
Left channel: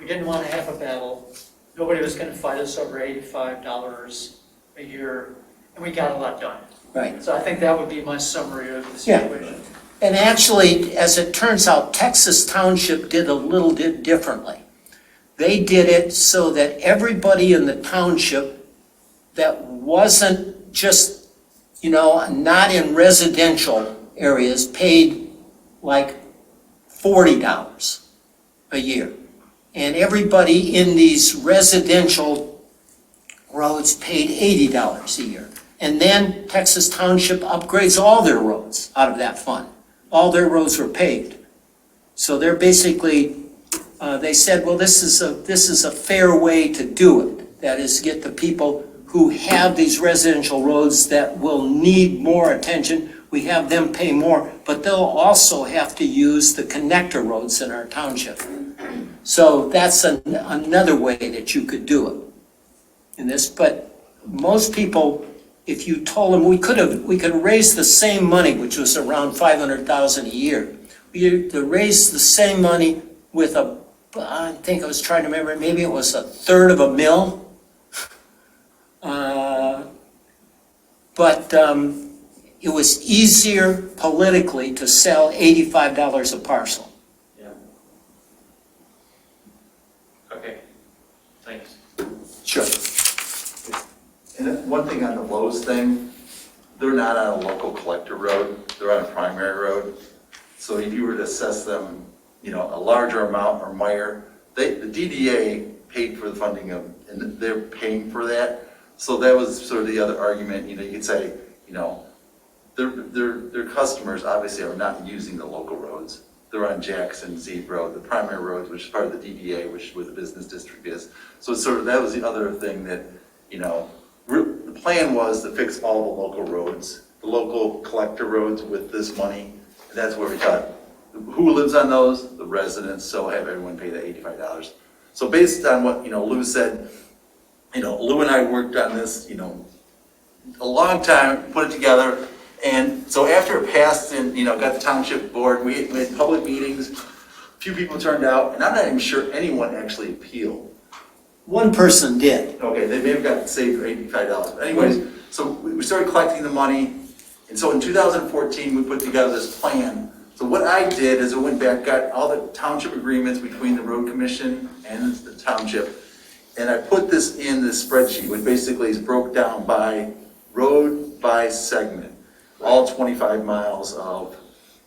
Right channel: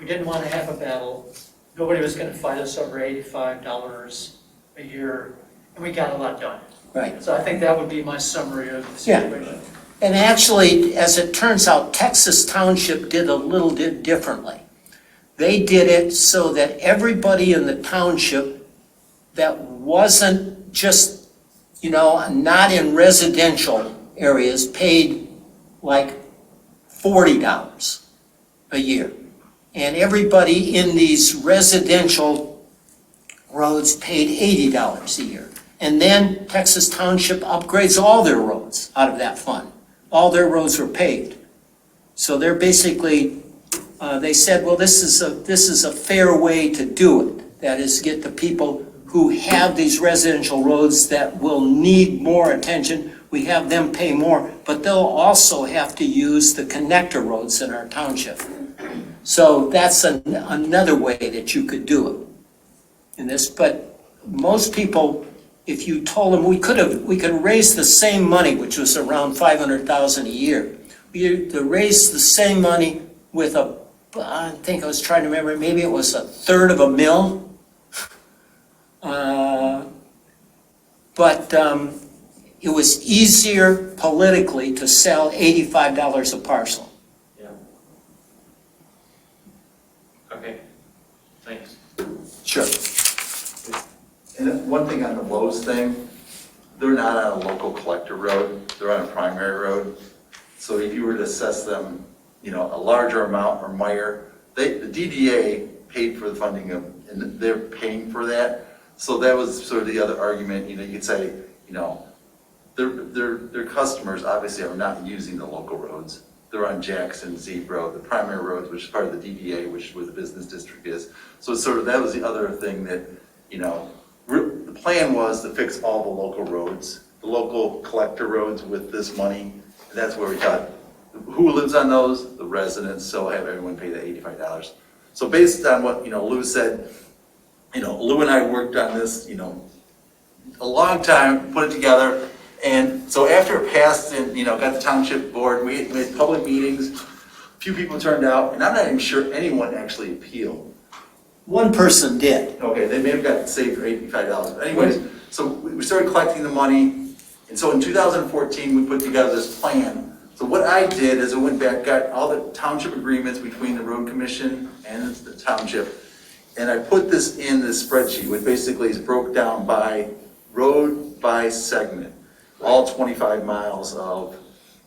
we didn't want to have a battle. Nobody was going to fight us over $85 a year, and we got a lot done. Right. So I think that would be my summary of the situation. And actually, as it turns out, Texas Township did a little bit differently. They did it so that everybody in the township that wasn't just, not in residential areas paid like $40 a year. And everybody in these residential roads paid $80 a year. And then Texas Township upgrades all their roads out of that fund. All their roads were paved. So they're basically, they said, well, this is a fair way to do it. That is, get the people who have these residential roads that will need more attention. We have them pay more, but they'll also have to use the connector roads in our township. So that's another way that you could do it in this. But most people, if you told them we could raise the same money, which was around $500,000 a year, we could raise the same money with I think I was trying to remember, maybe it was 1/3 of a mil. But it was easier politically to sell $85 a parcel. Yeah. Okay, thanks. Sure. And one thing on the Lowe's thing, they're not on a local collector road, they're on a primary road. So if you were to assess them, a larger amount or Meyer, the DDA paid for the funding and they're paying for that. So that was sort of the other argument, you could say, their customers obviously are not using the local roads. They're on Jackson, Zeke Road, the primary roads, which is part of the DDA, which is where the business district is. So that was the other thing that, the plan was to fix all the local roads, the local collector roads with this money. And that's where we thought, who lives on those? The residents, so have everyone pay the $85. So based on what, Lew said, Lew and I worked on this, a long time, put it together. And so after it passed and, got the township board, we had public meetings, a few people turned out, and I'm not even sure anyone actually appealed. One person did. Okay, they may have got saved for $85. But anyways, so we started collecting the money. And so in 2014, we put together this plan. So what I did is I went back, got all the township agreements between the road commission and the township. And I put this in this spreadsheet, which basically is broke down by road by segment, all 25 miles of,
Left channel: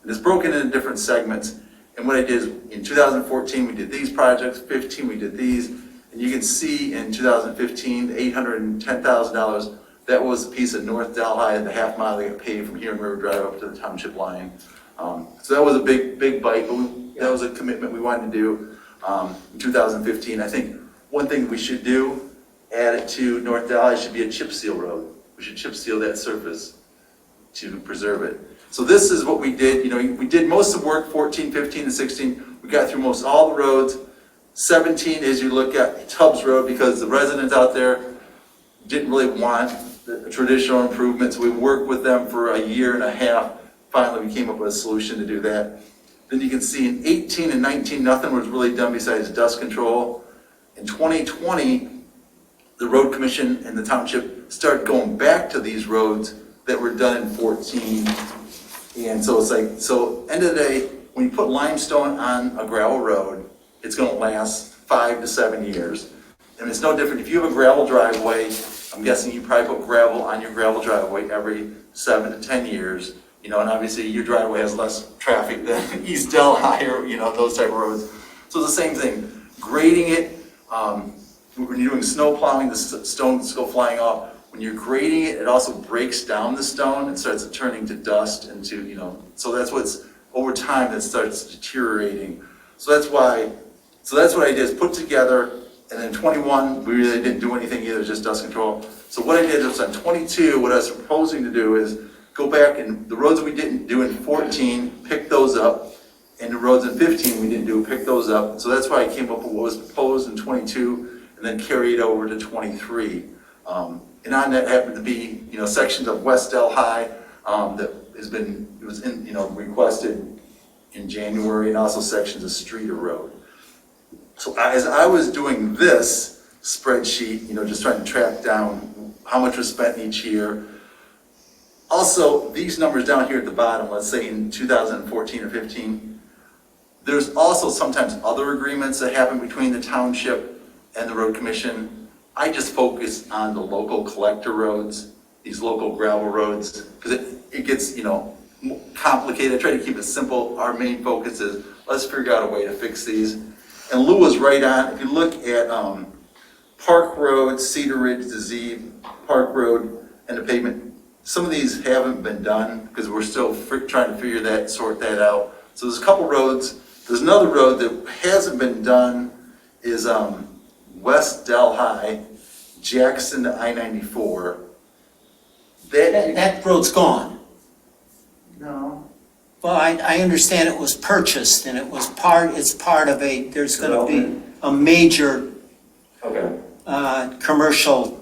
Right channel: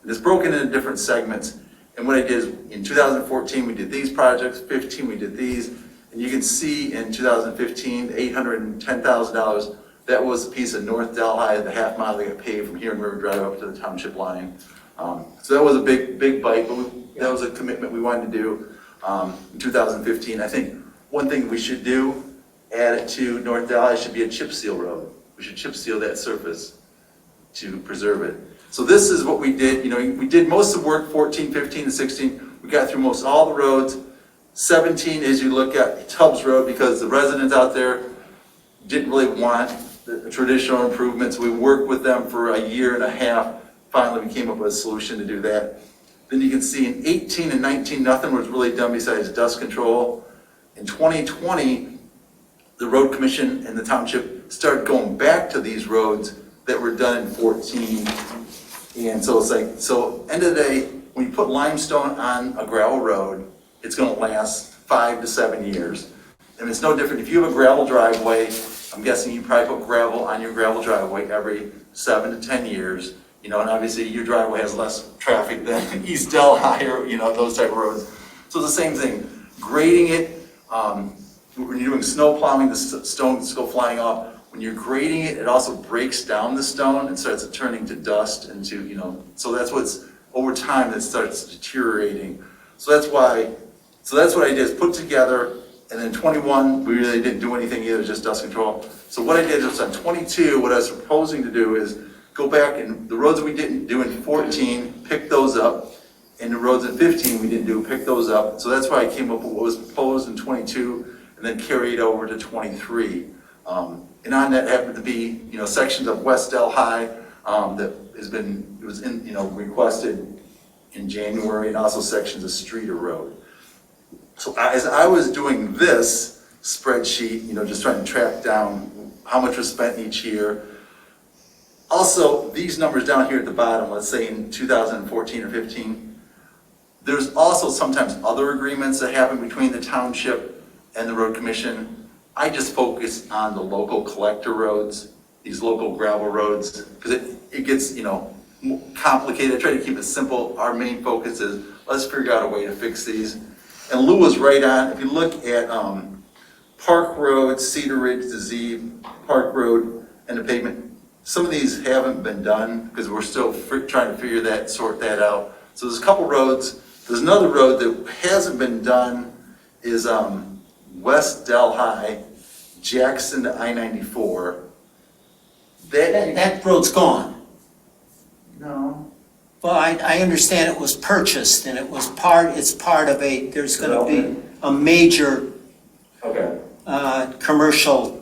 and it's broken into different segments. And what I did is in 2014, we did these projects, 15, we did these. And you can see in 2015, $810,000, that was a piece of North Delhi, the half mile they got paved from here in River Drive up to the township line. So that was a big bite, but that was a commitment we wanted to do in 2015. I think one thing we should do, add it to North Delhi, should be a chip seal road. We should chip seal that surface to preserve it. So this is what we did. You know, we did most of the work 14, 15, and 16. We got through most all the roads. 17 is you look at Tubbs Road because the residents out there didn't really want the traditional improvements. We worked with them for a year and a half. Finally, we came up with a solution to do that. Then you can see in 18 and 19, nothing was really done besides dust control. In 2020, the road commission and the township started going back to these roads that were done in 14. And so it's like, so end of the day, when you put limestone on a gravel road, it's gonna last 5 to 7 years. And it's no different, if you have a gravel driveway, I'm guessing you probably put gravel on your gravel driveway every 7 to 10 years. You know, and obviously your driveway has less traffic than East Delhi or, you know, those type of roads. So it's the same thing, grading it, when you're doing snow plowing, the stones go flying off. When you're grading it, it also breaks down the stone and starts turning to dust and to, you know, so that's what's, over time, that starts deteriorating. So that's what I did is put together, and then 21, we really didn't do anything either, just dust control. So what I did is on 22, what I was proposing to do is go back and the roads we didn't do in 14, pick those up, and the roads in 15 we didn't do, pick those up. So that's why I came up with what was proposed in 22 and then carried over to 23. And on that happened to be, you know, sections of West Delhi that it was in, you know, requested in January, and also sections of Streeter Road. So as I was doing this spreadsheet, you know, just trying to track down how much was spent each year. Also, these numbers down here at the bottom, let's say in 2014 or 15, there's also sometimes other agreements that happen between the township and the road commission. I just focus on the local collector roads, these local gravel roads, because it gets, you know, complicated. I try to keep it simple. Our main focus is let's figure out a way to fix these. And Lew was right on. If you look at Park Road, Cedar Ridge, the Z, Park Road, and the pavement, some of these haven't been done because we're still trying to sort that out. So there's a couple roads. There's another road that hasn't been done is West Delhi, Jackson to I-94. That road's gone. No. Well, I understand it was purchased and it's part of there's gonna be a major commercial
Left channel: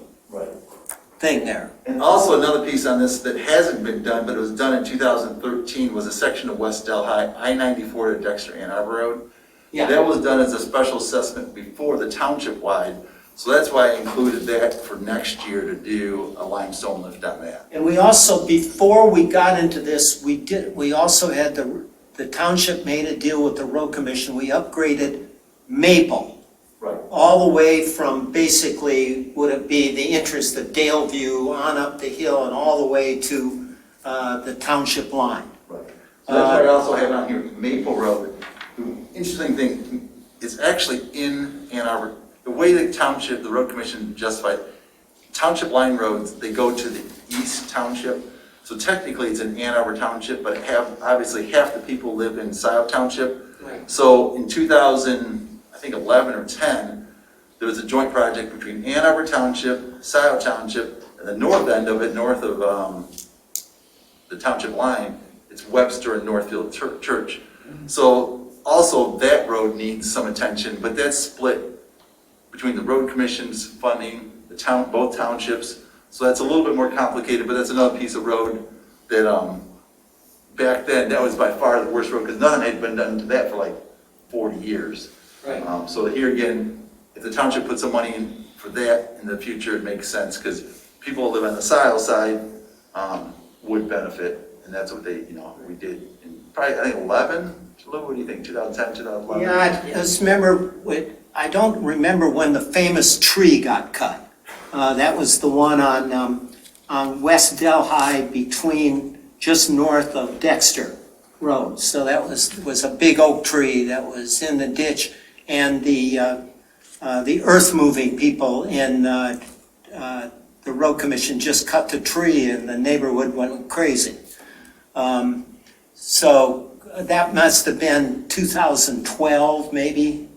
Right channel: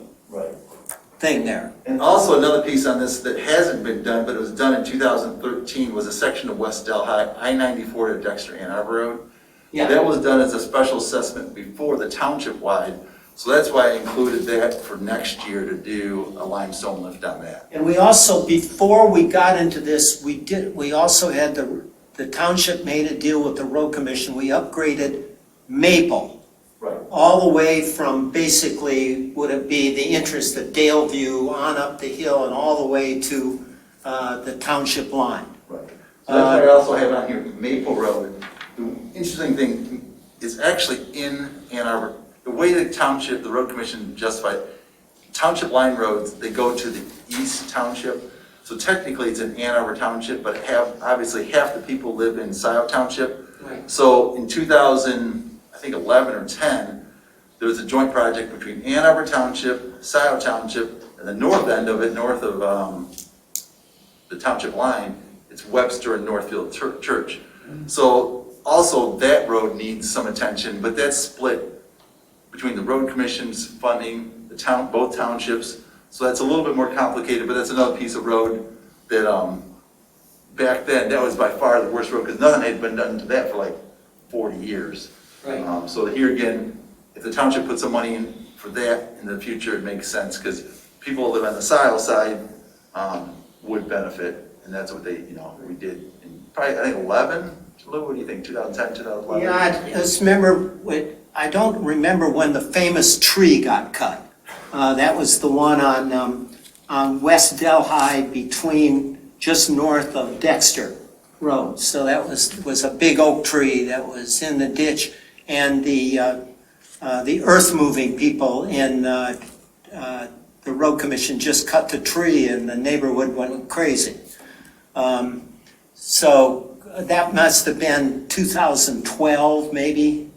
thing there. And also another piece on this that hasn't been done, but it was done in 2013, was a section of West Delhi, I-94 to Dexter Ann Arbor Road. Yeah. That was done as a special assessment before the township wide. So that's why I included that for next year to do a limestone lift on that. And we also, before we got into this, we also had the township made a deal with the road commission. We upgraded Maple. Right. All the way from basically, would it be the interest of Daleview on up the hill and all the way to the township line. Right. So that's why I also have on here Maple Road. The interesting thing is actually in Ann Arbor. The way the township, the road commission justified, township line roads, they go to the east township. So technically it's in Ann Arbor Township, but obviously half the people live in Scioto Township. Right. So in 2011 or 10, there was a joint project between Ann Arbor Township, Scioto Township, and the north end of it, north of the township line, it's Webster and Northfield Church. So also that road needs some attention, but that's split between the road commission's funding, both townships. So that's a little bit more complicated, but that's another piece of road that back then, that was by far the worst road because nothing had been done to that for like 40 years. Right. So here again, if the township puts some money in for that in the future, it makes sense because people who live on the Scioto side would benefit, and that's what we did in probably, I think, 11. What do you think, 2010, 2011? Yeah, I just remember, I don't remember when the famous tree got cut. That was the one on West Delhi between just north of Dexter Road. So that was a big oak tree that was in the ditch. And the the earth-moving people in the road commission just cut the tree and the neighborhood went crazy. So that must have been 2012, maybe,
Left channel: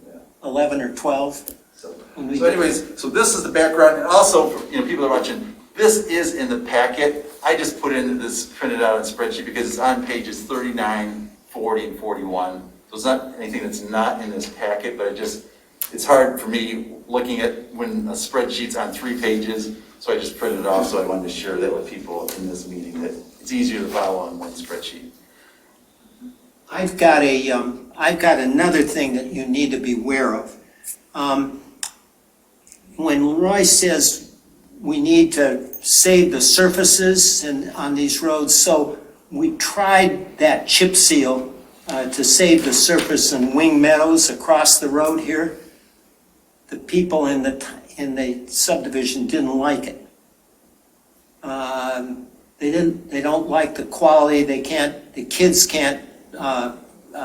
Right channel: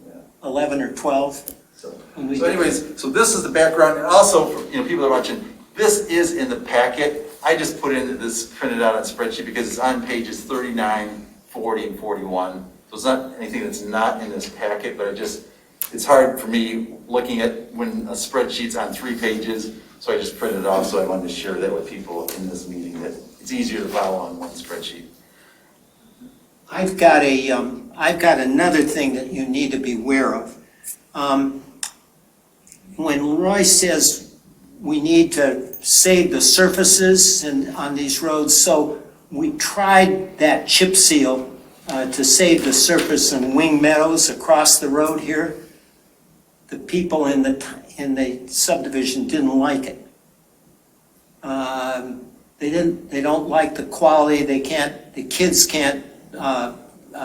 11 or 12. So anyways, so this is the background, and also, for, people are watching, this is in the packet. I just put in this printed out on spreadsheet because it's on pages 39, 40, and 41. So it's not anything that's not in this packet, but it's hard for me looking at when a spreadsheet's on 3 pages, so I just printed it off, so I wanted to share that with people in this meeting, that it's easier to follow on one spreadsheet. I've got another thing that you need to be aware of. When Roy says we need to save the surfaces on these roads, so we tried that chip seal to save the surface in Wing Meadows across the road here. The people in the subdivision didn't like it. They don't like the quality. The kids can't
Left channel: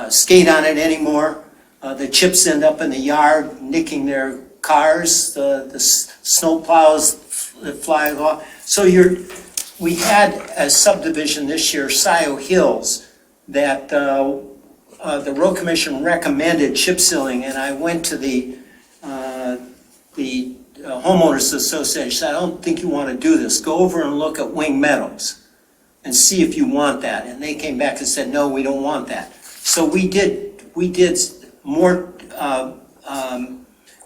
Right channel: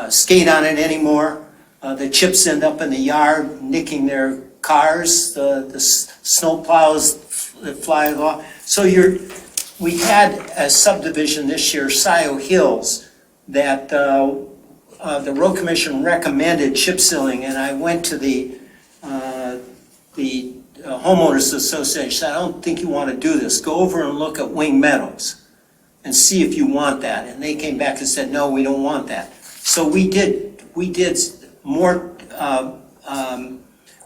skate on it anymore. The chips end up in the yard, nicking their cars. The snow plows fly off. So we had a subdivision this year, Scio Hills, that the road commission recommended chip sealing, and I went to the homeowners association. Said, I don't think you want to do this. Go over and look at Wing Meadows and see if you want that. And they came back and said, no, we don't want that. So we did more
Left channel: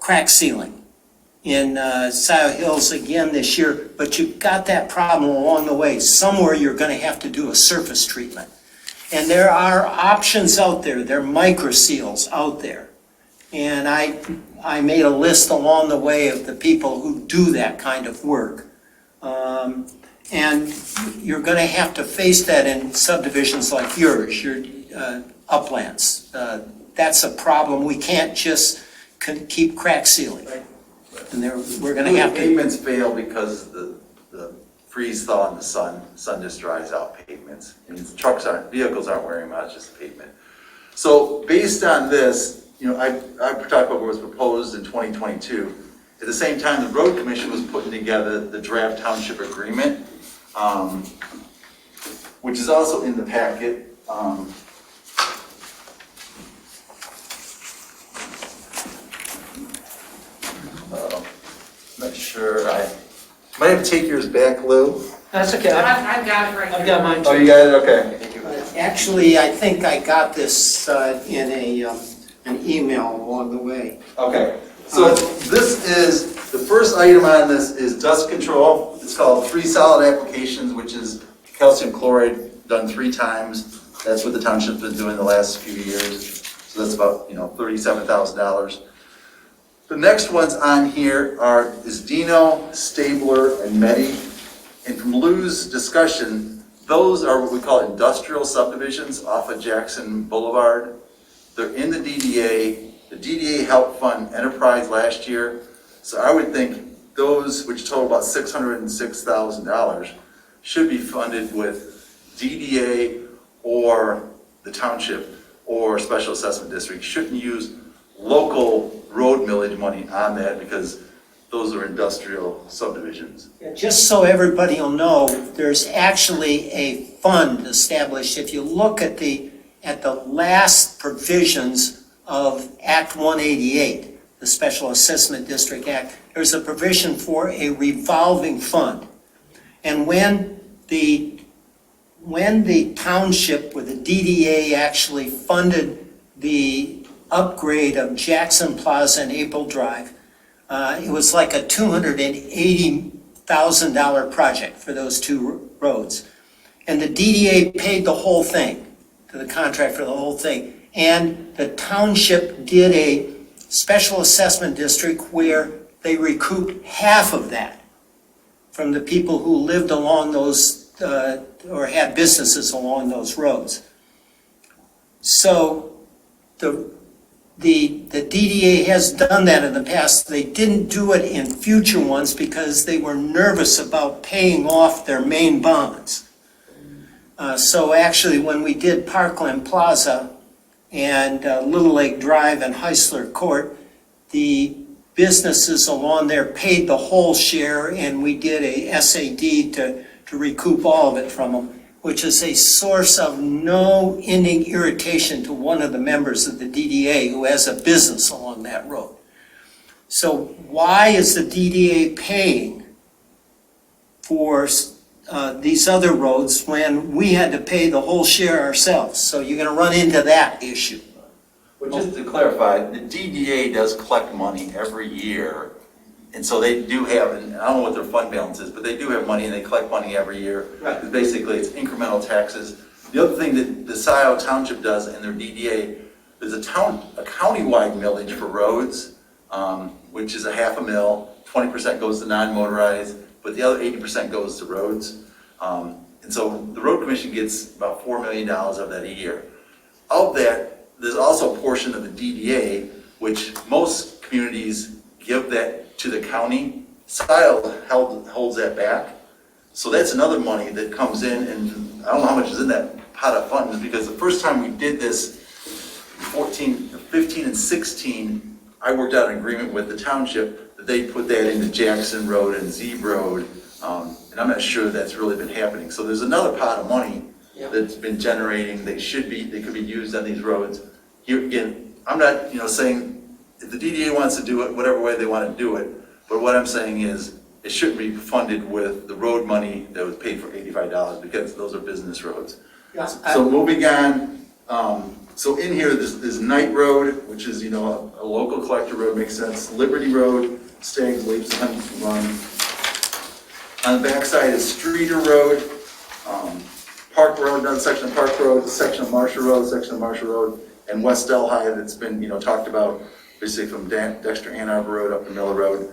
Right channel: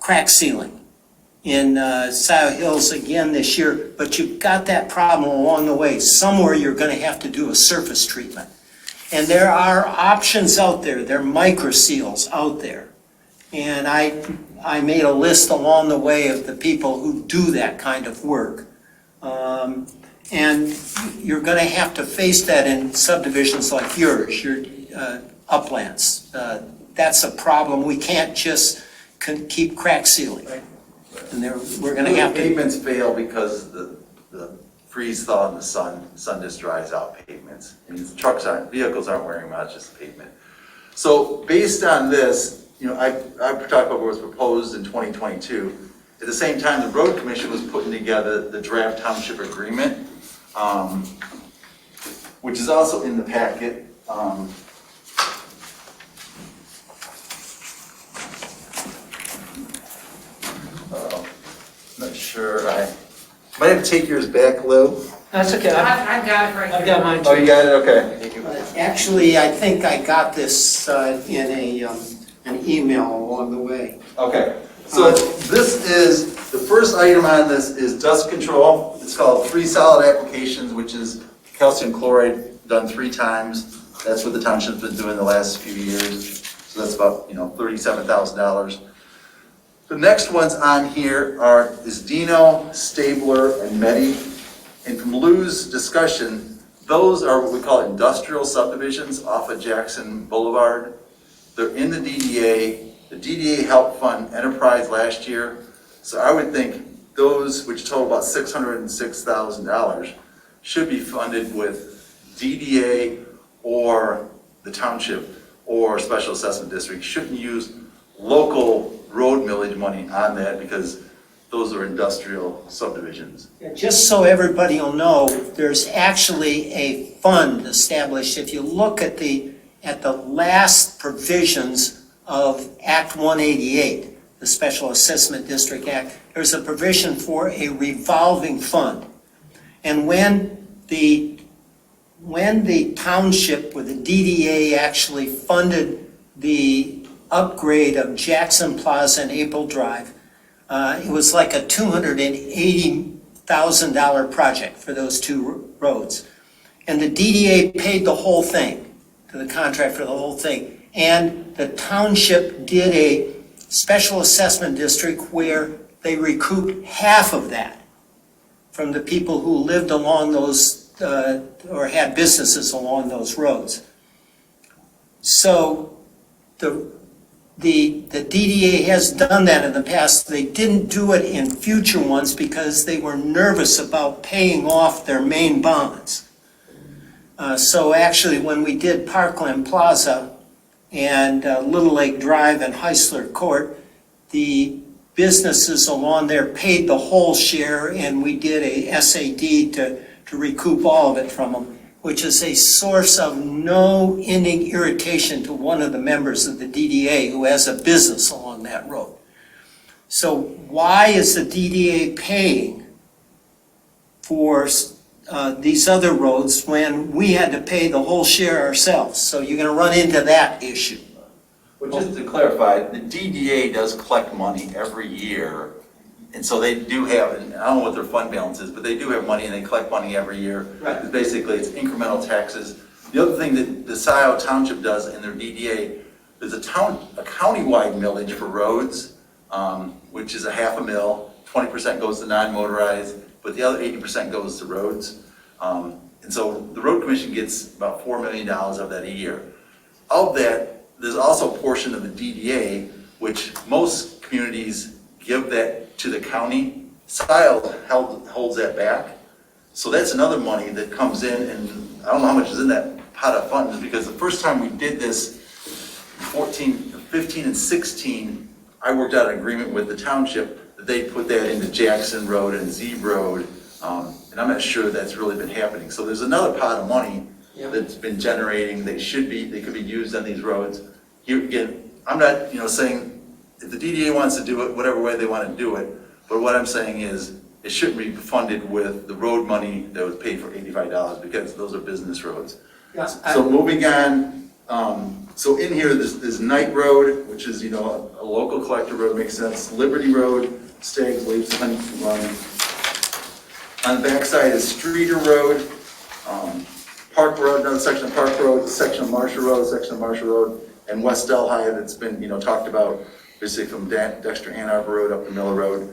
crack sealing in Scio Hills again this year, but you've got that problem along the way. Somewhere you're going to have to do a surface treatment. And there are options out there. There are micro seals out there. And I made a list along the way of the people who do that kind of work. And you're going to have to face that in subdivisions like yours, your uplands. That's a problem. We can't just keep crack sealing. Right. And we're going to have to. Pavements fail because the freeze thaw in the sun just dries out pavements. And vehicles aren't wearing much, just pavement. So based on this, I talked about what was proposed in 2022. At the same time, the road commission was putting together the draft township agreement, which is also in the packet. Not sure. I might have to take yours back, Lew. That's okay. I've got it right I've here. got mine too. Oh, you got it? Okay. Actually, I think I got this in an email along the way. Okay. So this is, the first item on this is dust control. It's called 3 solid applications, which is calcium chloride done 3 times. That's what the township's been doing the last few years. So that's about, $37,000. The next ones on here is Dino, Stabler, and Medi. And from Lew's discussion, those are what we call industrial subdivisions off of Jackson Boulevard. They're in the DDA. The DDA helped fund Enterprise last year. So I would think those, which total about $606,000, should be funded with DDA or the township or special assessment district. Shouldn't use local road millage money on that because those are industrial subdivisions. Just so everybody will know, there's actually a fund established. If you look at the last provisions of Act 188, the Special Assessment District Act, there's a provision for a revolving fund. And when the township with the DDA actually funded the upgrade of Jackson Plaza and April Drive, it was like a $280,000 project for those 2 roads. And the DDA paid the whole thing, to the contract for the whole thing. And the township did a special assessment district where they recouped half of that from the people who lived along those, or had businesses along those roads. So the DDA has done that in the past. They didn't do it in future ones because they were nervous about paying off their main bonds. So actually, when we did Parkland Plaza and Little Lake Drive and Heisler Court, the businesses along there paid the whole share, and we did a SAD to recoup all of it from them, which is a source of no ending irritation to one of the members of the DDA who has a business along that road. So why is the DDA paying for these other roads when we had to pay the whole share ourselves? So you're gonna run into that issue. Well, just to clarify, the DDA does collect money every year. And so they do have, and I don't know what their fund balance is, but they do have money and they collect money every year. Right. Because basically it's incremental taxes. The other thing that the Scio Township does in their DDA is a countywide millage for roads, which is a half a mil, 20% goes to non-motorized, but the other 80% goes to roads. And so the road commission gets about $4 million of that a year. Of that, there's also a portion of the DDA, which most communities give that to the county. Scio holds that back. So that's another money that comes in, and I don't know how much is in that pot of funds, because the first time we did this, 15 and 16, I worked out an agreement with the township that they put that into Jackson Road and Zeeb Road, and I'm not sure that's really been happening. So there's another pot of money that's been generating. They could be used on these roads. Here again, I'm not, saying if the DDA wants to do it, whatever way they want to do it, but what I'm saying is it shouldn't be funded with the road money that was paid for $85 because those are business roads. Yes. So moving on, so in here there's Knight Road, which is, a local collector road, makes sense. Liberty Road, Staggs, Leaps, Honey Run. On the backside is Streeter Road, Park Road, another section of Park Road, section of Marshall Road, and West Delhi that's been, talked about, basically from Dexter Ann Arbor Road up to Miller Road.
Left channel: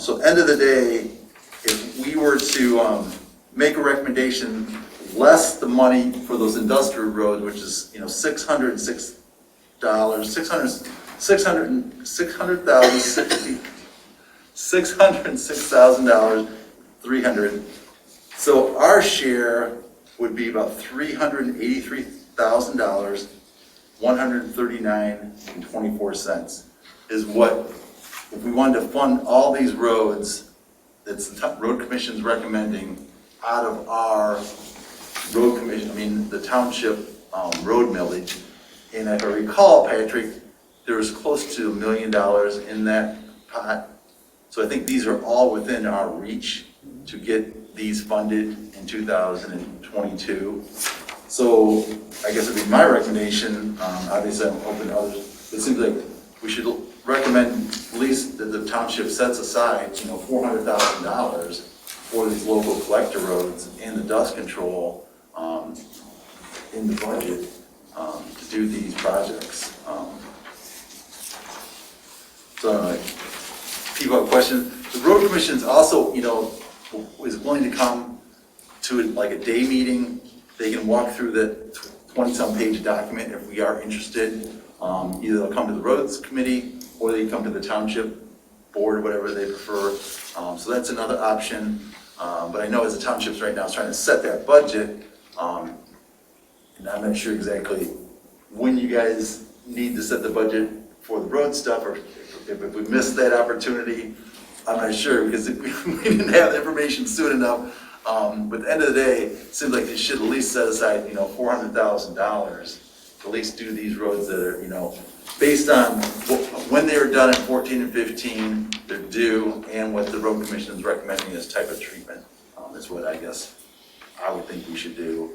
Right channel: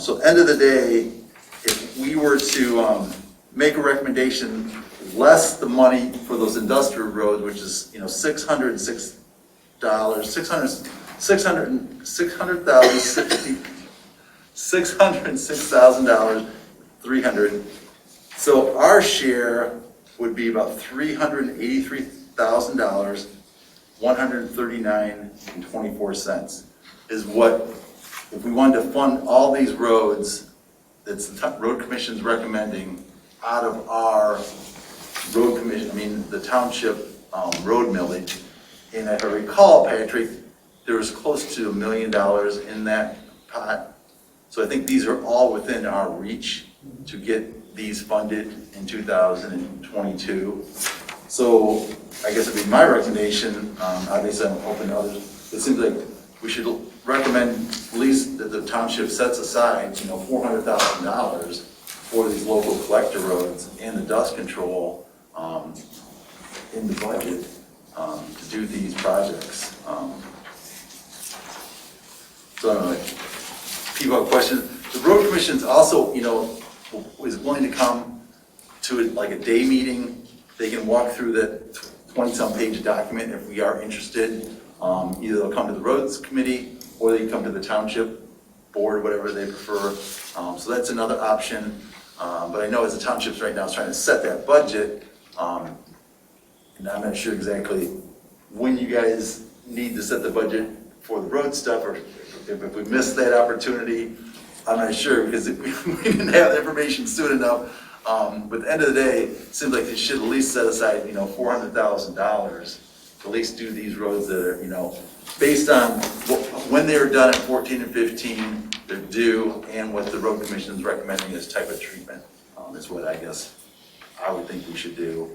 So end of the day, if we were to make a recommendation, less the money for those industrial roads, which is, $606, $606,000, $300. So our share would be about $383,000, $139.24 is what, if we wanted to fund all these roads, that's the road commission's recommending out of our road commission, the township road millage. And if I recall, Patrick, there was close to $1 million in that pot. So I think these are all within our reach to get these funded in 2022. So I guess it'd be my recommendation, obviously I'm open to others, it seems like we should recommend at least that the township sets aside, $400,000 for these local collector roads and the dust control in the budget to do these projects. So people have questions. The road commission's also, is willing to come to like a day meeting. They can walk through the 20-some page document if we are interested. Either they'll come to the roads committee or they can come to the township board, whatever they prefer. So that's another option. But I know as the townships right now is trying to set that budget, and I'm not sure exactly when you guys need to set the budget for the road stuff, or if we missed that opportunity, I'm not sure, because if we didn't have the information soon enough. But at the end of the day, it seems like they should at least set aside, $400,000 to at least do these roads that are, based on when they were done in 14 and 15, they're due, and what the road commission is recommending as type of treatment. Is what I guess I would think we should do.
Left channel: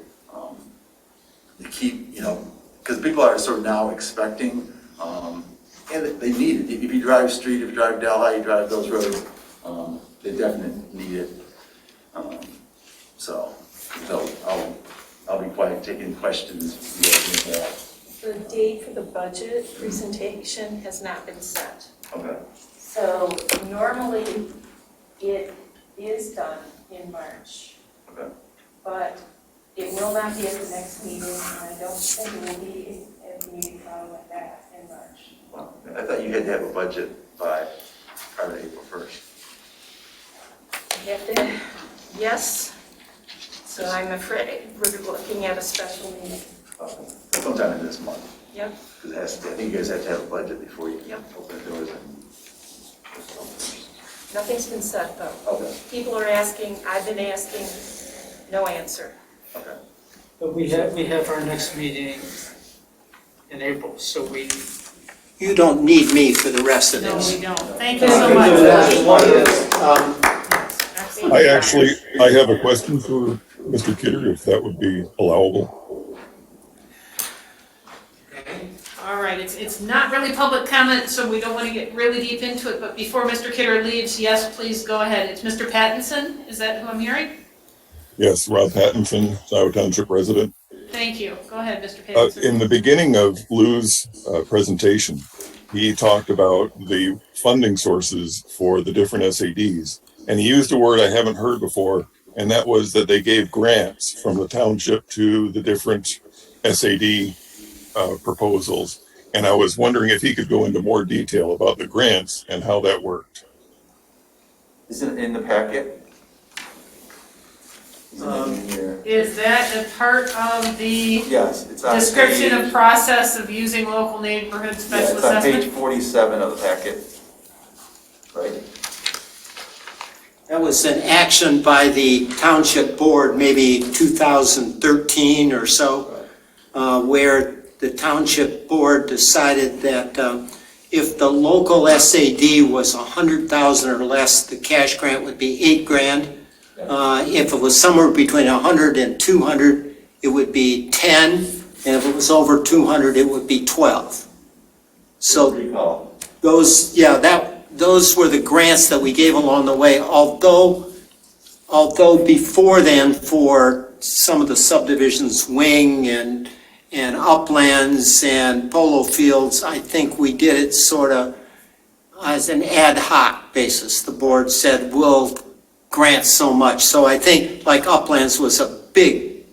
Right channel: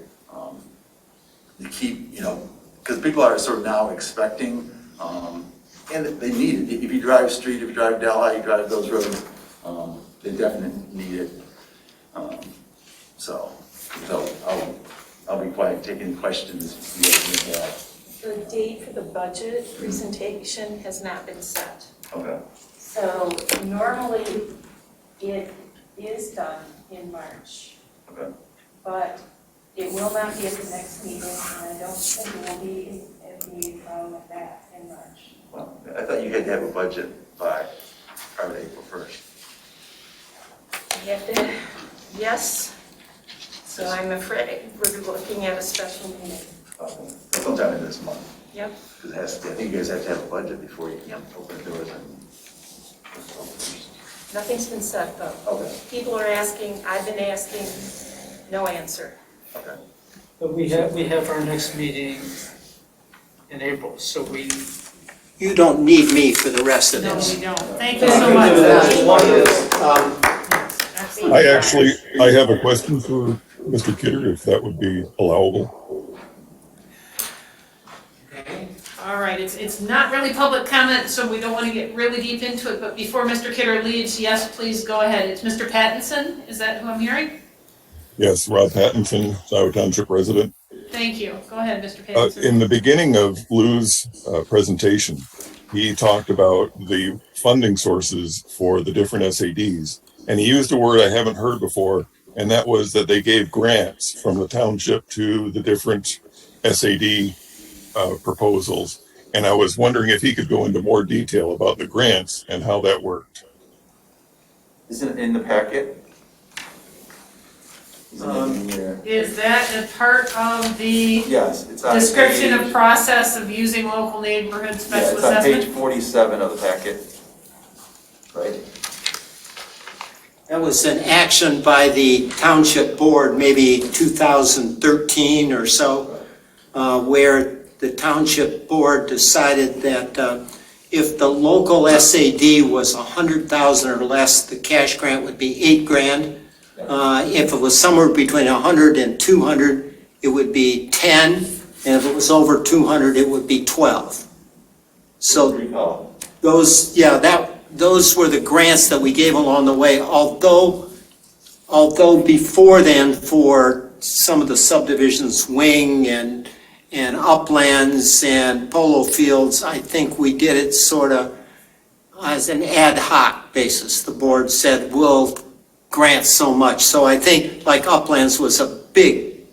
To keep, because people are sort of now expecting, and they need it. If you drive Street, if you drive Delhi, you drive those roads, they definitely need it. So I'll be quiet, taking questions you guys may have. The date for the budget presentation has not been set. Okay. So normally it is done in March. Okay. But it will not be at the next meeting, and I don't think it will be at the meeting following that in March. Well, I thought you had to have a budget by probably April 1st. You have to, yes. So I'm afraid we're looking at a special meeting. Sometime in this month. Yep. Because I think you guys have to have a budget before you Yep. open the doors. Nothing's been said, though. Okay, People are asking, I've been asking, no answer. okay. But we have our next meeting in April, so we. You don't need me for the rest of No, this. we don't. Thank you so much. I have a question for Mr. Kidder, if that would be allowable. All right, it's not really public comment, so we don't want to get really deep into it, but before Mr. Kidder leaves, yes, please go ahead. It's Mr. Pattinson, is that who I'm hearing? Yes, Rob Pattinson, Scioto Township resident. Thank you. Go ahead, Mr. Pattinson. In the beginning of Lew's presentation, he talked about the funding sources for the different SADs. And he used a word I haven't heard before, and that was that they gave grants from the township to the different SAD proposals. And I was wondering if he could go into more detail about the grants and how that worked. Is it in the packet? Is that a part of the Yes, it's on description page- of process of using local neighborhood Yeah, special it's on page assessment? 47 of the packet. Right? That was an action by the township board, maybe 2013 or so, where the township board decided that if the local SAD was 100,000 or less, the cash grant would be $8,000. If it was somewhere between 100 and 200, it would be 10, and if it was over 200, it would be 12. So Recall. those were the grants that we gave along the way, although before then, for some of the subdivisions, wing and uplands and polo fields, I think we did it sort of as an ad hoc basis. The board said, we'll grant so much. So I think like uplands was a big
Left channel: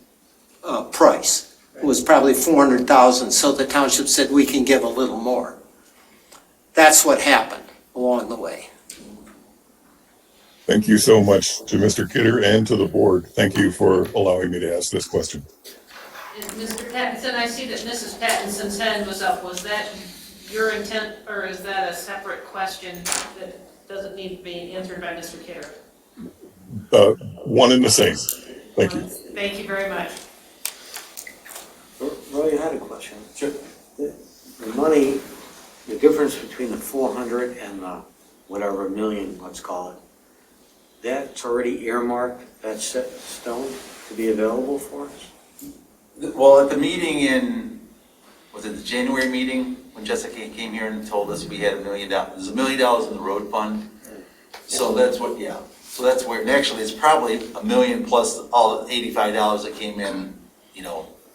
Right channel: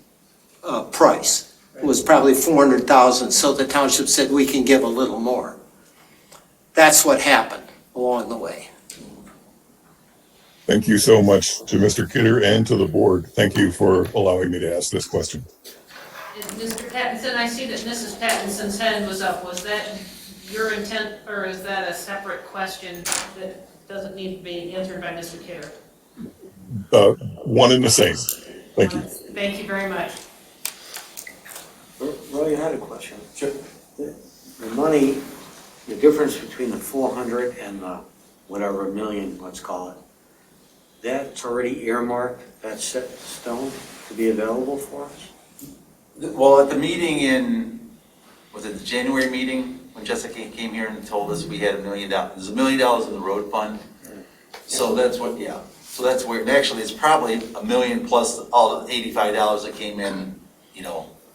price. It was probably 400,000, so the township said we can give a little more. That's what happened along the way. Thank you so much to Mr. Kidder and to the board. Thank you for allowing me to ask this question. And Mr. Pattinson, I see that Mrs. Pattinson's hand was up. Was that your intent, or is that a separate question that doesn't need to be answered by Mr. Kidder? One and the same. Thank you. Thank you very much. Roy, I had a question. Sure. The money, the difference between the 400 and the whatever million, let's call it, that's already earmarked, that's set in stone to be available for us? Well, at the meeting was it the January meeting, when Jessica came here and told us we had $1 million, there's $1 million in the road fund. So that's what, yeah. So that's where, and actually it's probably $1 million plus all the $85 that came in,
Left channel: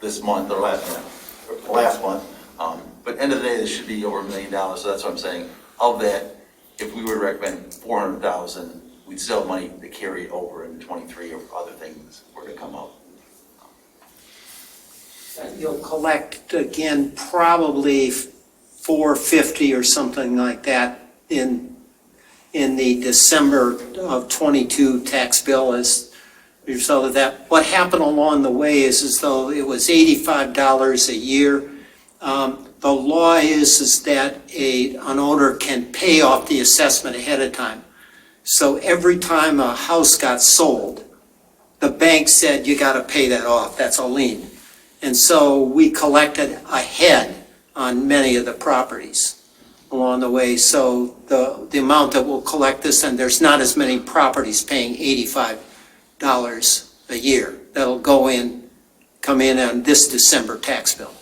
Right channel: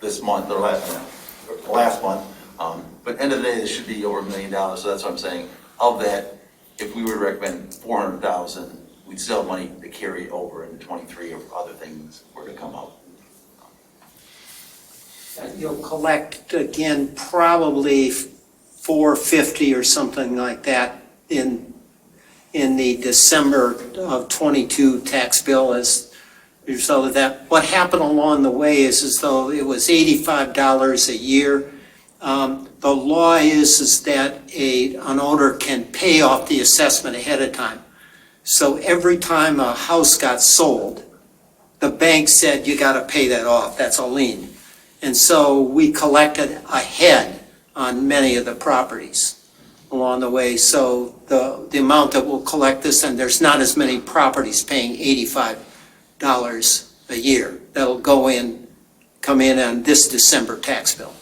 this month or last month. But end of the day, it should be over $1 million. So that's what I'm saying. Of that, if we were to recommend 400,000, we'd still have money to carry over into 23 if other things were to come up. You'll collect again probably 450 or something like that in the December of 22 tax bill as a result of that. What happened along the way is as though it was $85 a year. The law is that an owner can pay off the assessment ahead of time. So every time a house got sold, the bank said, you got to pay that off. That's a lien. And so we collected ahead on many of the properties along the way. So the amount that we'll collect this, and there's not as many properties paying $85 a year. That'll come in on this December tax bill.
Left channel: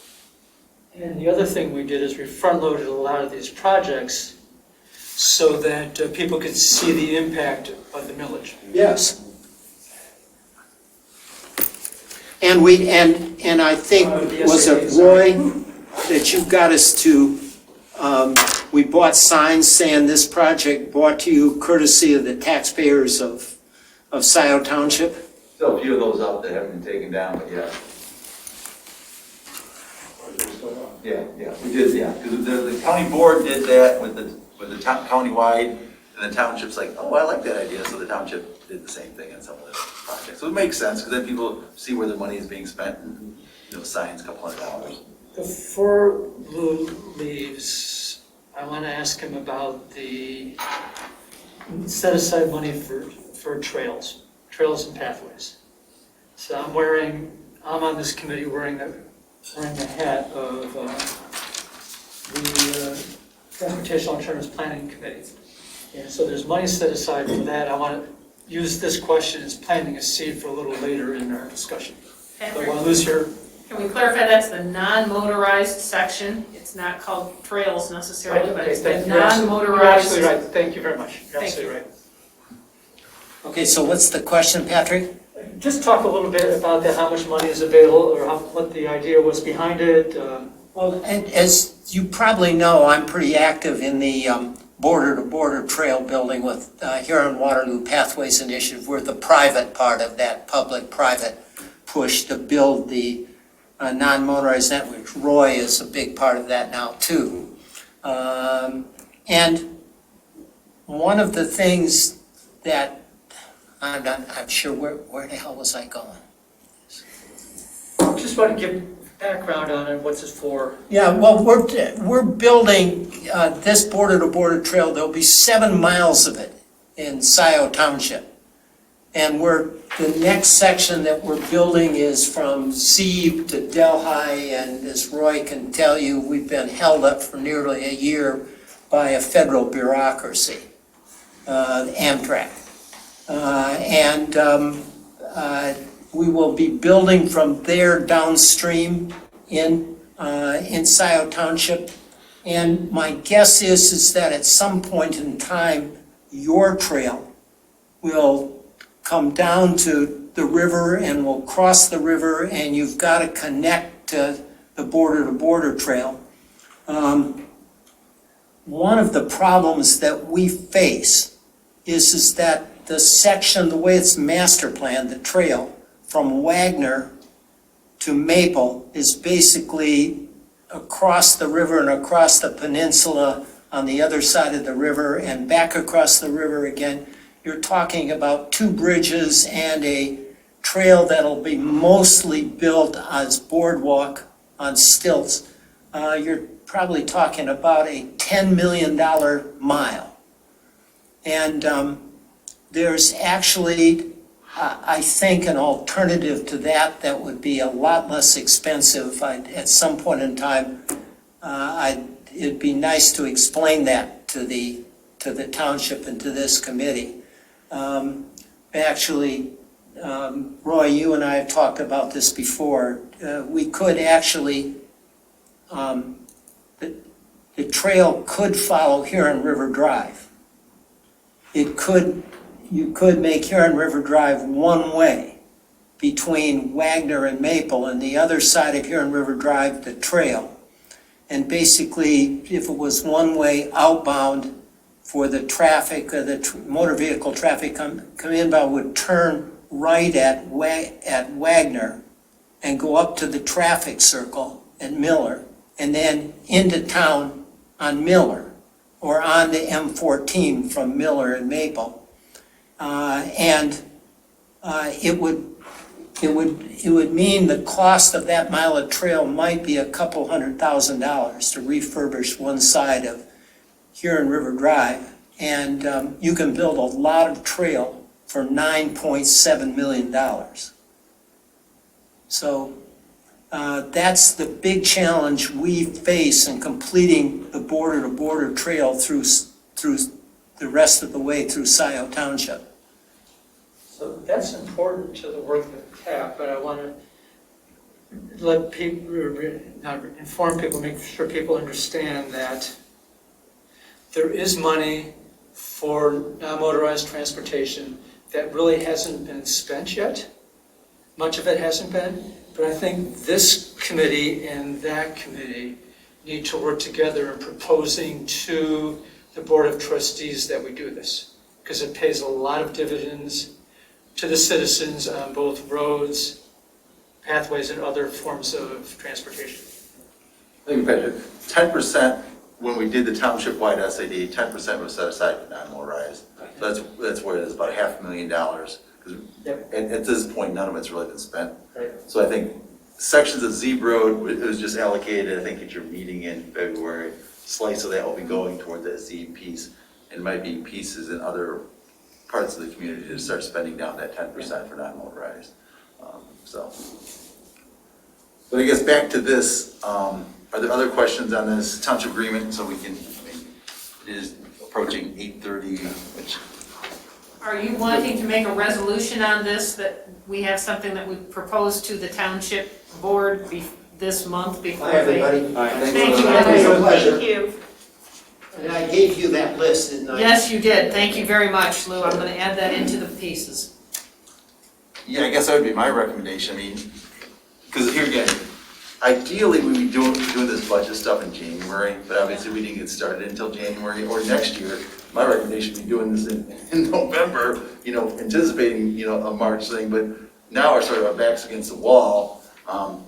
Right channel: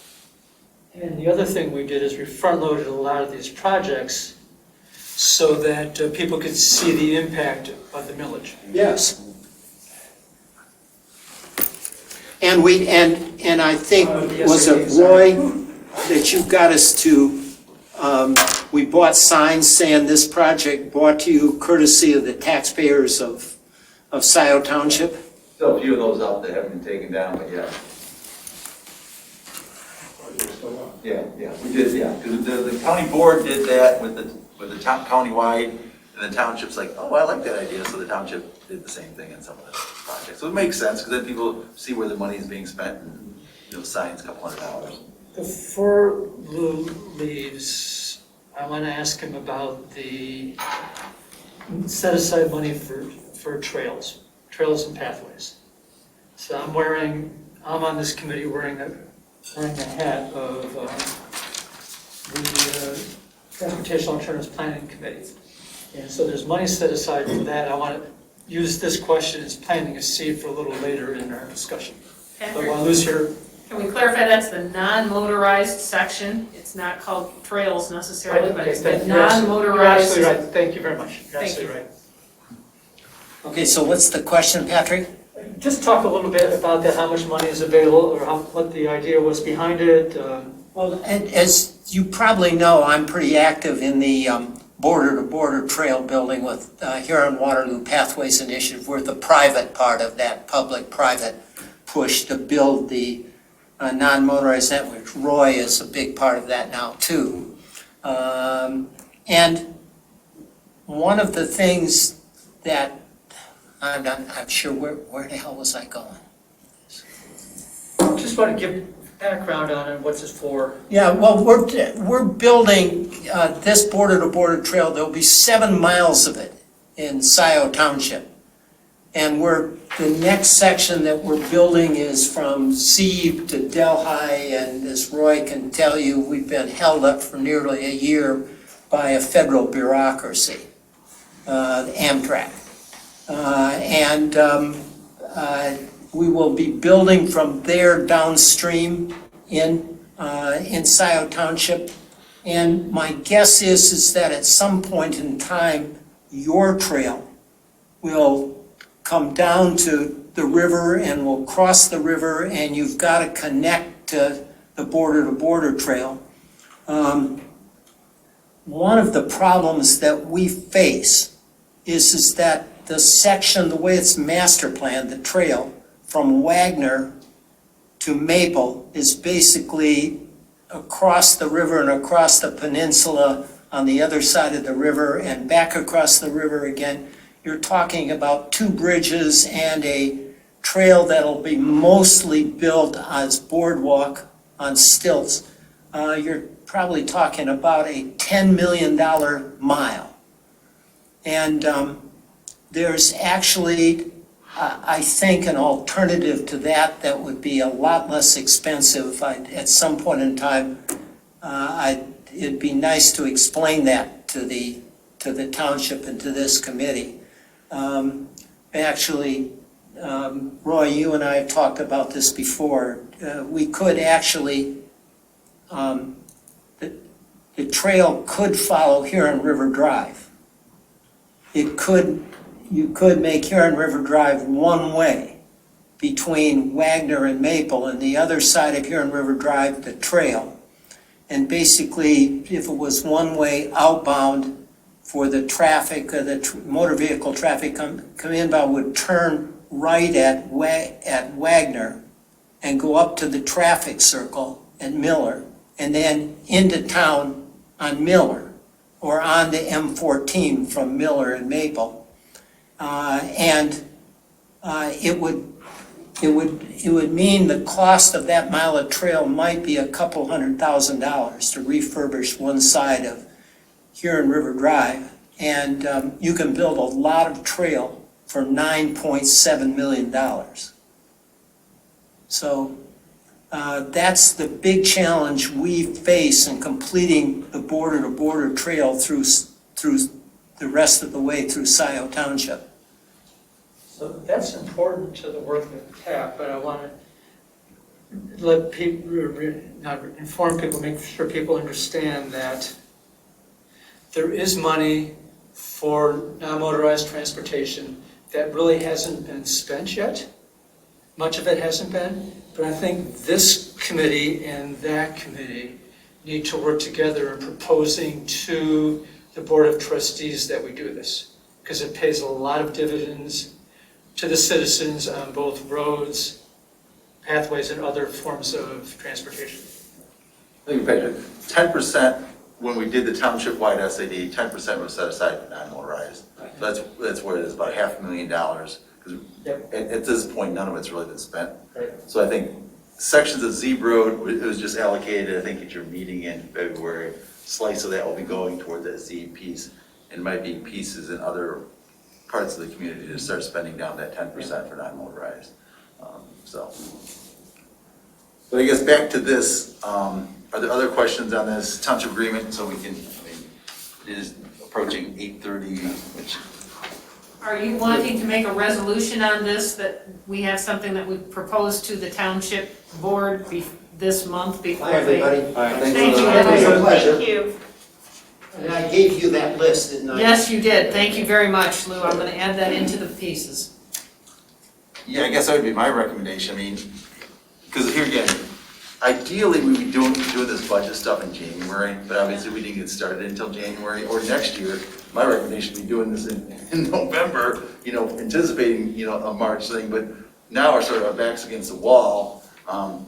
And the other thing we did is we front-loaded a lot of these projects so that people could see the impact of the millage. Yes. And I think, was it Roy, that you got us to, we bought signs saying this project brought to you courtesy of the taxpayers of Scioto Township? Still a few of those out that haven't been taken down, but yeah. Yeah, we did, yeah. Because the county board did that with the county-wide, and the township's like, oh, I like that idea, so the township did the same thing in some of the projects. So it makes sense, because then people see where the money is being spent, and signs $200. Before Lew leaves, I want to ask him about the set aside money for trails and pathways. So I'm on this committee wearing the hat of the Transportation Alternatives Planning Committee. And so there's money set aside for that. I want to use this question as planting a seed for a little later in our discussion. But while Lew's here, Can we clarify that's the non-motorized section? It's not called trails necessarily, but it's the you're non-motorized. absolutely right. Thank you very much. You're Thank absolutely you. right. Okay, so what's the question, Patrick? Just talk a little bit about that, how much money is available, or what the idea was behind it. Well, as you probably know, I'm pretty active in the border-to-border trail building with Huron-Waterloo Pathways Initiative. We're the private part of that public-private push to build the non-motorized network. Roy is a big part of that now, too. And one of the things that I'm sure, where the hell was I going? Just want to give background on it, what's it for? Yeah, well, we're building this border-to-border trail. There'll be 7 miles of it in Scio Township. And the next section that we're building is from Zeeb to Delhi, and as Roy can tell you, we've been held up for nearly a year by a federal bureaucracy, Amtrak. We will be building from there downstream in Scio Township. And my guess is that at some point in time, your trail will come down to the river and will cross the river, and you've got to connect to the border-to-border trail. One of the problems that we face is that the section, the way it's master planned, the trail from Wagner to Maple is basically across the river and across the peninsula on the other side of the river and back across the river again. You're talking about 2 bridges and a trail that'll be mostly built as boardwalk on stilts. You're probably talking about a $10 million mile. And there's actually, I think, an alternative to that would be a lot less expensive. At some point in time, it'd be nice to explain that to the township and to this committee. Actually, Roy, you and I have talked about this before. We could actually, the trail could follow Huron River Drive. You could make Huron River Drive one way between Wagner and Maple, and the other side of Huron River Drive, the trail. And basically, if it was one way outbound for the traffic, the motor vehicle traffic come inbound, would turn right at Wagner and go up to the traffic circle at Miller, and then into town on Miller, or on the M14 from Miller and Maple. It would mean the cost of that mile of trail might be $200,000 to refurbish one side of Huron River Drive, and you can build a lot of trail for $9.7 million. So that's the big challenge we face in completing the border-to-border trail through the rest of the way through Scio Township. So that's important to the work of CAP, but I want to let people, not inform people, make sure people understand that there is money for non-motorized transportation that really hasn't been spent yet. Much of it hasn't been, but I think this committee and that committee need to work together in proposing to the Board of Trustees that we do this, because it pays a lot of dividends to the citizens on both roads, pathways, and other forms of transportation. Thank you, Patrick. 10%, when we did the township-wide SAD, 10% was set aside for non-motorized. So that's where it is, about $500,000. Because at this point, none of it's really been spent. Right. So I think sections of Zeeb Road, it was just allocated, I think at your meeting in February, slice of that will be going toward the Zeeb piece. and might be pieces in other parts of the community to start spending down that 10% for non-motorized. So, but I guess back to this, are there other questions on this township agreement? So we can, it is approaching 8:30, which. Are you wanting to make a resolution on this, that we have something that we propose to the township board this month before Hi, they? everybody. Thank you. It was a pleasure. Thank you. And I gave you that list, didn't I? Yes, you did. Thank you very much, Lou. I'm gonna add that into the pieces. Yeah, I guess that would be my recommendation. I mean, because here again, ideally we would be doing this budget stuff in January, but obviously we didn't get started until January or next year. My recommendation would be doing this in November, anticipating, a March thing, but now we're sort of our backs against the wall.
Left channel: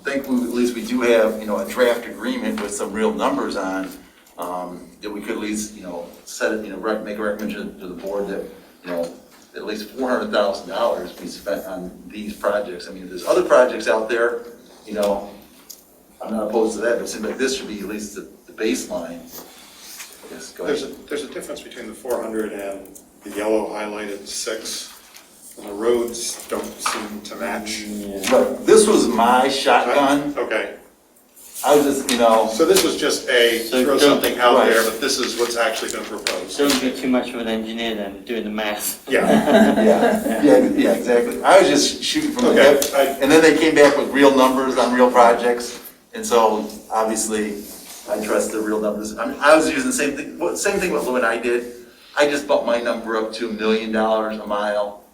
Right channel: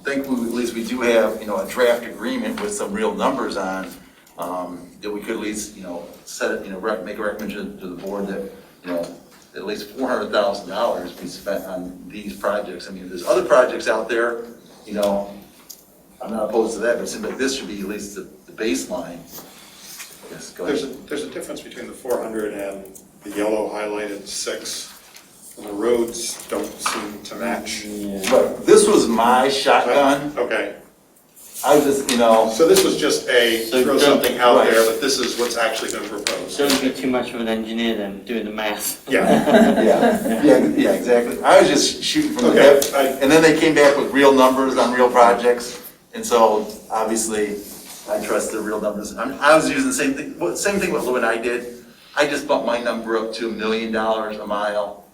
Thankfully, at least we do have, a draft agreement with some real numbers on, that we could at least, set it, make a recommendation to the board that, at least $400,000 be spent on these projects. I mean, there's other projects out there, I'm not opposed to that, but it seems like this should be at least the baseline. Yes, go ahead. There's a difference between the 400 and the yellow highlighted 6. And the roads don't seem to match. But this was my shotgun. Okay. I was just, So this was just throw something out right. there, but this is what's actually been proposed. Don't be too much of an engineer then, doing the math. Yeah. yeah, exactly. I was just shooting from the hip. And then they came back with real numbers on real projects. And so, obviously, I trust the real numbers. I was using the same thing what Lou and I did. I just bumped my number up to $1 million a mile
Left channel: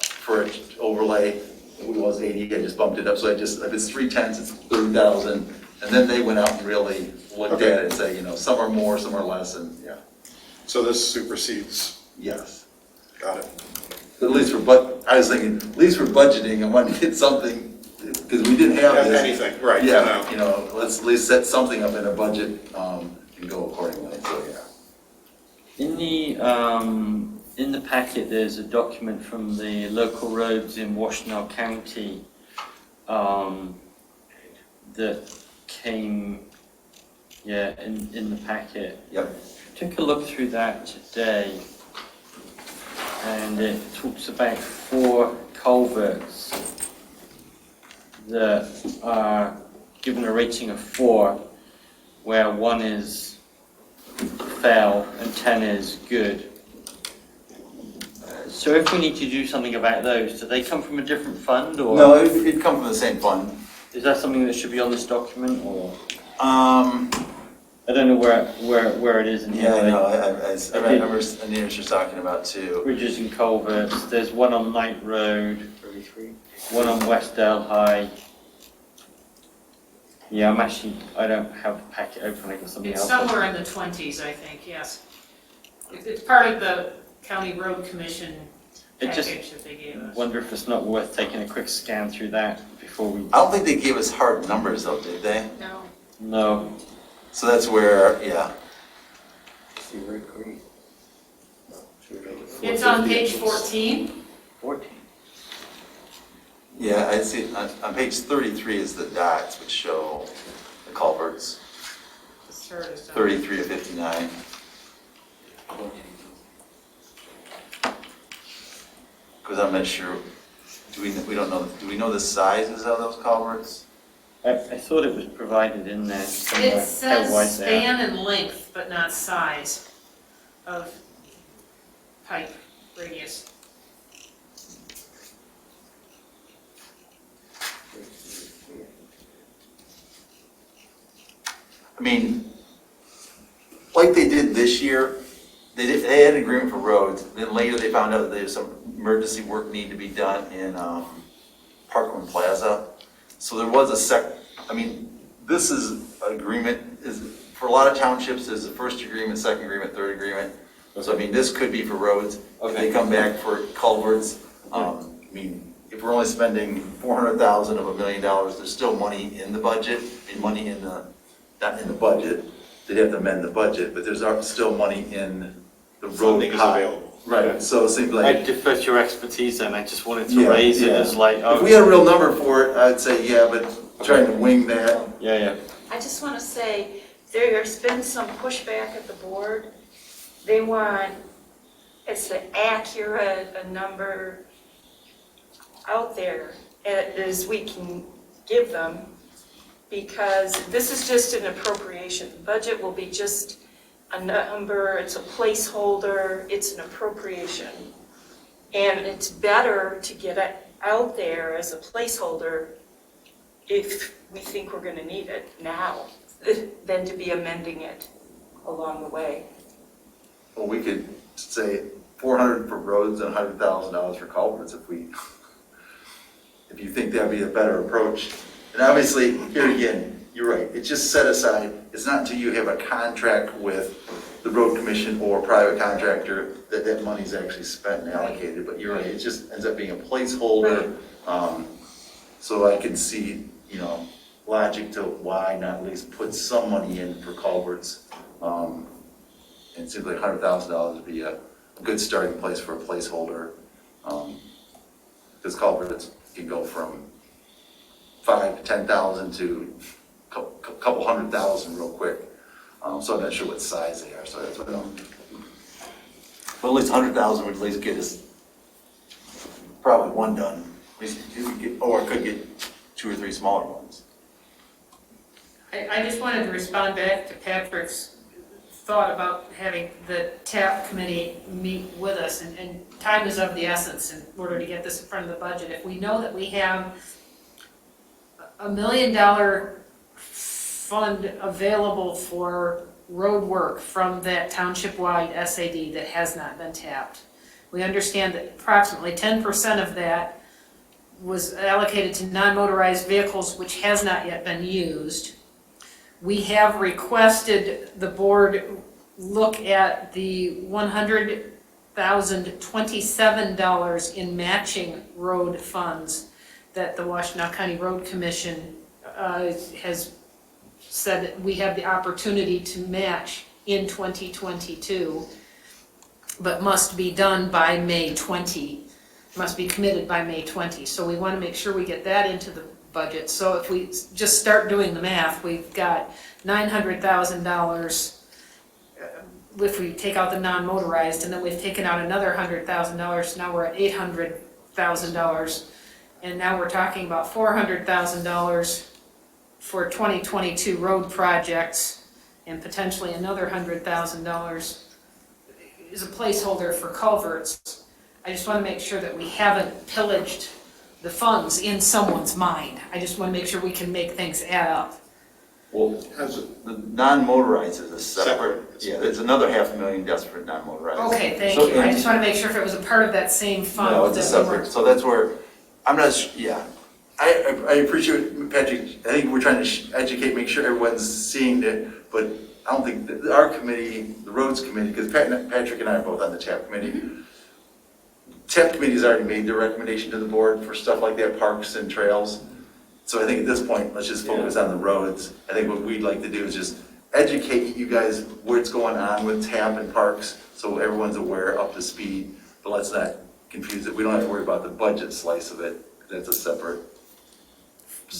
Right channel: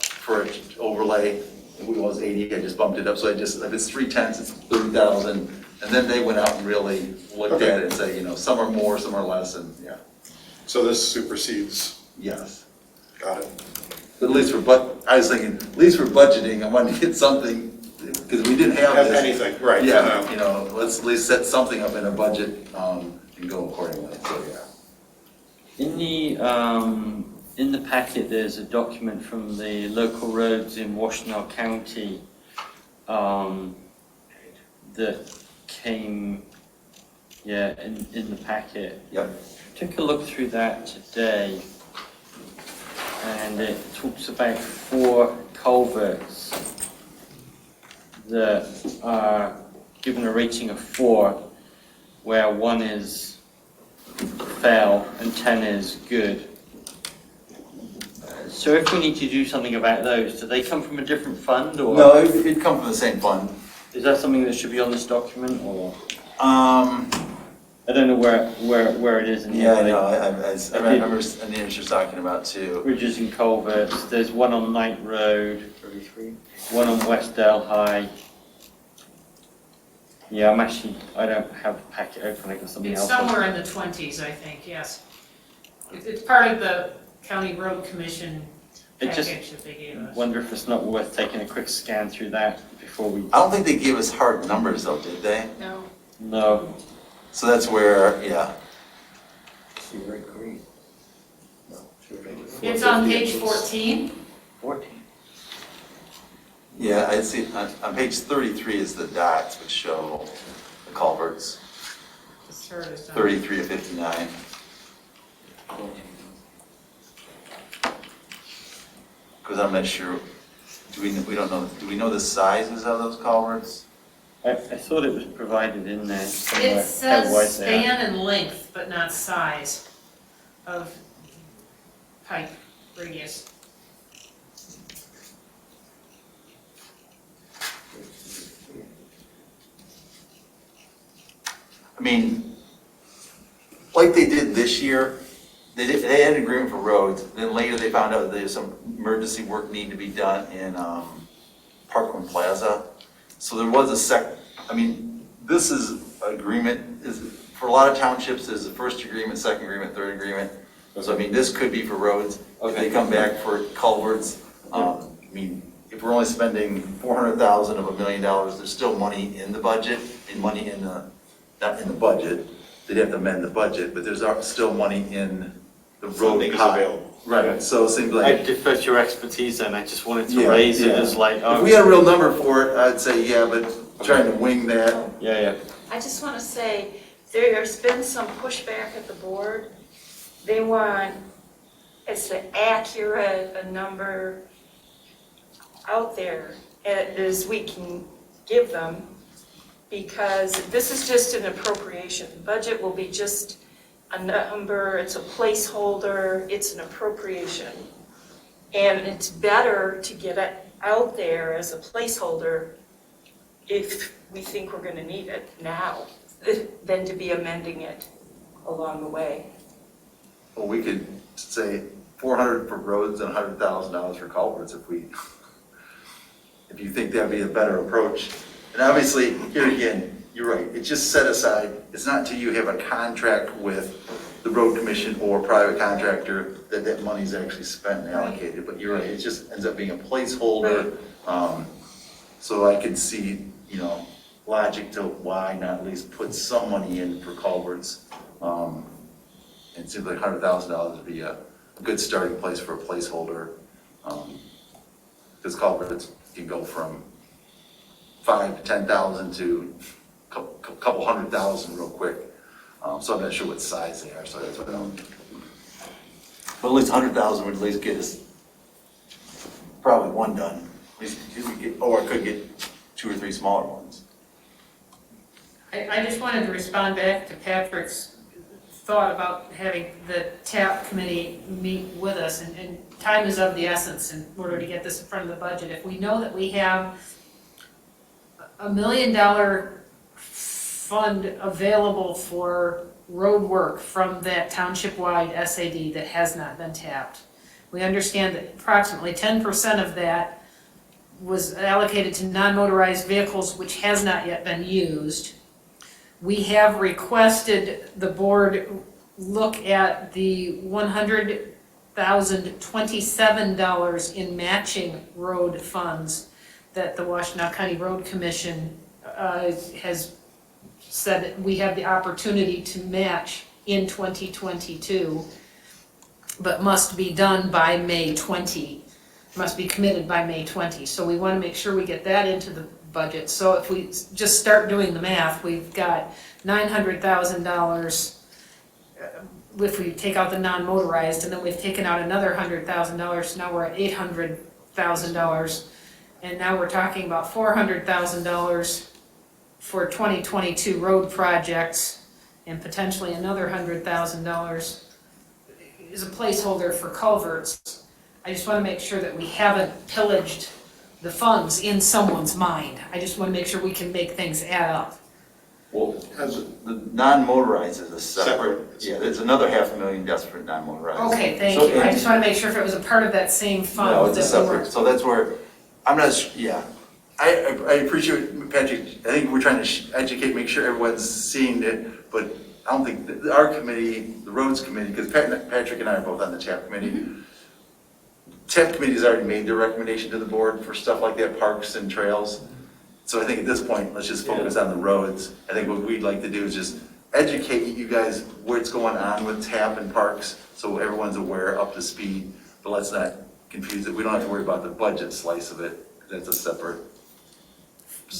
for an overlay. It was 80, I just bumped it up. So if it's 3/10, it's 30,000. And then they went out and really looked at it and said, some are more, some are less, and yeah. So this supersedes. Yes. Got it. But at least I was thinking, at least for budgeting, I wanted to get something, because we didn't have this. Anything, right. Yeah, let's at least set something up in a budget and go accordingly, so yeah. In the packet, there's a document from the local roads in Washtenaw County that came, in the packet. Yep. Took a look through that today, and it talks about 4 culverts that are given a rating of 4, where 1 is fail and 10 is good. So if we need to do something about those, do they come from a different fund, or? No, it'd come from the same fund. Is that something that should be on this document, or? I don't know where it is in here. Yeah, I know, I remember what you're talking about too. Bridges and culverts, there's one on Knight Road, 33. One on West Dale High. Yeah, I don't have the packet open, I got something It's else. somewhere in the 20s, I think, yes. It's part of the County Road Commission package that they gave us. Wonder if it's not worth taking a quick scan through that before we. I don't think they gave us hard numbers though, did they? No. No. So that's where, yeah. It's on page 14. 14. Yeah, I see, on page 33 is the dots which show the culverts, This chart is on. 33 to 59. Because I'm not sure, we don't know, do we know the sizes of those culverts? I thought it was provided in there somewhere. It How says wide they are. span and length, but not size of pipe radius. I mean, like they did this year, they had an agreement for roads, then later they found out that there's some emergency work need to be done in Parkland Plaza. So there was this is an agreement, for a lot of townships, there's a first agreement, second agreement, third agreement. So I mean, this could be for roads, if they come back for culverts. If we're only spending $400,000 of $1 million, there's still money in the budget, not in the budget, they'd have to amend the budget, but there's still money in the road Funding is pot. available. Right, so it seems I like, defer to your expertise then, I just wanted to raise it as like, if we had a real number for it, I'd say, yeah, but trying to wing that. Yeah. I just want to say, there's been some pushback at the board they want as accurate a number out there as we can give them, because this is just an appropriation. The budget will be just a number, it's a placeholder, it's an appropriation. And it's better to get it out there as a placeholder if we think we're going to need it now than to be amending it along the way. Well, we could say 400 for roads and $100,000 for culverts if you think that'd be a better approach. And obviously, here again, you're right, it's just set aside. It's not until you have a contract with the road commission or a private contractor that money's actually spent and allocated. But you're right, it just ends up being a placeholder. So I can see, logic to why not at least put some money in for culverts. And it seems like $100,000 would be a good starting place for a placeholder. Because culverts can go from 5,000 to 10,000 to a couple $100,000 real quick. So I'm not sure what size they are, so that's what I'm. But at least 100,000 would at least get us probably one done. Or could get 2 or 3 smaller ones. I just wanted to respond back to Patrick's thought about having the TAP committee meet with us, and time is of the essence in order to get this in front of the budget. If we know that we have $1 million fund available for road work from that township-wide SAD that has not been tapped, we understand that approximately 10% of that was allocated to non-motorized vehicles, which has not yet been used. We have requested the board look at the $100,027 in matching road funds that the Washtenaw County Road Commission has said that we have the opportunity to match in 2022, but must be done by May 20. Must be committed by May 20. So we want to make sure we get that into the budget. So if we just start doing the math, we've got $900,000 if we take out the non-motorized, and then we've taken out another $100,000. Now we're at $800,000, and now we're talking about $400,000 for 2022 road projects, and potentially another $100,000 is a placeholder for culverts. I just want to make sure that we haven't pillaged the funds in someone's mind. I just want to make sure we can make things add up. Well, the non-motorized is a separate, yeah, there's another $500,000 just for non-motorized. Okay, thank you. I just want to make sure if it was a part of that same fund. No, it's a separate, so that's where, I'm not, yeah. I appreciate, Patrick, I think we're trying to educate, make sure everyone's seeing it, but I don't think, our committee, the roads committee, because Patrick and I are both on the TAP committee. Mm-hmm. TAP committee has already made their recommendation to the board for stuff like that, parks and trails. So I think at this point, let's just focus on the roads. I think what we'd like to do is just educate you guys what's going on with TAP and parks, so everyone's aware, up to speed, but let's not confuse it. We don't have to worry about the budget slice of it. That's a separate.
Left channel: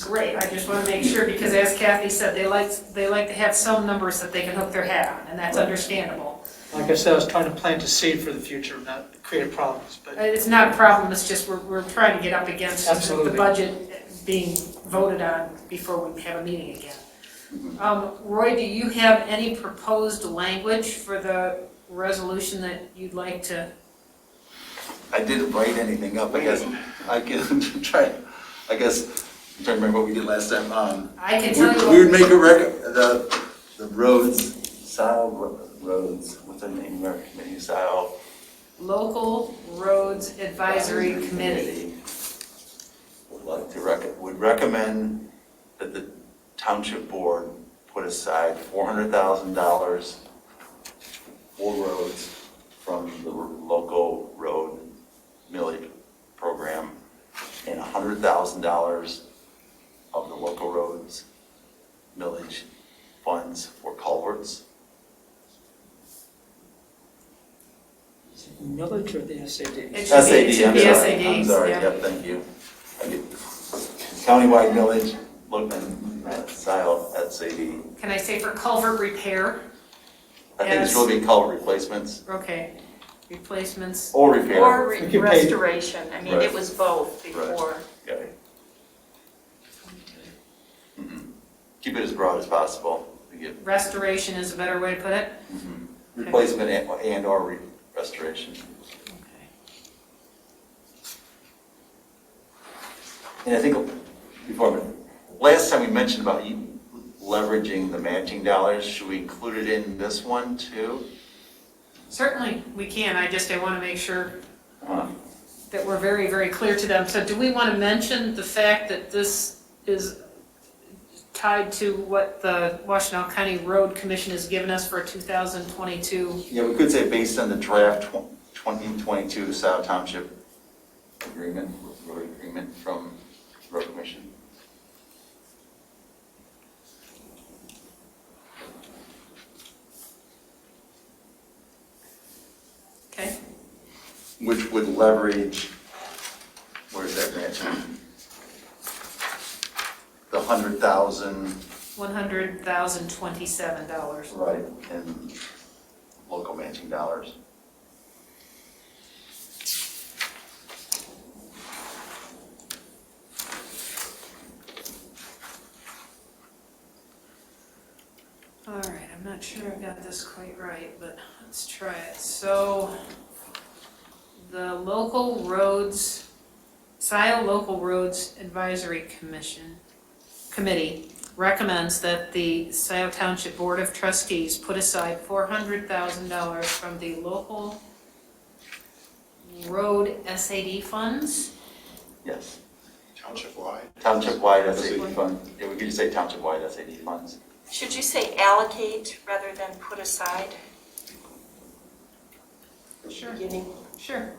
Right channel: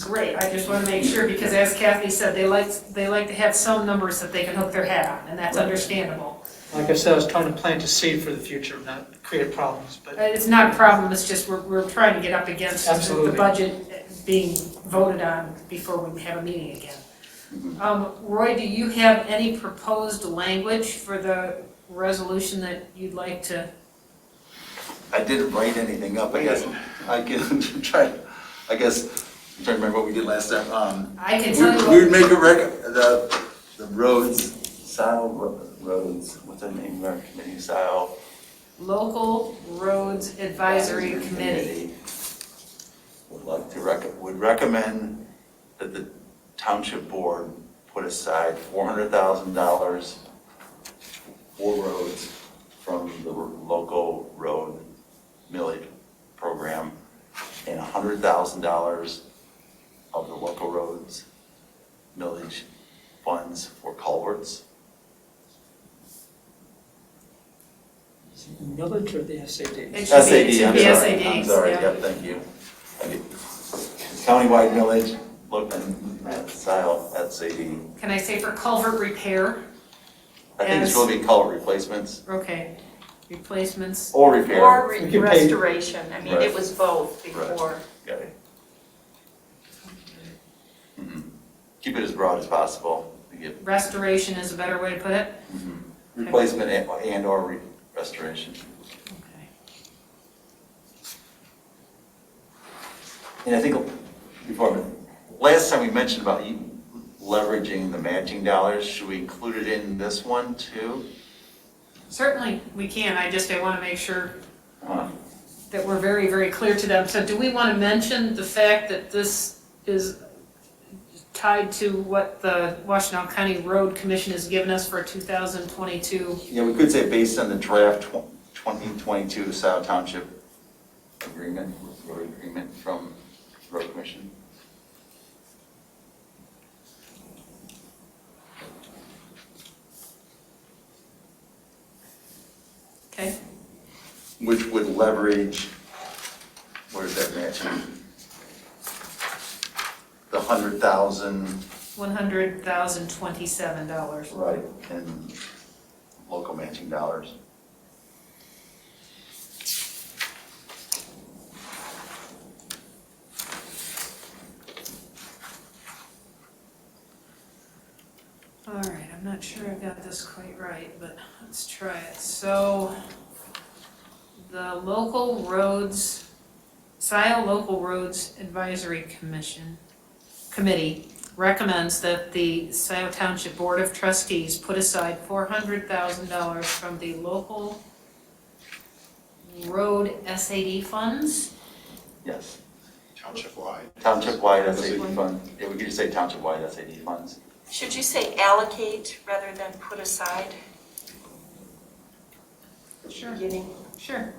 Great, I just want to make sure, because as Kathy said, they like to have some numbers that they can hook their hat on, and that's understandable. Like I said, I was trying to plant a seed for the future, not create problems, but. It's not a problem, it's just we're trying to get up against the budget being voted on before we have a meeting again. Roy, do you have any proposed language for the resolution that you'd like to? I didn't write anything up, I guess. I can try, I'm trying to remember what we did last time. I can tell you. We would make the roads, roads, what's the name of our committee, Local Roads Advisory Committee. Would recommend that the township board put aside $400,000 for roads from the local road millage program, and $100,000 of the local roads millage funds for culverts. Millage or the SAD? SAD, I'm sorry, SADs, I'm sorry, yeah. yep, thank you. Countywide millage, look at style, SAD. Can I say for culvert repair? I think it's really culvert replacements Okay, replacements, or repair. Or We can pay- restoration, I mean, Right. it was both Right. before. Okay. Keep it as broad as possible. We get restoration is a better way to put it? replacement and or restoration. Okay. And I think last time we mentioned about you leveraging the matching dollars, should we include it in this one too? Certainly, we can, I want to make sure Huh. that we're very, very clear to them. So do we want to mention the fact that this is tied to what the Washtenaw County Road Commission has given us for 2022? Yeah, we could say based on the draft 2022 South Township agreement, road agreement from Road Commission. Okay, Which would leverage, where's that matching? The 100,000. $100,027. Right. And local matching dollars. All right, I'm not sure I got this quite right, but let's try it. So the local roads, Scioto Local Roads Advisory Committee recommends that the Scioto Township Board of Trustees put aside $400,000 from the local road SAD funds. Yes. Township-wide. Township-wide SAD fund. Yeah, we could just say township-wide SAD funds. Should you say allocate rather than put aside? Sure. Beginning. Sure.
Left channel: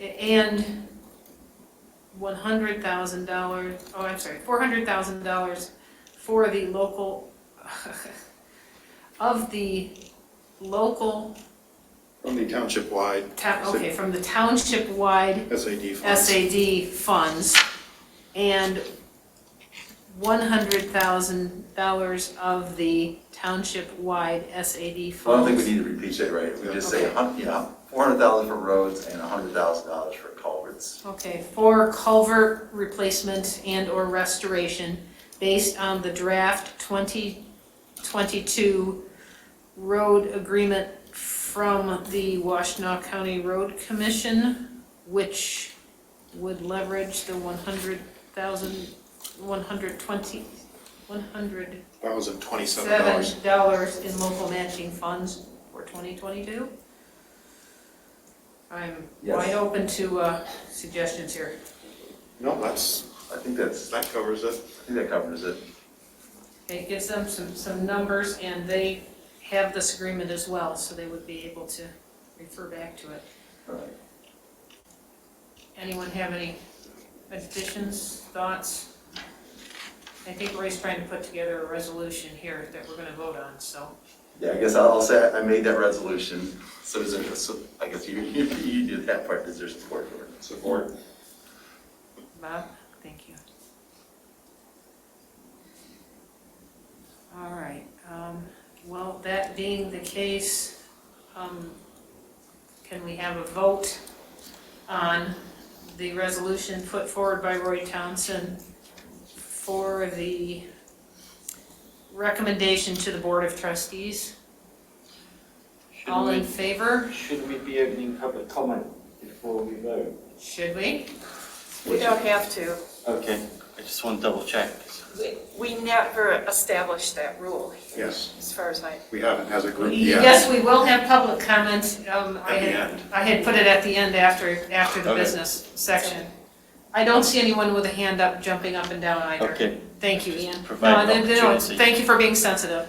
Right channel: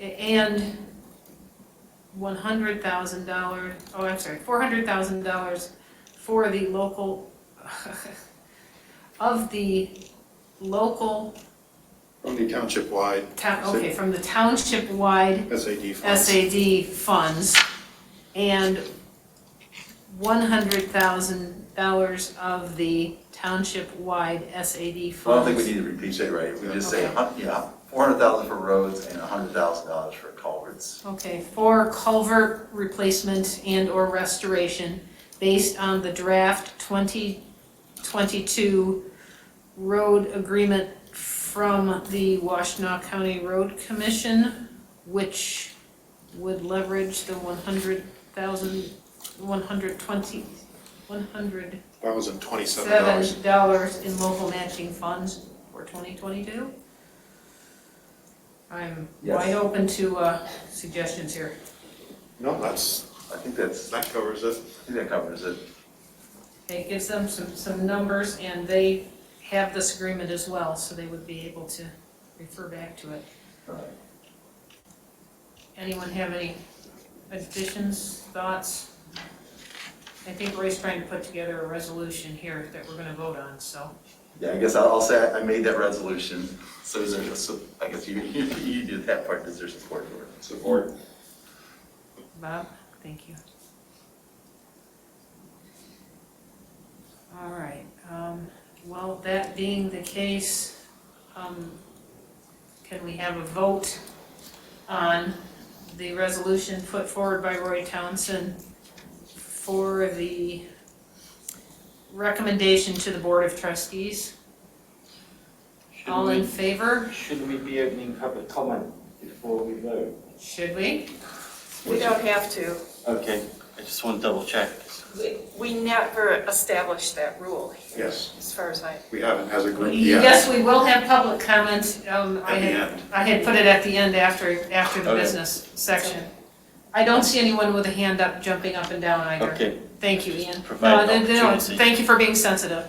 And $100,000, $400,000 for the local, of the local. From the township-wide. From the township-wide SAD funds. SAD funds, and $100,000 of the township-wide SAD funds. Well, I don't think we need to repeat that, right? We just say, $400,000 for roads and $100,000 for culverts. Okay, for culvert replacement and or restoration based on the draft 2022 road agreement from the Washtenaw County Road Commission, which would leverage the $100,027 in local matching funds for 2022. I'm wide open to suggestions here. No, I think that covers it. I think that covers it. Okay, it gives them some numbers, and they have this agreement as well, so they would be able to refer back to it. All right. Anyone have any additions, thoughts? I think Roy's trying to put together a resolution here that we're going to vote on, so. Yeah, I guess I'll say I made that resolution. So is there, I guess you did that part. Is there support for it? Support. Bob, thank you. All right, well, that being the case, can we have a vote on the resolution put forward by Roy Townsend for the recommendation to the Board of Trustees? All in favor? Should we be opening public comment before we vote? Should we? We don't have to. Okay, I just want to double check. We never established that rule, Yes, as far as I. we haven't as a group yet. Yes, we will have public comment. At the end. I had put it at the end after the Okay. business section. I don't see anyone with a hand up, jumping up and down either. Okay. Thank you, Ian. Provide an No, opportunity. thank you for being sensitive.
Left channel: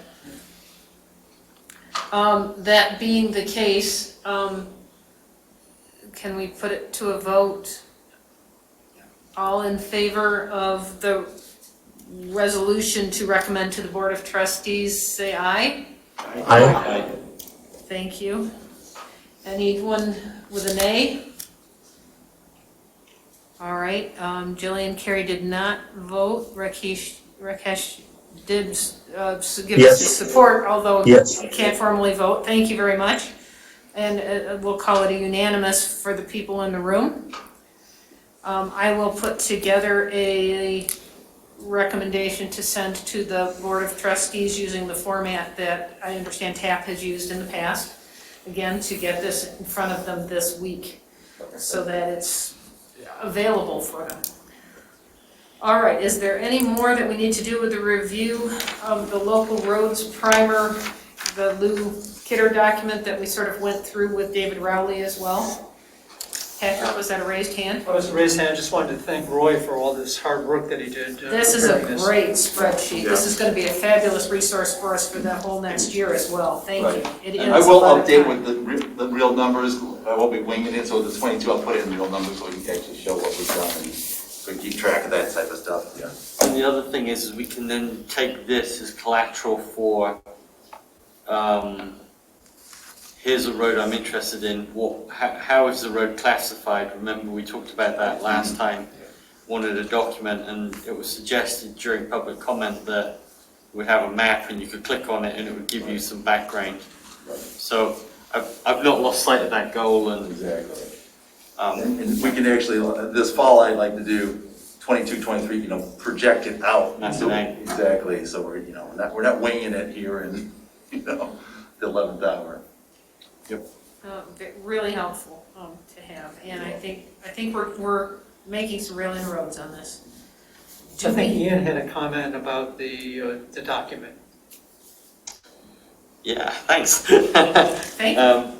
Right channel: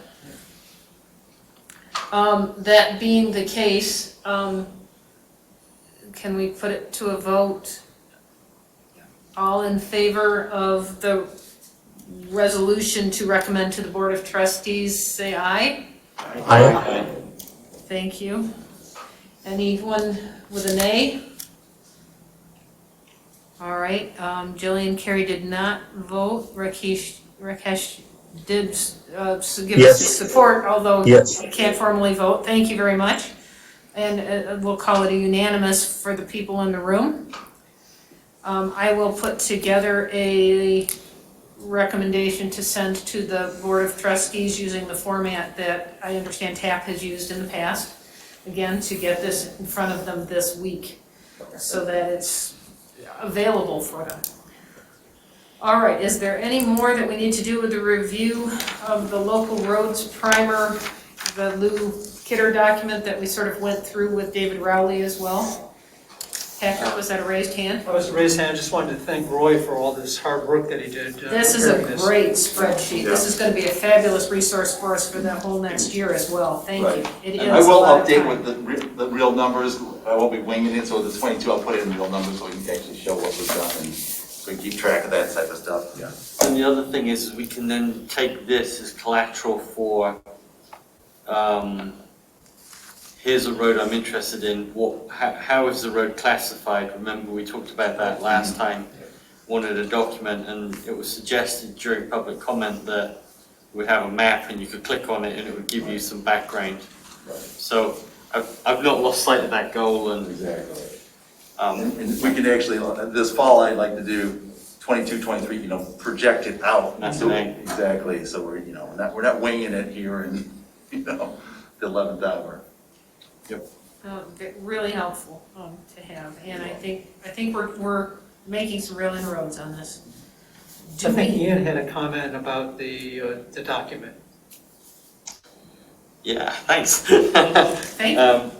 That being the case, can we put it to a vote? All in favor of the resolution to recommend to the Board of Trustees, say aye. Aye. Thank you. Anyone with a nay? All right, Jillian, Kerry did not vote. Rakesh did give us his support, although Yes. he can't formally vote. Thank you very much. And we'll call it a unanimous for the people in the room. I will put together a recommendation to send to the Board of Trustees using the format that I understand TAP has used in the past. Again, to get this in front of them this week so that it's available for them. All right, is there any more that we need to do with the review of the local roads primer, the Lew Kidder document that we sort of went through with David Rowley as well? Patrick, was that a raised hand? I was a raised hand. I just wanted to thank Roy for all this hard work that he did. This is a great spreadsheet. This is going to be a fabulous resource for us for the whole next year as well. Thank you. It is I will a lot of update time. with the real numbers. I won't be winging it, so the 22, I'll put it in real numbers so we can actually show what we've done and so we can keep track of that type of stuff. Yeah. And the other thing is we can then take this as collateral for, here's a road I'm interested in. How is the road classified? Remember we talked about that last time. Wanted a document, and it was suggested during public comment that we have a map and you could click on it and it would give you some background. So I've not lost sight of that goal, and exactly. And we can actually, this fall, I'd like to do 22, 23, project it out. That's exactly. So we're not winging it here in, the 11th hour. Yep. Really helpful to have, and I think we're making some real inroads on this. I think Ian had a comment about the document. yeah, thanks. Thank you.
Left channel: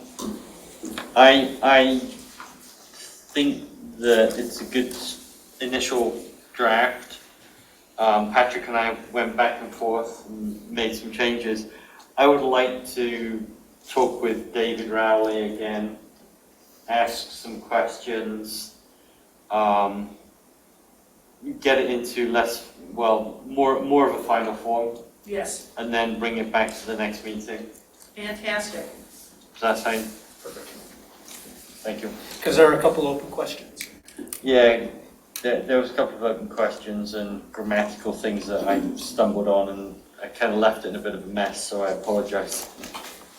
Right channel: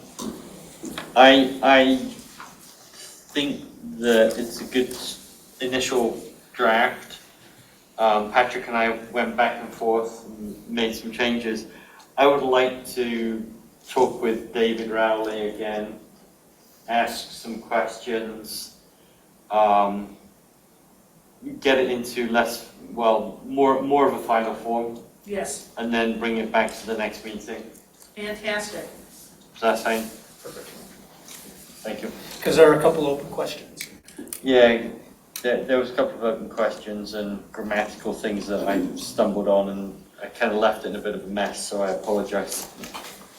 I think that it's a good initial draft. Patrick and I went back and forth and made some changes. I would like to talk with David Rowley again, ask some questions, get it into more of a final form, Yes, and then bring it back to the next meeting. fantastic. Is that fine? Perfect. Thank you. Because there are a couple open questions. Yeah, there was a couple of open questions and grammatical things that I stumbled on, and I kind of left it in a bit of a mess, so I apologize.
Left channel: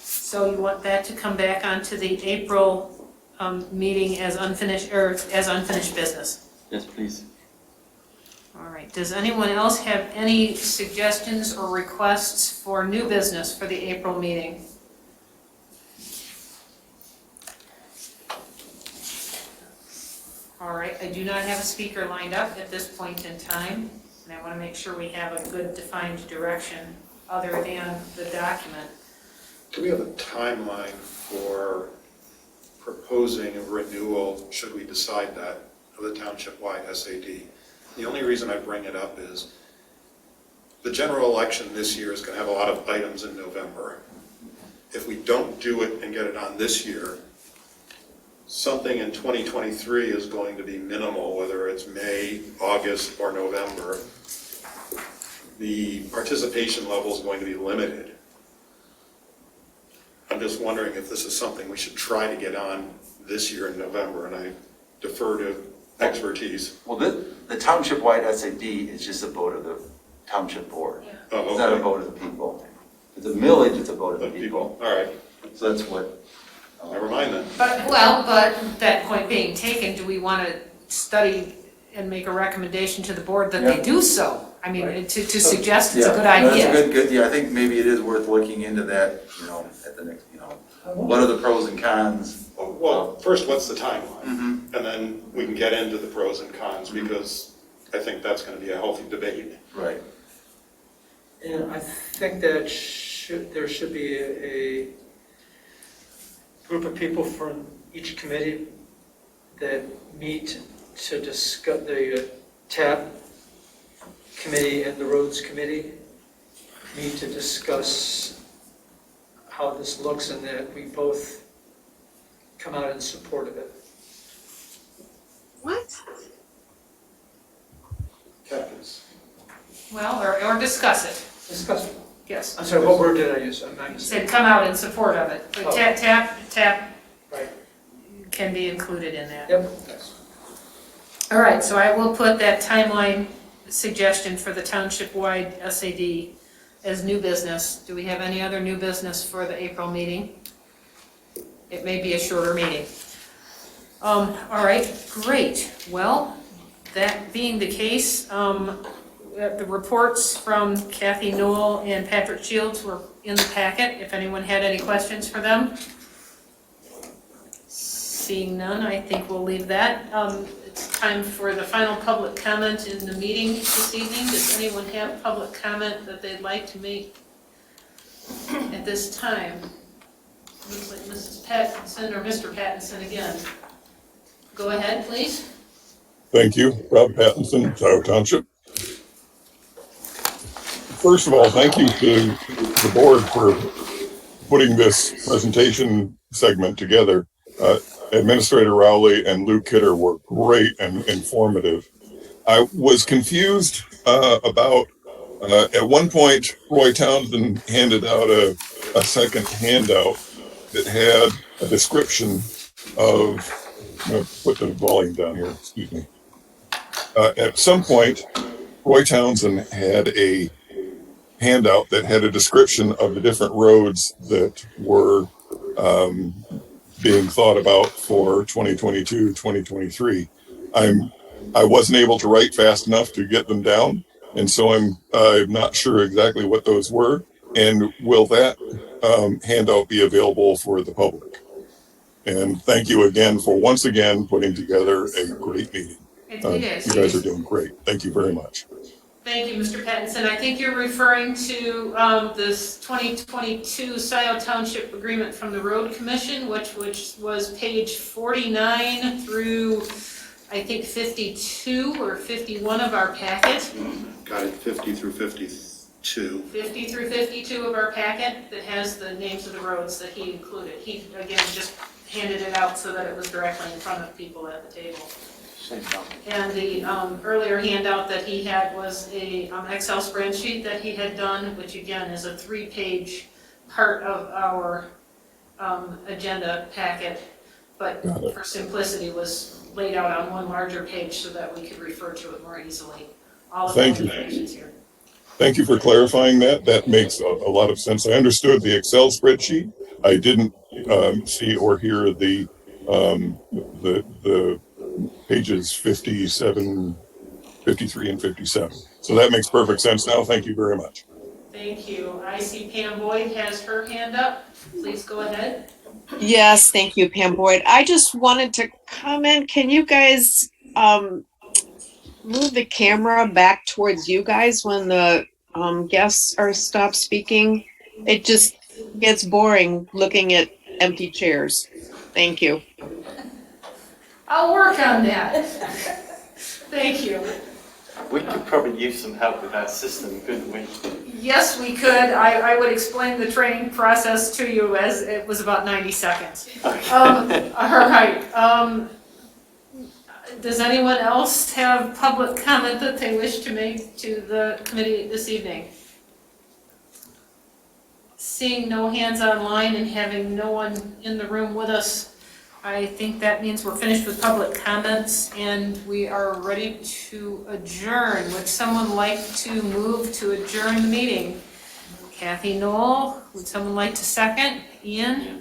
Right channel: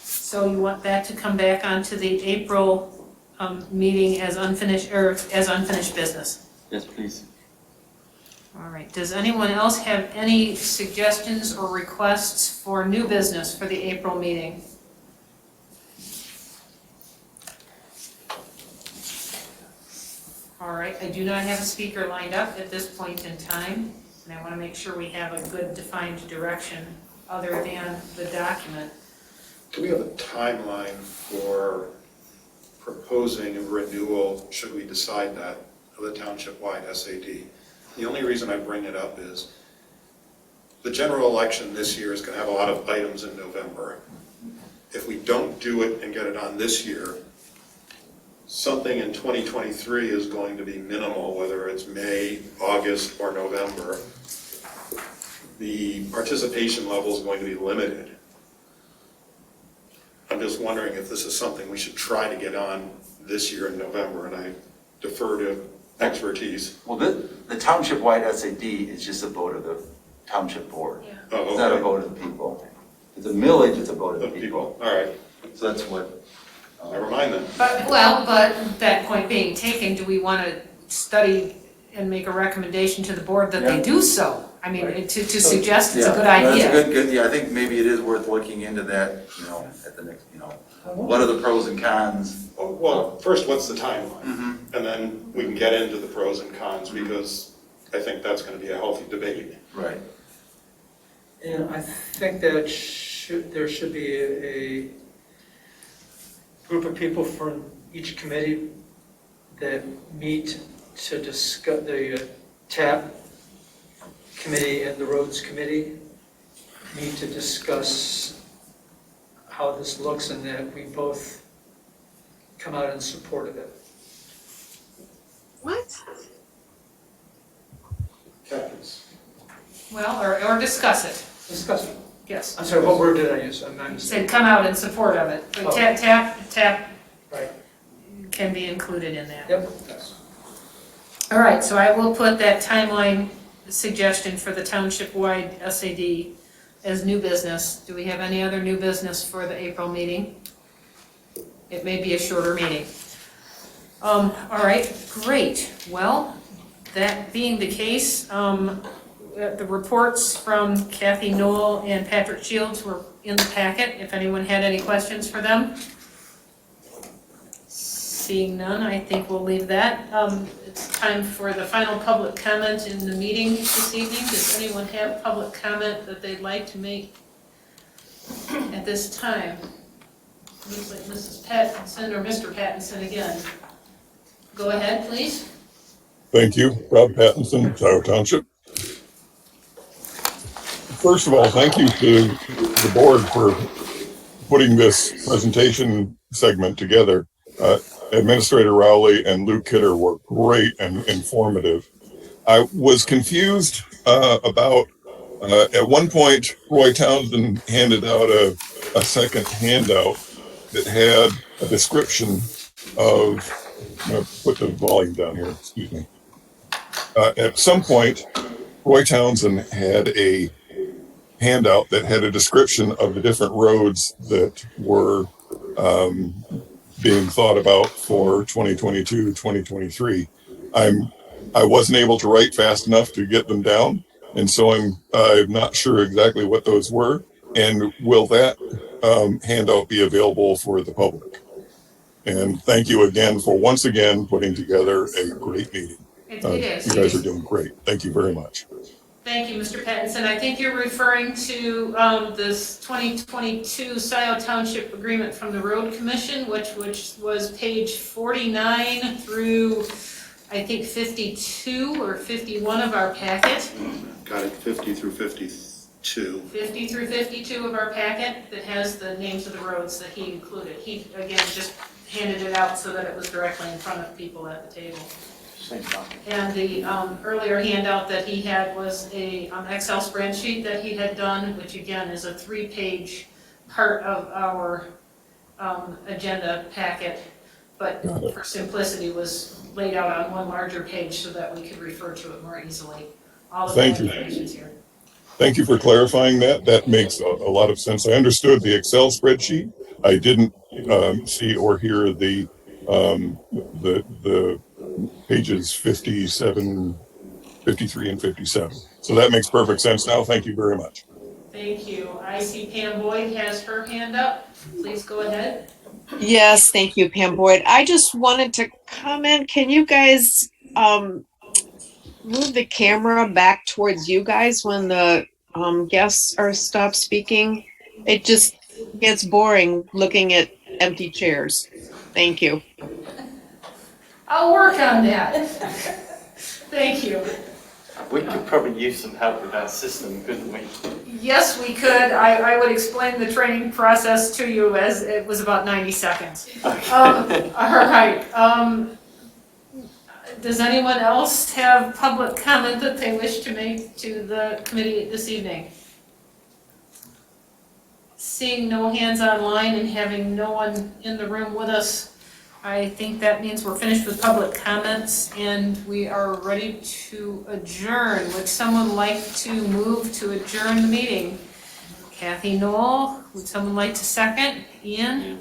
So you want that to come back onto the April meeting as unfinished business? Yes, please. All right, does anyone else have any suggestions or requests for new business for the April meeting? All right, I do not have a speaker lined up at this point in time, and I want to make sure we have a good defined direction other than the document. Do we have a timeline for proposing a renewal, should we decide that, of the township-wide SAD? The only reason I bring it up is the general election this year is going to have a lot of items in November. If we don't do it and get it on this year, something in 2023 is going to be minimal, whether it's May, August, or November. The participation level is going to be limited. I'm just wondering if this is something we should try to get on this year in November, and I defer to expertise. Well, the township-wide SAD is just a vote of the township board. Yeah. Oh, It's not a okay. vote of the people. It's a millage, it's a vote of the Of people. All right, So that's what. never mind then. But that point being taken, do we want to study and make a recommendation to the board that they Yeah. do so? I mean, Right. to suggest it's a Yeah, good no, idea. that's a good, yeah, I think maybe it is worth looking into that, at the next, what are the pros and cons? Well, first, what's the timeline? Mm-hmm. And then we can get into the pros and cons, because I think that's going to be a healthy debate. Right. And I think that there should be a group of people from each committee that meet to discuss, the TAP committee and the roads committee meet to discuss how this looks, and that we both come out in support of it. What? Captains. Well, or discuss it, Discuss it. yes. I'm sorry, what word did I use? I'm not Said come out in support of it. But Oh. TAP Right. can be included in that. Yep. All right, so I will put that timeline suggestion for the township-wide SAD as new business. Do we have any other new business for the April meeting? It may be a shorter meeting. All right, great. Well, that being the case, the reports from Kathy Knol and Patrick Shields were in the packet, if anyone had any questions for them. Seeing none, I think we'll leave that. It's time for the final public comment in the meeting this evening. Does anyone have public comment that they'd like to make at this time? Looks like Mrs. Pattinson or Mr. Pattinson again. Go ahead, please. Thank you. Rob Pattinson, Township. First of all, thank you to the board for putting this presentation segment together. Administrator Rowley and Lew Kidder were great and informative. I was confused about, at one point, Roy Townsend handed out a second handout that had a description of, I'm going to put the volume down here, excuse me. At some point, Roy Townsend had a handout that had a description of the different roads that were being thought about for 2022, 2023. I wasn't able to write fast enough to get them down, and so I'm not sure exactly what those were. And will that handout be available for the public? And thank you again for once again putting together a great meeting. It is. You guys are doing great. Thank you very much. Thank you, Mr. Pattinson. I think you're referring to this 2022 Scio Township agreement from the Road Commission, which was page 49 through, I think, 52 or 51 of our packet. Got it, 50 through 52. 50 through 52 of our packet that has the names of the roads that he included. He, again, just handed it out so that it was directly in front of people at the table. And the earlier handout that he had was a Excel spreadsheet that he had done, which again is a 3-page part of our agenda packet, but for simplicity was laid out on one larger page so that we could refer to it more easily. All of the information's here. Thank you for clarifying that. That makes a lot of sense. I understood the Excel spreadsheet. I didn't see or hear the pages 57, 53, and 57. So that makes perfect sense now. Thank you very much. Thank you. I see Pam Boyd has her hand up. Please go ahead. Yes, thank you, Pam Boyd. I just wanted to comment. Can you guys move the camera back towards you guys when the guests are stopped speaking? It just gets boring looking at empty chairs. Thank you. I'll work on that. Thank you. We could probably use some help with our system, couldn't we? Yes, we could. I would explain the training process to you as it was about 90 seconds. Okay. All right. Does anyone else have public comment that they wish to make to the committee this evening? Seeing no hands online and having no one in the room with us, I think that means we're finished with public comments and we are ready to adjourn. Would someone like to move to adjourn the meeting? Kathy Knol, would someone like to second? Ian?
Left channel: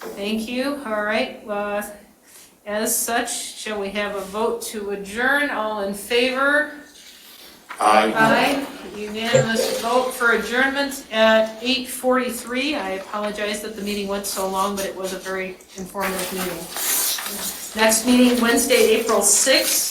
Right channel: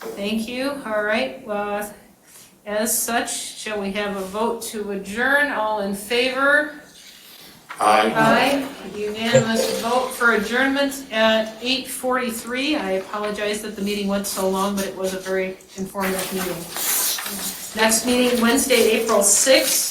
Thank you. All right. As such, shall we have a vote to adjourn? All in favor? Aye. Aye. Unanimous vote for adjournment at 8:43. I apologize that the meeting went so long, but it was a very informative meeting. Next meeting, Wednesday, April 6th.